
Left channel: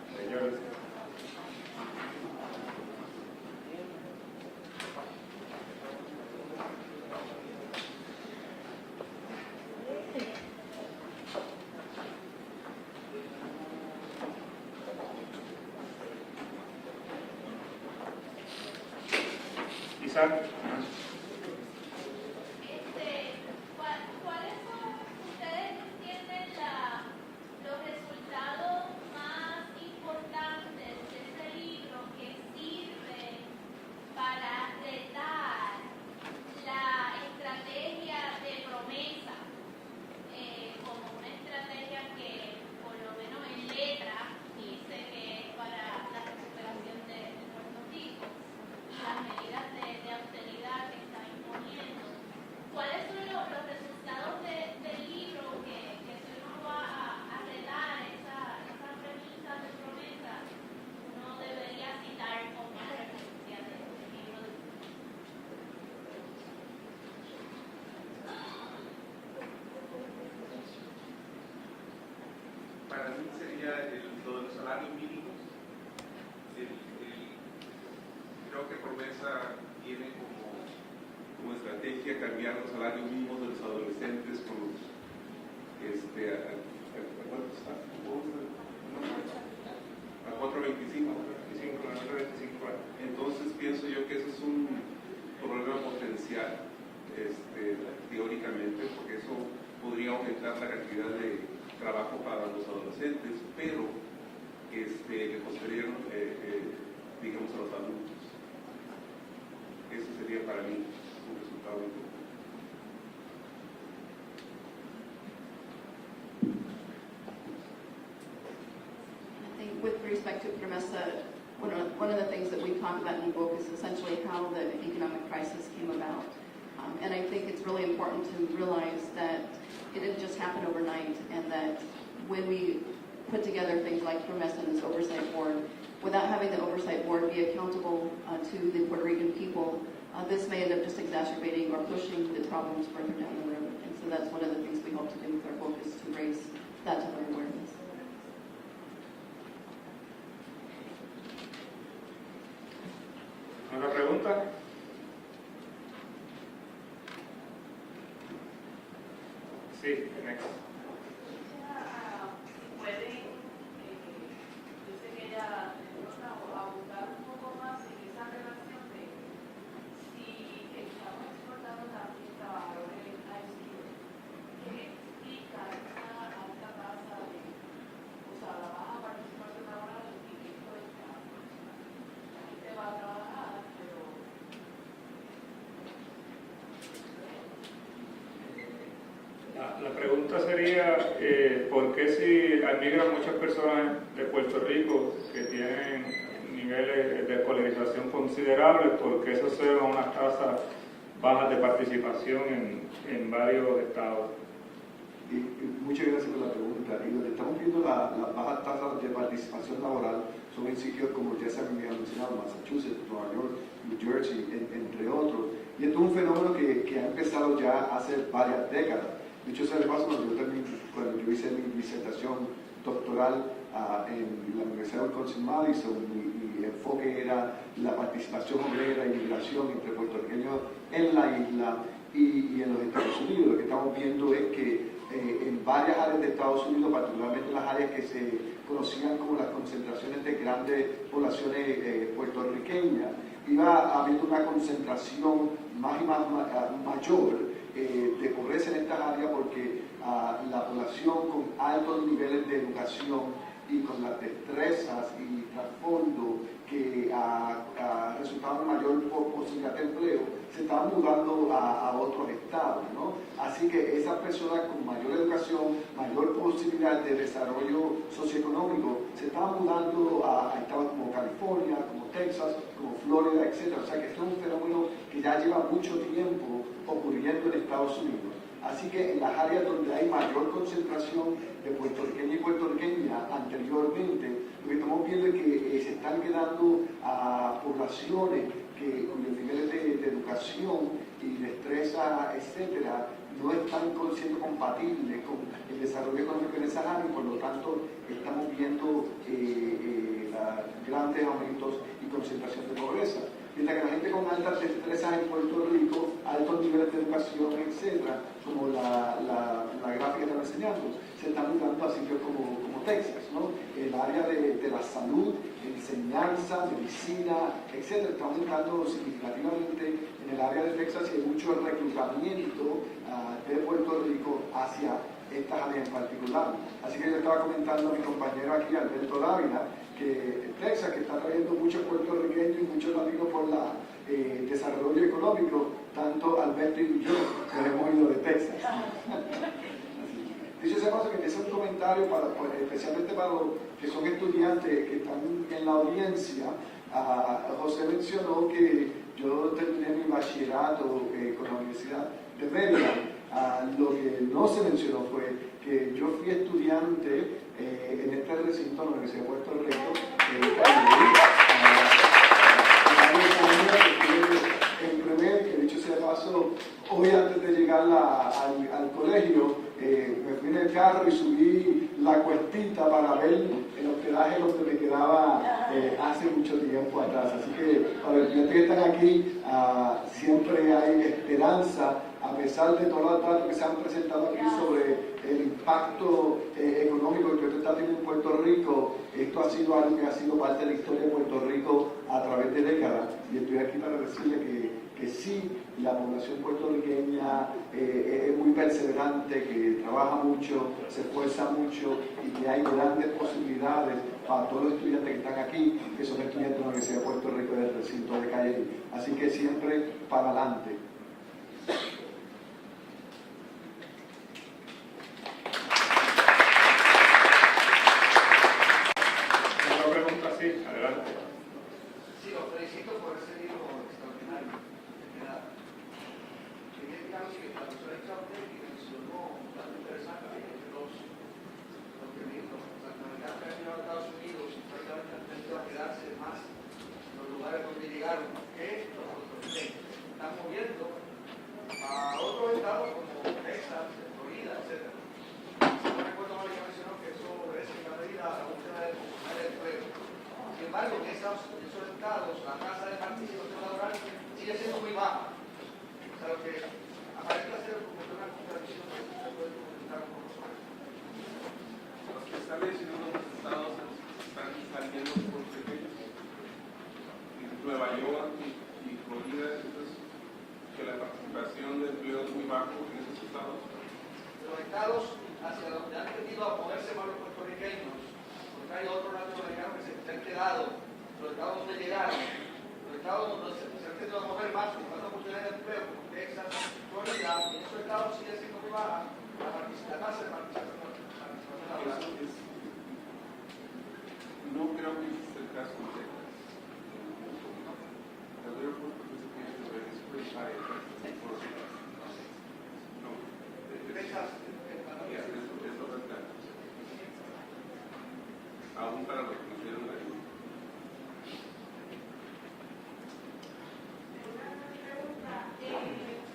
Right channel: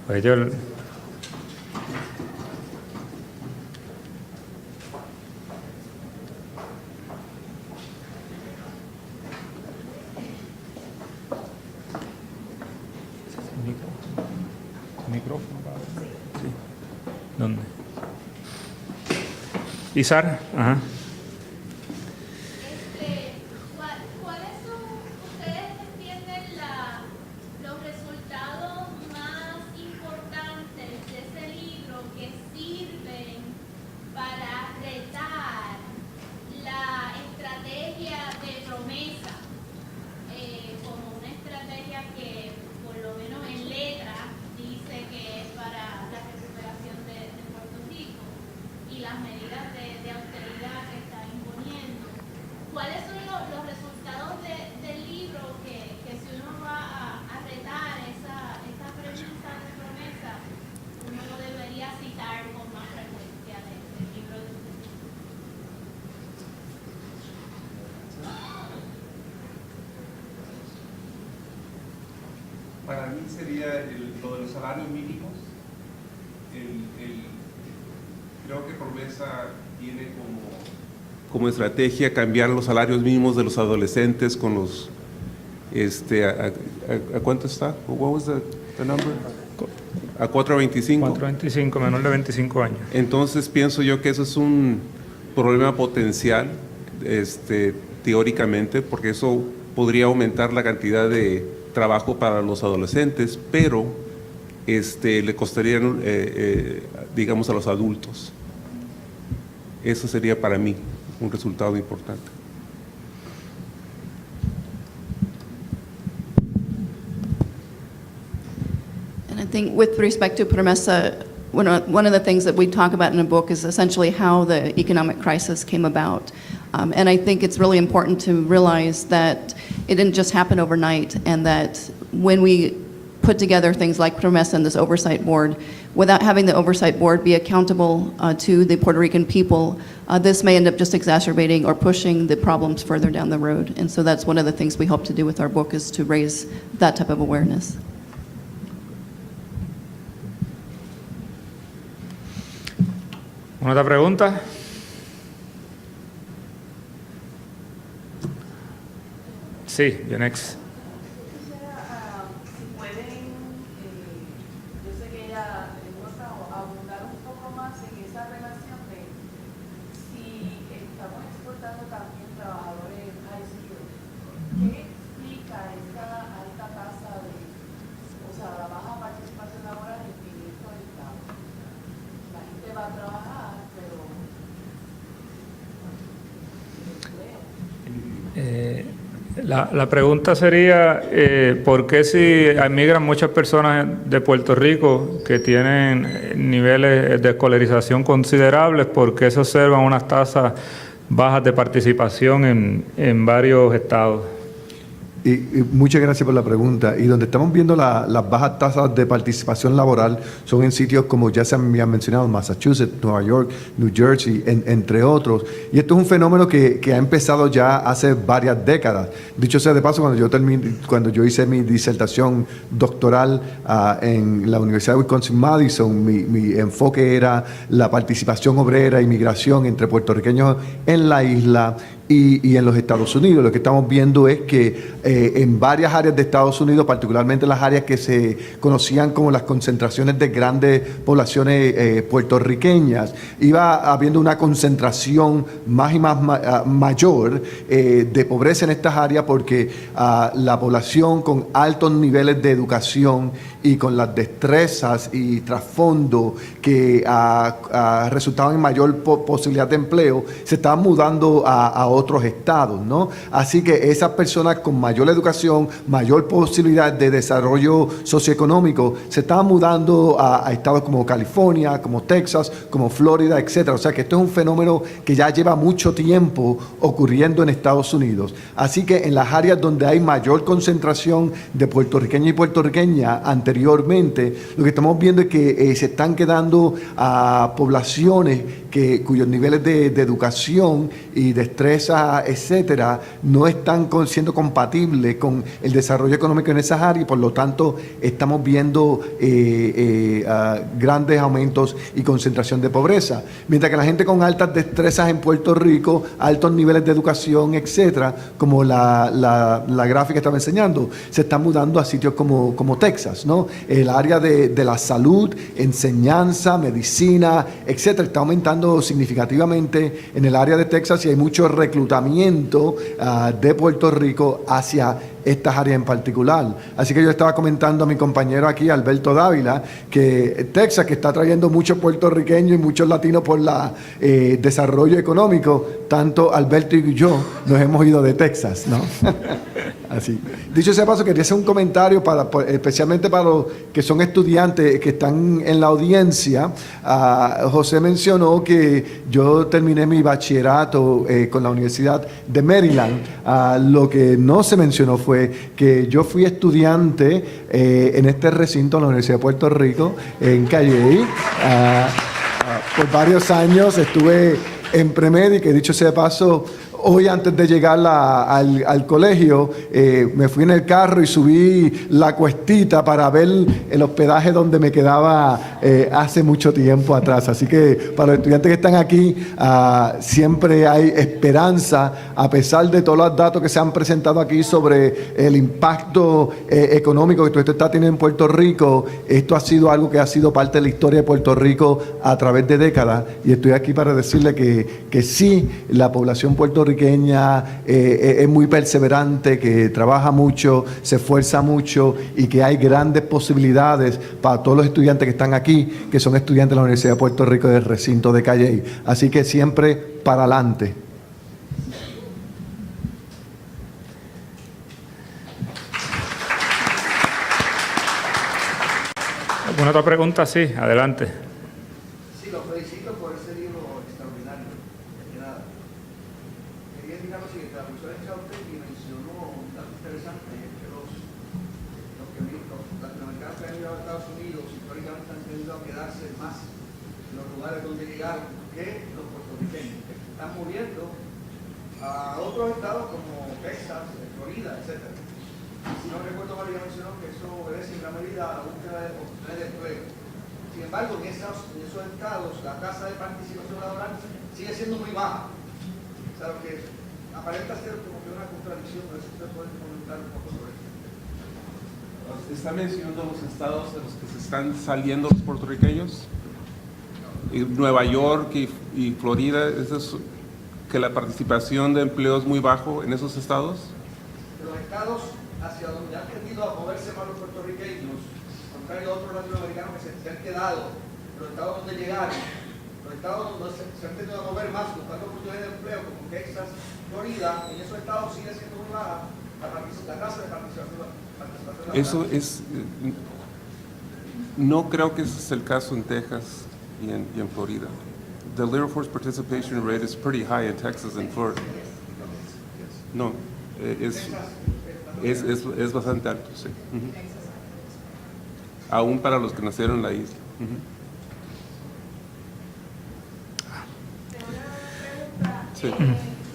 pues yo... ¿Dónde? Izar, ajá. ¿Cuáles son, ustedes entienden los resultados más importantes de ese libro que sirven para retar la estrategia de promesa como una estrategia que, por lo menos en letra, dice que es para la recuperación de Puerto Rico y las medidas de austeridad que está imponiendo? ¿Cuáles son los resultados del libro que si uno va a retar esa premisa de promesa, uno debería citar con más frecuencia del libro de ustedes? Para mí sería lo de los salarios mínimos. Creo que promesa tiene como estrategia cambiar los salarios mínimos de los adolescentes con los ¿a cuánto está? What was the number? A 4.25. 4.25, menor de 25 años. Entonces pienso yo que eso es un problema potencial, teóricamente, porque eso podría aumentar la cantidad de trabajo para los adolescentes, pero le costaría, digamos, a los adultos. Eso sería para mí un resultado importante. And I think with respect to PROMESA, one of the things that we talk about in the book is essentially how the economic crisis came about. And I think it's really important to realize that it didn't just happen overnight, and that when we put together things like PROMESA and this oversight board, without having the oversight board be accountable to the Puerto Rican people, this may end up just exacerbating or pushing the problems further down the road. And so that's one of the things we hope to do with our book, is to raise that type of awareness. ¿Una otra pregunta? Sí, Yonex. Quisiera, si pueden, yo sé que ella le gusta abundar un poco más en esa relación de si estamos exportando también trabajadores high skills. ¿Qué explica esta alta tasa de, o sea, la baja participación laboral en esto de Estado? La gente va a trabajar, pero La pregunta sería, ¿por qué si emigran muchas personas de Puerto Rico que tienen niveles de escolarización considerables, por qué se observan unas tasas bajas de participación en varios estados? Y muchas gracias por la pregunta. Y donde estamos viendo las bajas tasas de participación laboral son en sitios como ya se han mencionado, Massachusetts, Nueva York, New Jersey, entre otros. Y esto es un fenómeno que ha empezado ya hace varias décadas. Dicho sea de paso, cuando yo hice mi disertación doctoral en la Universidad de Wisconsin-Madison, mi enfoque era la participación obrera y migración entre puertorriqueños en la isla y en los Estados Unidos. Lo que estamos viendo es que en varias áreas de Estados Unidos, particularmente las áreas que se conocían como las concentraciones de grandes poblaciones puertorriqueñas, iba habiendo una concentración más y más mayor de pobreza en estas áreas, porque la población con altos niveles de educación y con las destrezas y trasfondo que resultaban en mayor posibilidad de empleo, se estaban mudando a otros estados, ¿no? Así que esas personas con mayor educación, mayor posibilidad de desarrollo socioeconómico, se están mudando a estados como California, como Texas, como Florida, etcétera. O sea que esto es un fenómeno que ya lleva mucho tiempo ocurriendo en Estados Unidos. Así que en las áreas donde hay mayor concentración de puertorriqueños y puertorriqueñas anteriormente, lo que estamos viendo es que se están quedando a poblaciones cuyos niveles de educación y destreza, etcétera, no están siendo compatibles con el desarrollo económico en esas áreas, y por lo tanto estamos viendo grandes aumentos y concentración de pobreza. Mientras que la gente con altas destrezas en Puerto Rico, altos niveles de educación, etcétera, como la gráfica estaba enseñando, se están mudando a sitios como Texas, ¿no? El área de la salud, enseñanza, medicina, etcétera, está aumentando significativamente en el área de Texas, y hay mucho reclutamiento de Puerto Rico hacia estas áreas en particular. Así que yo estaba comentando a mi compañero aquí, Alberto Dávila, que Texas, que está trayendo muchos puertorriqueños y muchos latinos por el desarrollo económico, tanto Alberto y yo nos hemos ido de Texas, ¿no? Así. Dicho sea paso, quería hacer un comentario especialmente para los que son estudiantes que están en la audiencia. José mencionó que yo terminé mi bachillerato con la Universidad de Maryland. Lo que no se mencionó fue que yo fui estudiante en este recinto, en la Universidad de Puerto Rico, en Calley. Por varios años estuve en premed, y que dicho sea de paso, hoy antes de llegar al colegio me fui en el carro y subí la cuestita para ver el hospedaje donde me quedaba hace mucho tiempo atrás. Así que para los estudiantes que están aquí, siempre hay esperanza, a pesar de todos los datos que se han presentado aquí sobre el impacto económico que todo esto está teniendo en Puerto Rico. Esto ha sido algo que ha sido parte de la historia de Puerto Rico a través de décadas, y estoy aquí para decirle que sí, la población puertorriqueña es muy perseverante, que trabaja mucho, se esfuerza mucho, y que hay grandes posibilidades para todos los estudiantes que están aquí, que son estudiantes de la Universidad de Puerto Rico del recinto de Calley. Así que siempre para adelante. ¿Alguna otra pregunta? Sí, adelante. Sí, lo felicito por ese libro extraordinario. De nada. Quería indicar lo siguiente: la doctora Chauter mencionó un dato interesante, que los latinoamericanos que han llegado a Estados Unidos históricamente han tenido a quedarse más en los lugares donde llegaron que los puertorriqueños. Están moviendo a otros estados como Texas, Florida, etc. Si no recuerdo mal, ya mencionó que eso obedece en gran medida a la búsqueda de oportunidades de empleo. Sin embargo, en esos estados la tasa de participación laboral sigue siendo muy baja. O sea, lo que aparenta ser como una contradicción, pero eso se puede comentar un poco sobre eso. Usted está mencionando los estados en los que se están saliendo los puertorriqueños. Nueva York y Florida, que la participación de empleo es muy bajo en esos estados. Los estados hacia donde han tendido a moverse más los puertorriqueños, contrario a otros latinoamericanos que se han quedado, los estados donde llegaron, los estados donde se han tenido a mover más buscando oportunidades de empleo, como Texas, Florida, en esos estados sigue siendo muy baja la tasa de participación laboral. Eso es, no creo que ese es el caso en Texas y en Florida. The labor force participation rate is pretty high in Texas and Florida. No, es bastante alto, sí. Aún para los que nacieron en la isla. Sí.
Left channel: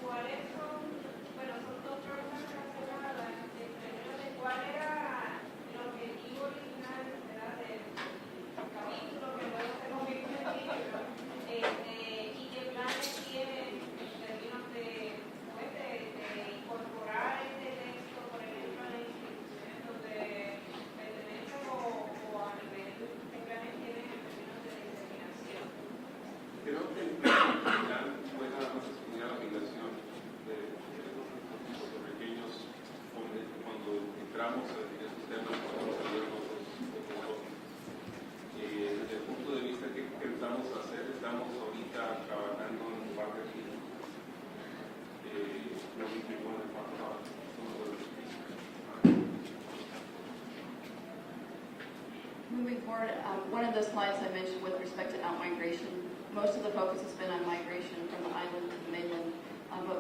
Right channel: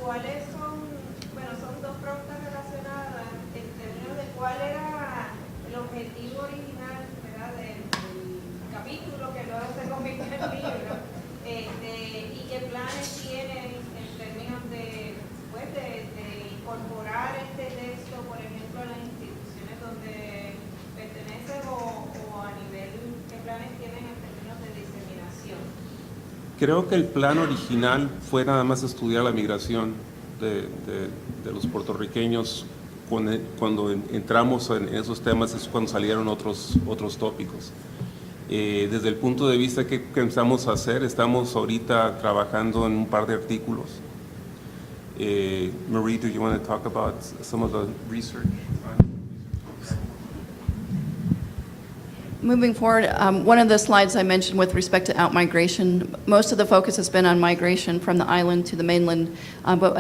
¿Cuáles son, bueno, son dos preguntas relacionadas en términos de cuál era el objetivo original, ¿verdad?, del capítulo que luego se convirtió en el libro, y qué planes tienen en términos de, pues, de incorporar este texto, por ejemplo, en las instituciones donde pertenecen o a nivel, qué planes tienen en términos de diseminación. Creo que el plan original fue nada más estudiar la migración de los puertorriqueños. Cuando entramos en esos temas es cuando salieron otros tópicos. Desde el punto de vista que pensamos hacer, estamos ahorita trabajando en un par de artículos Marie, do you want to talk about some of the research? Moving forward, one of the slides I mentioned with respect to outmigration, most of the focus has been on migration from the island to the mainland. But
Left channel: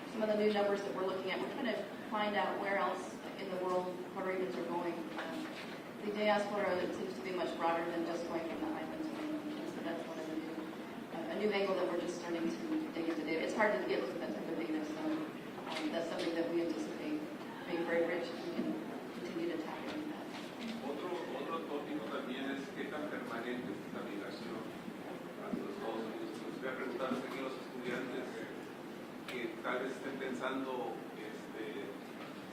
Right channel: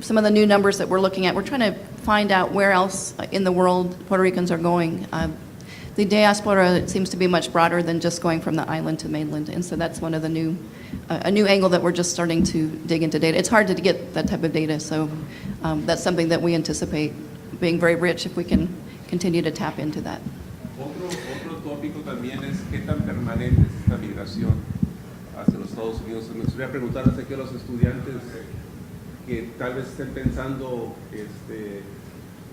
some of the new numbers that we're looking at, we're trying to find out where else in the world Puerto Ricans are going. The diaspora seems to be much broader than just going from the island to mainland, and so that's one of the a new angle that we're just starting to dig into data. It's hard to get that type of data, so that's something that we anticipate being very rich if we can continue to tap into that. Otro tópico también es qué tan permanente es esta migración hacia los Estados Unidos. Me gustaría preguntarles aquí a los estudiantes que tal vez estén pensando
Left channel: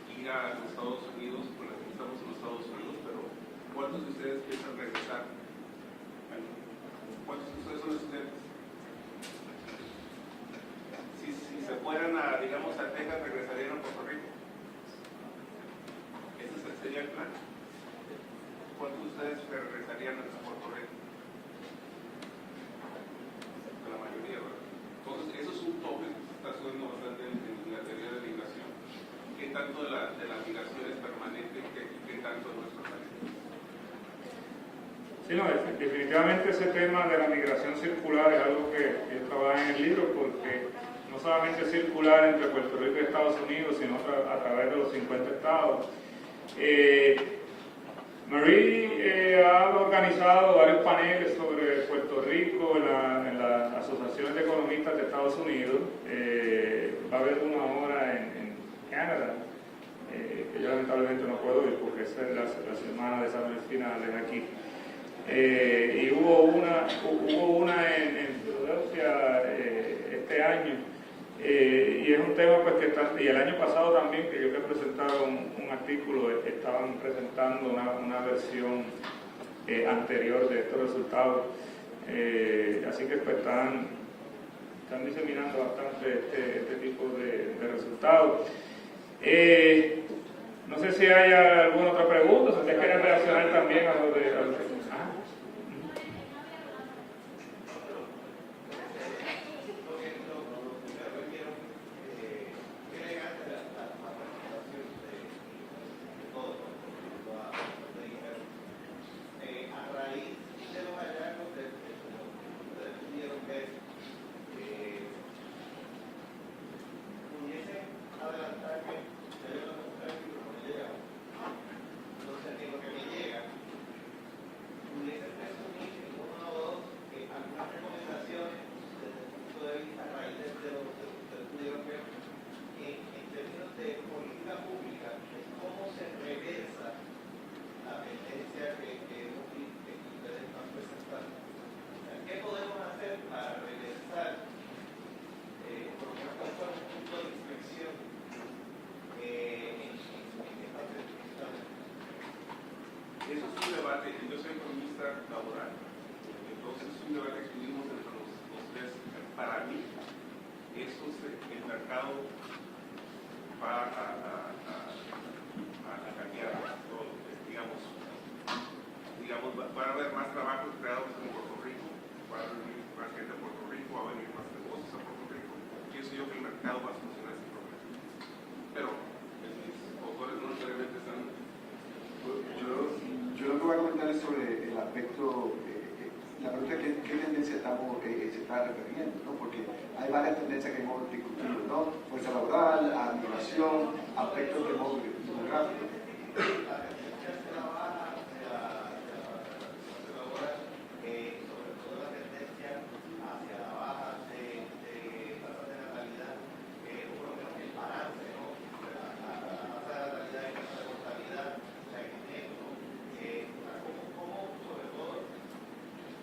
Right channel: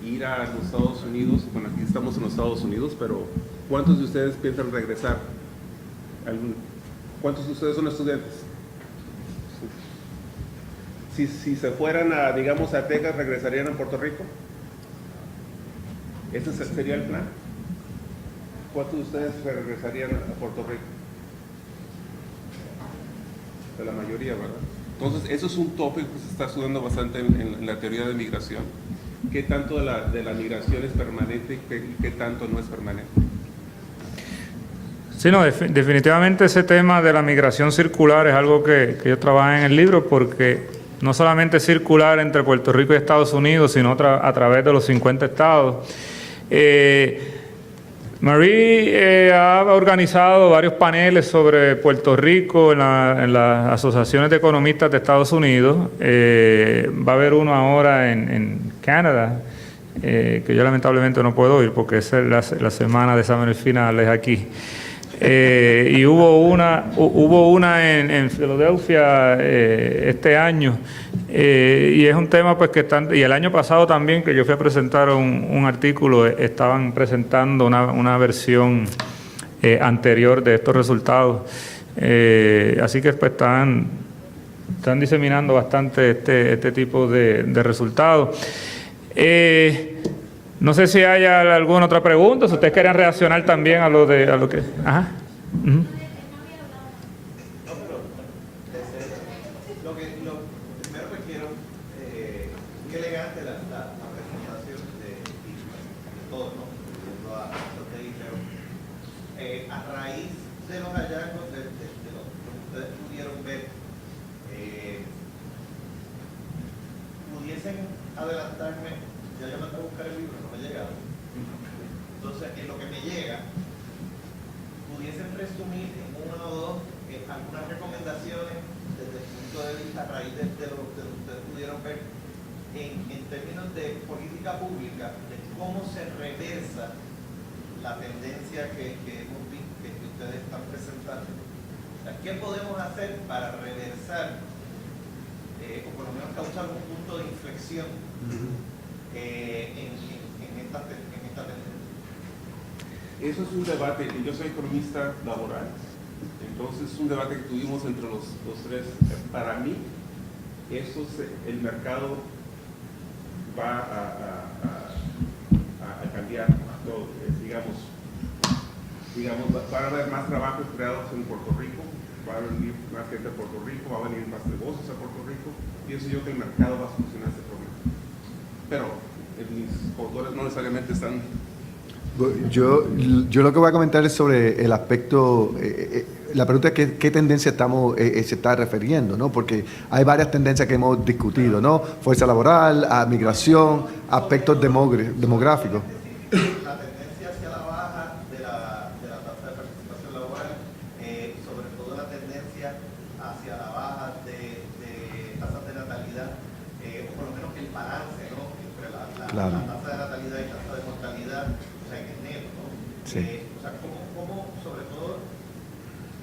ir a los Estados Unidos, bueno, aquí estamos en los Estados Unidos, pero ¿cuántos de ustedes piensan regresar? ¿Cuántos de ustedes son estudiantes? Si se fueran digamos, a Texas, ¿regresarían a Puerto Rico? ¿Ese sería el plan? ¿Cuántos de ustedes regresarían a Puerto Rico? De la mayoría, ¿verdad? Entonces, eso es un tópico que se está estudiando bastante en la teoría de migración. ¿Qué tanto de la migración es permanente y qué tanto no es permanente? Sí, no, definitivamente ese tema de la migración circular es algo que yo trabajo en el libro, porque no solamente es circular entre Puerto Rico y Estados Unidos, sino a través de los 50 estados. Marie ha organizado varios paneles sobre Puerto Rico en las asociaciones de economistas de Estados Unidos. Va a haber uno ahora en Canadá, que yo lamentablemente no puedo ir porque es la semana de exámenes finales aquí. Y hubo una en Filadelfia este año, y es un tema pues y el año pasado también, que yo fui a presentar un artículo, estaban presentando una versión anterior de estos resultados, así que pues están diseminando bastante este tipo de resultados. No sé si hay alguna otra pregunta, si ustedes quieren reaccionar también a lo que... Ajá. Uh-huh. Lo primero que quiero, qué elegante la presentación de todos, ¿no? A lo que dijeron. A raíz de los hallazgos de lo que ustedes pudieron ver, pudiesen adelantarme, ya yo no tengo que buscar el libro, no me llegaba. Entonces, en lo que me llega, pudiesen resumir en una o dos algunas recomendaciones desde el punto de vista a raíz de lo que ustedes pudieron ver en términos de política pública, de cómo se reversa la tendencia que hemos visto que ustedes están presentando. O sea, ¿qué podemos hacer para reversar o por lo menos causar un punto de inflexión en esta tendencia? Eso es un debate, yo soy economista laboral, entonces es un debate que tuvimos entre los tres. Para mí, el mercado va a cambiar, digamos, van a haber más trabajos creados en Puerto Rico, va a venir más gente a Puerto Rico, va a venir más negocios a Puerto Rico, y eso yo creo que el mercado va a solucionar ese problema. Pero mis autores no necesariamente están... Yo lo que voy a comentar es sobre el aspecto, la pregunta es qué tendencia se está refiriendo, ¿no? Porque hay varias tendencias que hemos discutido, ¿no? Fuerza laboral, migración, aspectos demográficos. La tendencia hacia la baja de la tasa de participación laboral, sobre todo la tendencia hacia la baja de tasas de natalidad, o por lo menos el balance, ¿no? Entre la tasa de natalidad y tasa de mortalidad, o sea, en el neto. Sí. O sea, sobre todo,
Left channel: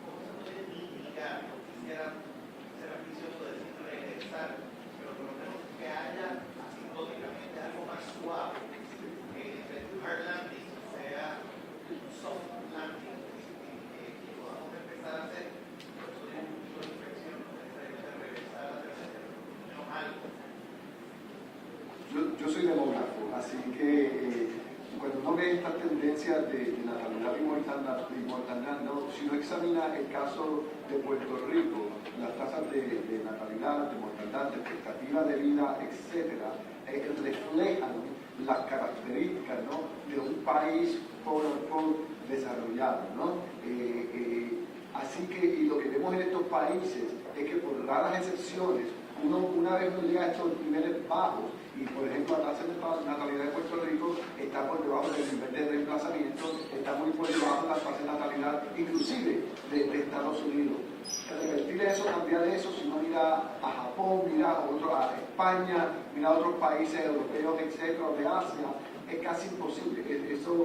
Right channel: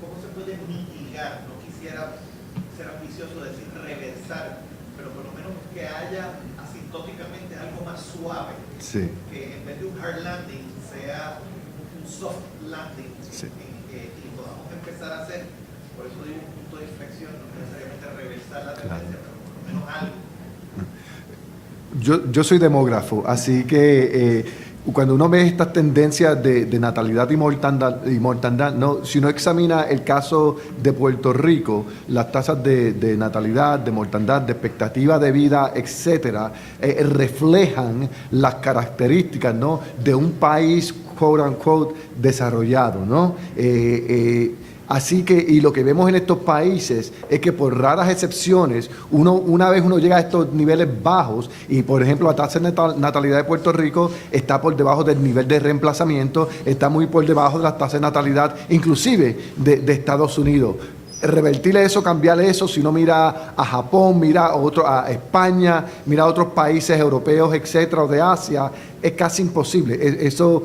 cómo se puede mitigar, no quisiera ser ambicioso de decir reversar, pero por lo menos que haya asintóticamente algo más suave. Sí. Que en vez de un hard landing sea un soft landing, Sí. y podamos empezar a hacer, por eso digo un punto de inflexión, no necesariamente regresar la tendencia, pero por lo menos algo. Yo soy demógrafo, así que cuando uno ve estas tendencias de natalidad y mortandad, no, si uno examina el caso de Puerto Rico, las tasas de natalidad, de mortandad, de expectativa de vida, etcétera, reflejan las características, ¿no?, de un país quote unquote desarrollado, ¿no? Así que, y lo que vemos en estos países es que por raras excepciones, una vez uno llega a estos niveles bajos, y por ejemplo la tasa de natalidad de Puerto Rico está por debajo del nivel de reemplazamiento, está muy por debajo de la tasa de natalidad, inclusive de Estados Unidos. Revertir eso, cambiar eso, si uno mira a Japón, mira a España, mira a otros países europeos, etcétera, o de Asia, es casi imposible. Esos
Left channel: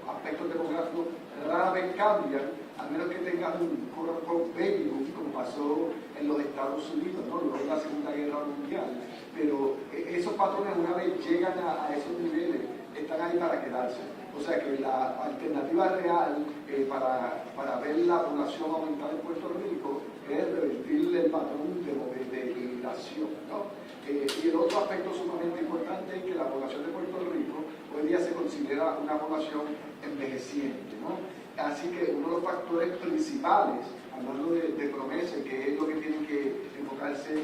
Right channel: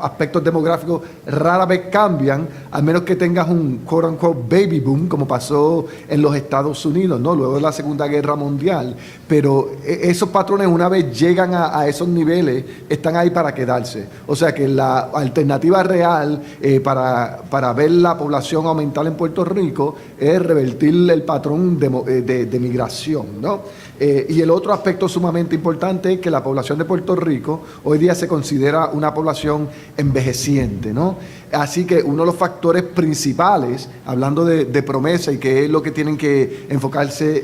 aspectos demográficos rara vez cambian, a menos que tengas un quote unquote baby boom, como pasó en los Estados Unidos, ¿no?, luego de la Segunda Guerra Mundial. Pero esos patrones, una vez llegan a esos niveles, están ahí para quedarse. O sea que la alternativa real para ver la población aumentar en Puerto Rico es revertir el patrón de migración, ¿no? Y el otro aspecto sumamente importante es que la población de Puerto Rico hoy día se considera una población envejeciente, ¿no? Así que uno de los factores principales, hablando de promesa y que es lo que tienen que enfocarse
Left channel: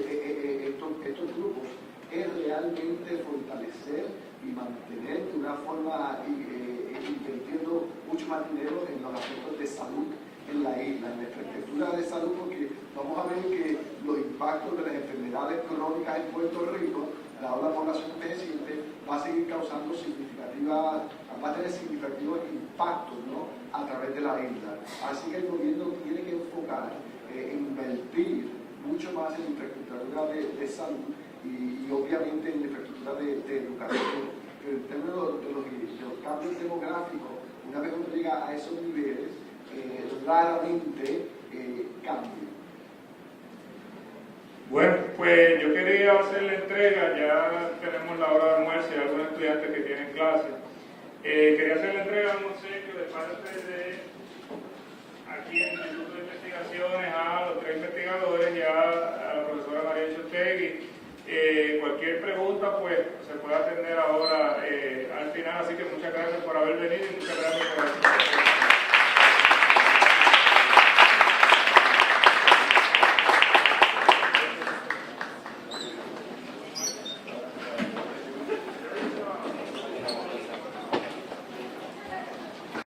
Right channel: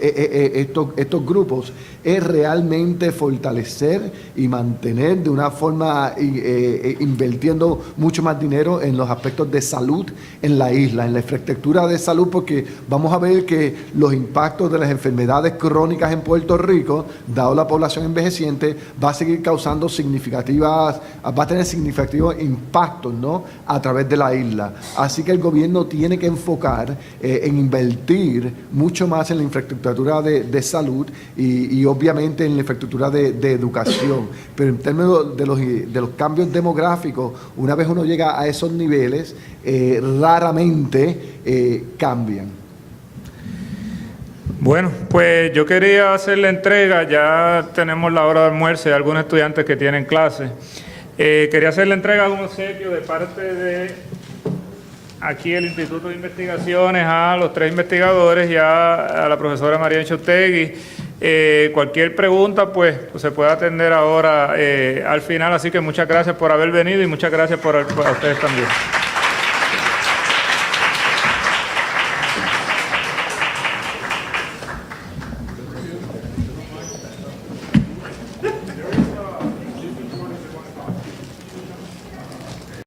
estos grupos, es realmente fortalecer y mantener de una forma invirtiendo mucho más dinero en los aspectos de salud en la isla, en la infraestructura de salud, porque vamos a ver que los impactos de las enfermedades crónicas en Puerto Rico, dado la población envejeciente, va a seguir causando va a tener significativos impactos, ¿no?, a través de la isla. Así que el gobierno tiene que enfocar en invertir mucho más en la infraestructura de salud y obviamente en la infraestructura de educación. Pero en términos de los cambios demográficos, una vez uno llega a esos niveles, raramente cambian. Bueno, pues yo quería hacer la entrega, ya tenemos la hora de almuerzo y algunos estudiantes que tienen clase. Quería hacer la entrega de un obsequio de parte de aquí el Instituto de Investigaciones a los 3 investigadores y a la profesora María Enchotegui. Cualquier pregunta pues se puede atender ahora al final, así que muchas gracias por haber venido y muchas gracias a ustedes también.